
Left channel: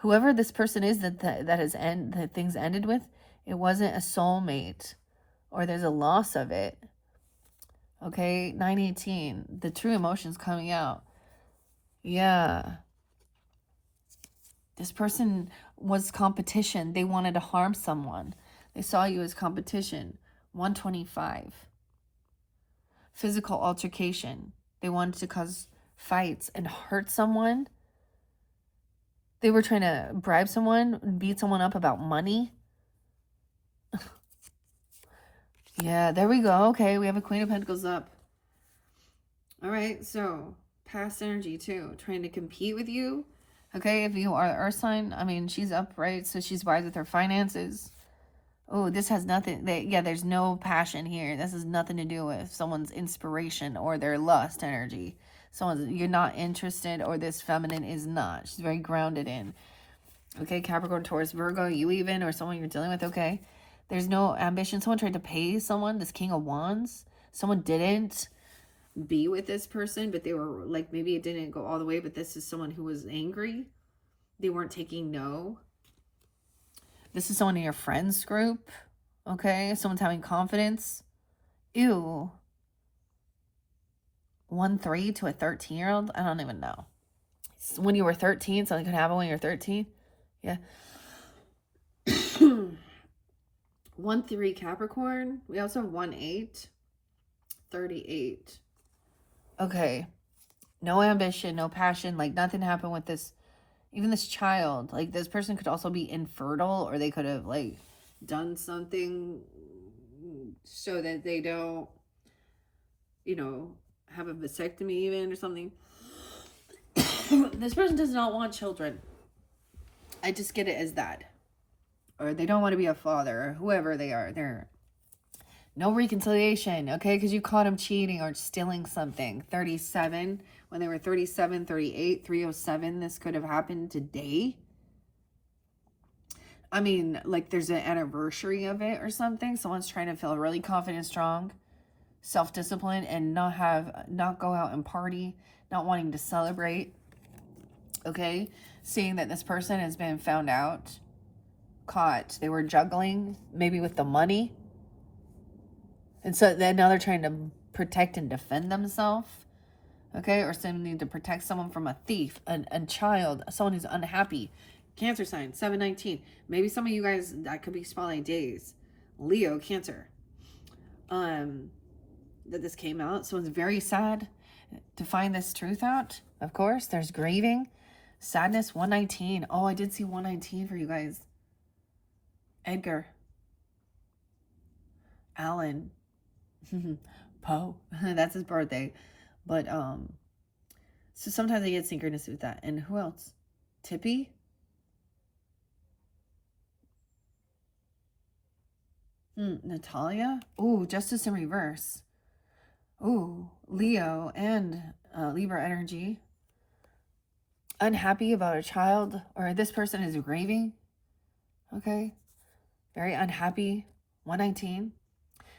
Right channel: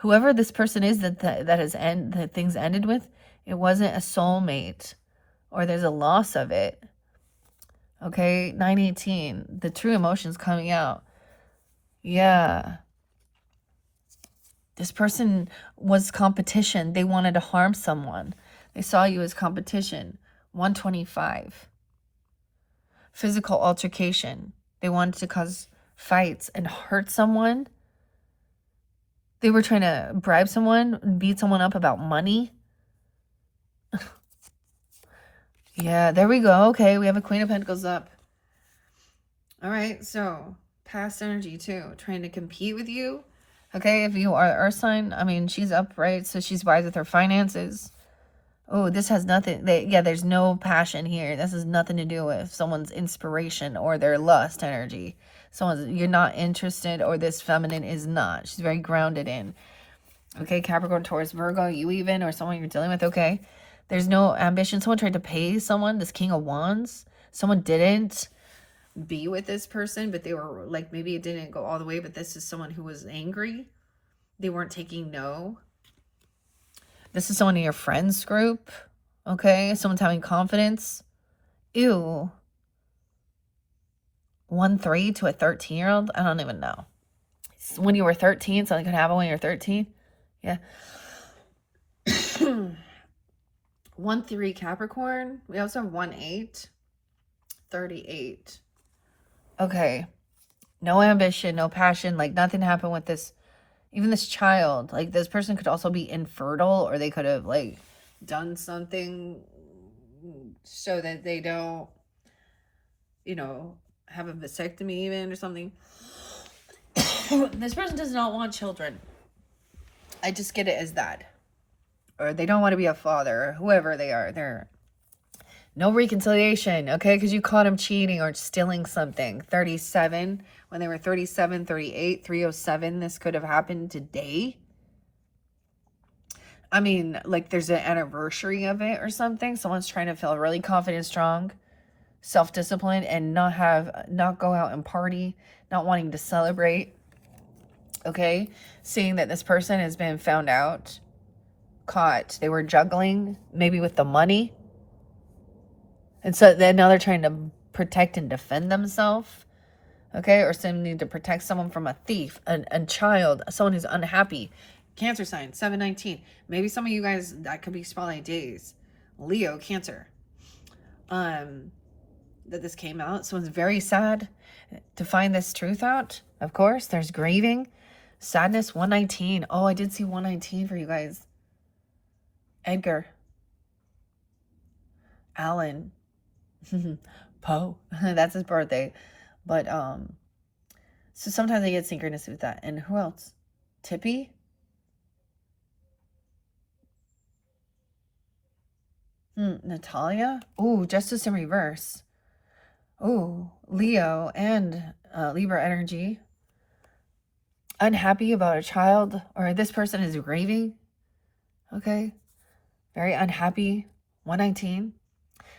Whoever this person is that things ended with, it wasn't a soulmate, or there's a loss of it. Okay, 918, the true emotions coming out. Yeah. This person was competition. They wanted to harm someone. They saw you as competition. 125. Physical altercation. They wanted to cause fights and hurt someone. They were trying to bribe someone, beat someone up about money. Yeah, there we go. Okay, we have a Queen of Pentacles up. All right, so past energy too, trying to compete with you. Okay, if you are the Earth sign, she's upright, so she's wise with her finances. Oh, this has nothing, there's no passion here. This has nothing to do with someone's inspiration or their lust energy. You're not interested, or this feminine is not. She's very grounded in. Okay, Capricorn, Taurus, Virgo, you even, or someone you're dealing with, okay. There's no ambition. Someone tried to pay someone, this King of Wands. Someone didn't be with this person, but they were like, maybe it didn't go all the way, but this is someone who was angry. They weren't taking no. This is someone in your friends group, okay? Someone's having confidence. Ew. 1-3 to a 13-year-old? I don't even know. When you were 13, something could happen when you're 13. Yeah. 1-3 Capricorn. We also have 1-8. 38. Okay. No ambition, no passion. Like nothing happened with this. Even this child. Like this person could also be infertile, or they could have like done something so that they don't, have a vasectomy even or something. This person does not want children. I just get it as that. Or they don't want to be a father, or whoever they are. They're no reconciliation, okay? Because you caught them cheating or stealing something. 37, when they were 37, 38, 307, this could have happened today. I mean, like there's an anniversary of it or something. Someone's trying to feel really confident, strong, self-disciplined, and not go out and party, not wanting to celebrate. Okay, seeing that this person has been found out, caught. They were juggling maybe with the money, and so then now they're trying to protect and defend themselves. Okay, or some need to protect someone from a thief, a child, someone who's unhappy. Cancer sign 719. Maybe some of you guys, that could be spotlight days. Leo, Cancer. That this came out. Someone's very sad to find this truth out. Of course, there's grieving, sadness. 119. Oh, I did see 119 for you guys. Edgar, Alan, Poe. That's his birthday. But so sometimes I get synchronous with that. And who else? Tippy. Natalia. Ooh, Justice in reverse. Ooh, Leo and Libra energy. Unhappy about a child, or this person is grieving. Okay, very unhappy. 119.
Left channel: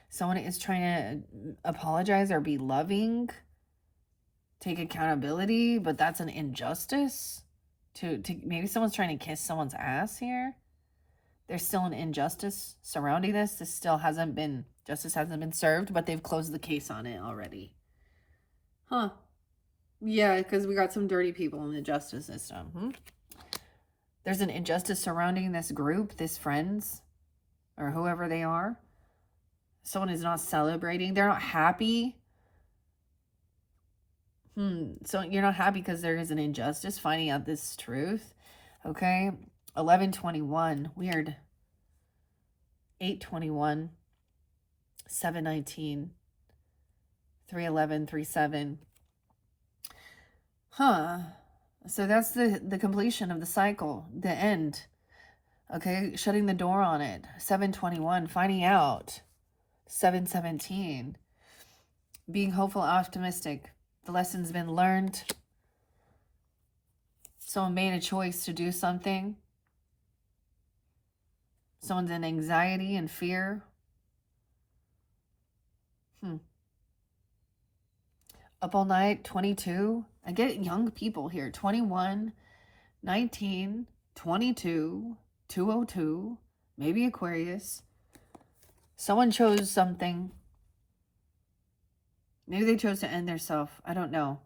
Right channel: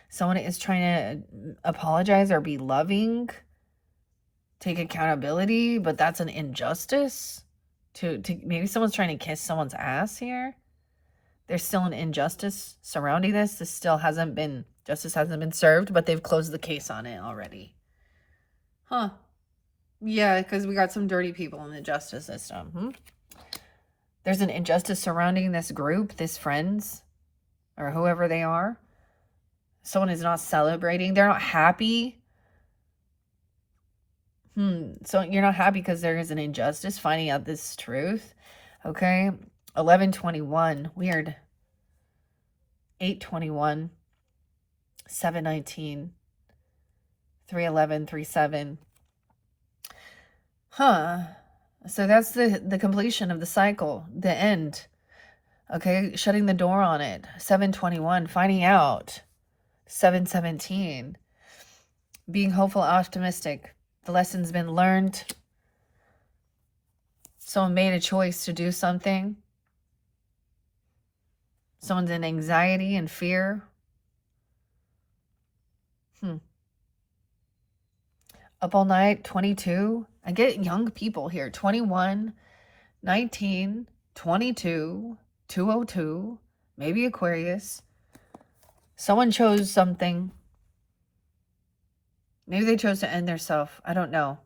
Someone is trying to apologize or be loving, take accountability, but that's an injustice. To maybe someone's trying to kiss someone's ass here. There's still an injustice surrounding this. Justice hasn't been served, but they've closed the case on it already. Huh. Yeah, because we got some dirty people in the justice system. There's an injustice surrounding this group, this friends, or whoever they are. Someone is not celebrating. They're not happy. So you're not happy because there is an injustice, finding out this truth. Okay. 1121. Weird. 821. 719. 311. 37. So that's the completion of the cycle, the end. Okay, shutting the door on it. 721, finding out. 717, being hopeful, optimistic. The lesson's been learned. Someone made a choice to do something. Someone's in anxiety and fear. Up all night, 22. I get young people here. 21, 19, 22, 202, maybe Aquarius. Someone chose something. Maybe they chose to end their self. I don't know.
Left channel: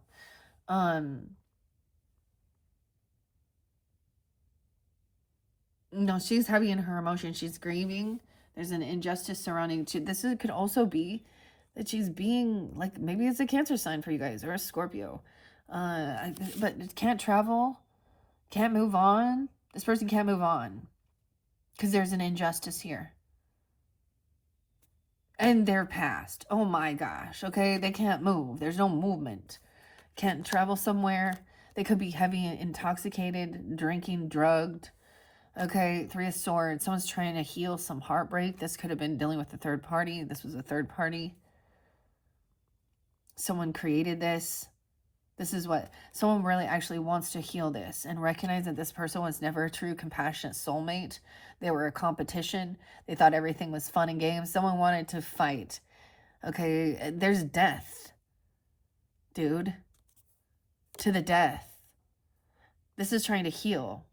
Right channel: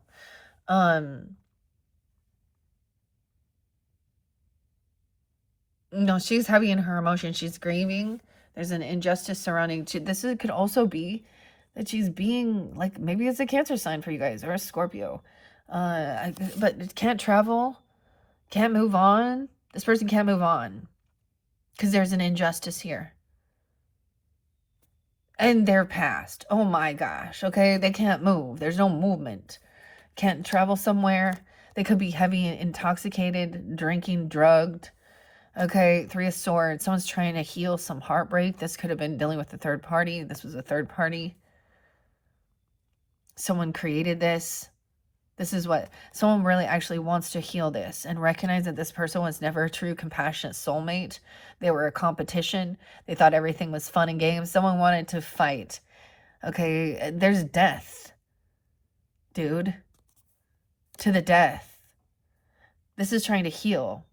No, she's heavy in her emotions. She's grieving. There's an injustice surrounding. This could also be that she's being like, maybe it's a Cancer sign for you guys, or a Scorpio. But can't travel, can't move on. This person can't move on because there's an injustice here. And they're past. Oh my gosh. Okay, they can't move. There's no movement. Can't travel somewhere. They could be heavy, intoxicated, drinking, drugged. Okay, 3 of Swords. Someone's trying to heal some heartbreak. This could have been dealing with a third party. This was a third party. Someone created this. This is what someone really actually wants to heal this and recognize that this person was never a true compassionate soulmate. They were a competition. They thought everything was fun and games. Someone wanted to fight. Okay, there's death, dude. To the death. This is trying to heal.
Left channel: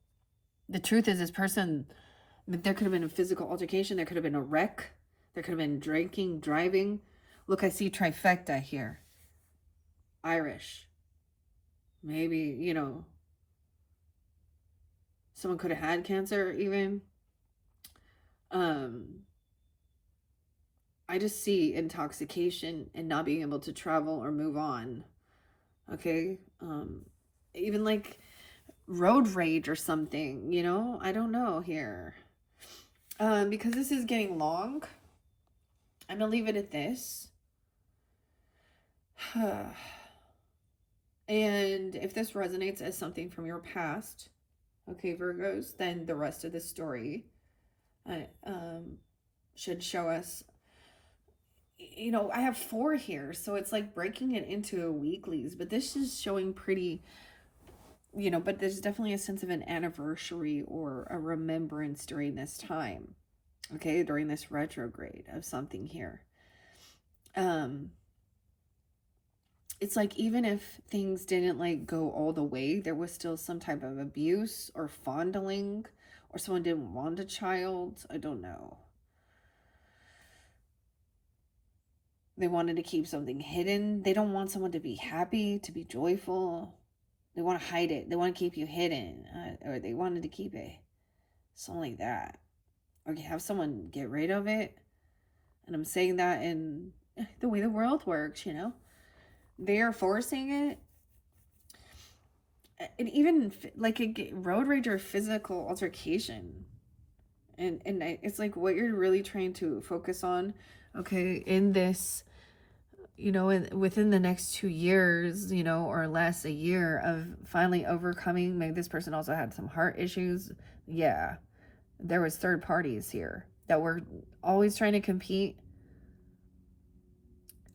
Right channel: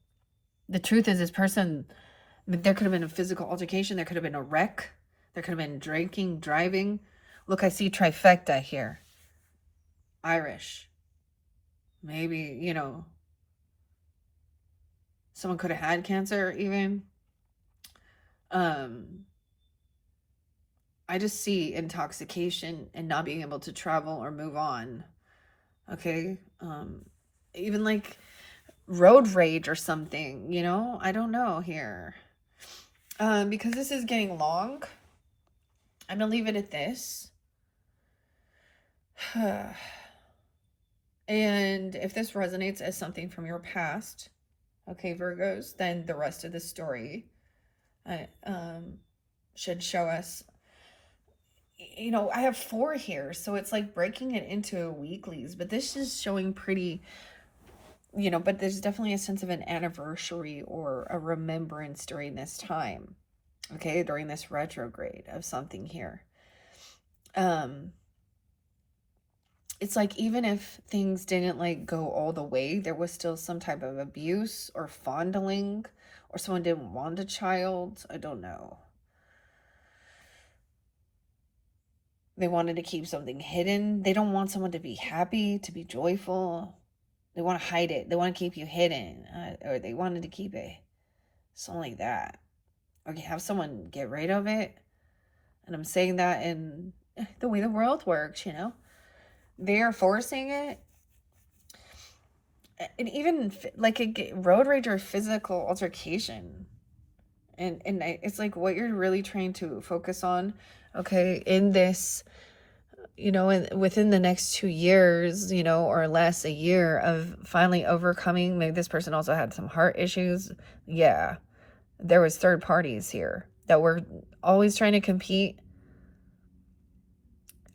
The truth is, this person, there could have been a physical altercation. There could have been a wreck. There could have been drinking, driving. Look, I see trifecta here. Irish. Maybe, you know, someone could have had cancer even. I just see intoxication and not being able to travel or move on. Okay. Even like road rage or something, you know, I don't know here. Because this is getting long, I'm gonna leave it at this. And if this resonates as something from your past, okay, Virgos, then the rest of the story should show us, you know, I have 4 here, so it's like breaking it into weeklies, but this is showing pretty you know, but there's definitely a sense of an anniversary or a remembrance during this time. Okay, during this retrograde of something here. It's like even if things didn't like go all the way, there was still some type of abuse or fondling, or someone didn't want a child. I don't know. They wanted to keep something hidden. They don't want someone to be happy, to be joyful. They want to hide it. They want to keep you hidden, or they wanted to keep it. Something like that. Or have someone get rid of it. And I'm saying that in the way the world works, you know. They're forcing it. And even like a road rage or physical altercation. And it's like what you're really trying to focus on, okay, in this, you know, within the next 2 years, you know, or less, a year of finally overcoming. Maybe this person also had some heart issues. Yeah, there was third parties here that were always trying to compete.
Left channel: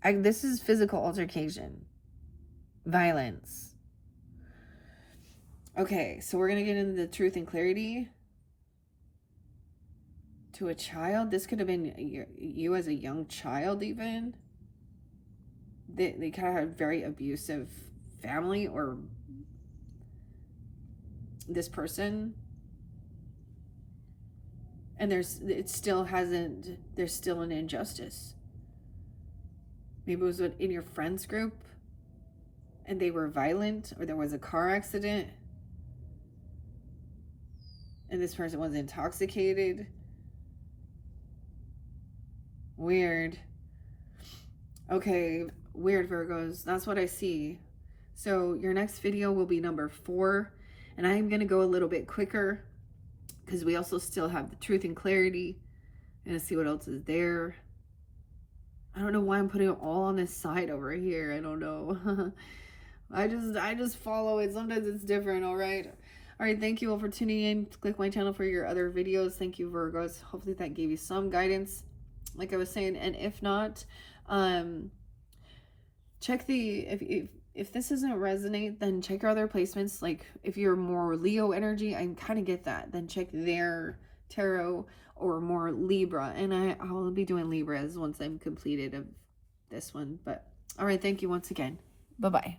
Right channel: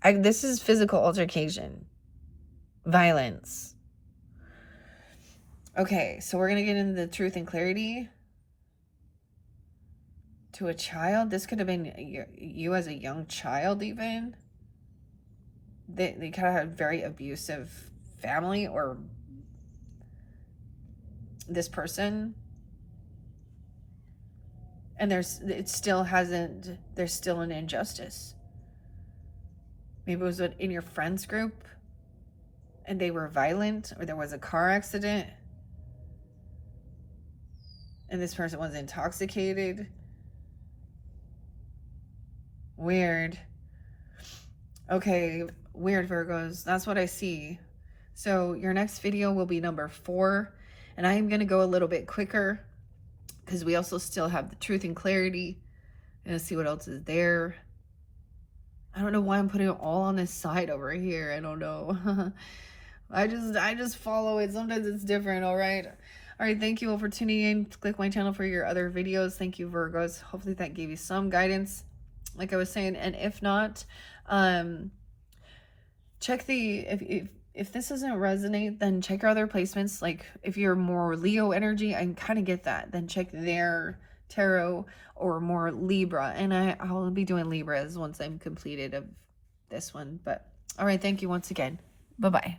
This is physical altercation, violence. Okay, so we're gonna get into the truth and clarity. To a child, this could have been you as a young child. Even they kind of had very abusive family, or this person, and there's still an injustice. Maybe it was in your friends group and they were violent, or there was a car accident and this person was intoxicated. Weird. Okay, weird, Virgos. That's what I see. So your next video will be number 4, and I am going to go a little bit quicker because we also still have the truth and clarity. And see what else is there. I don't know why I'm putting it all on this side over here. I don't know. I just follow it. Sometimes it's different. All right. Thank you all for tuning in. Click my channel for your other videos. Thank you, Virgos. Hopefully that gave you some guidance, like I was saying. And if not, check if this doesn't resonate, then check your other placements. Like if you're more Leo energy, I can kind of get that. Then check their tarot, or more Libra, and I'll be doing Libras once I'm completed of this one. But all right, thank you once again. Bye-bye.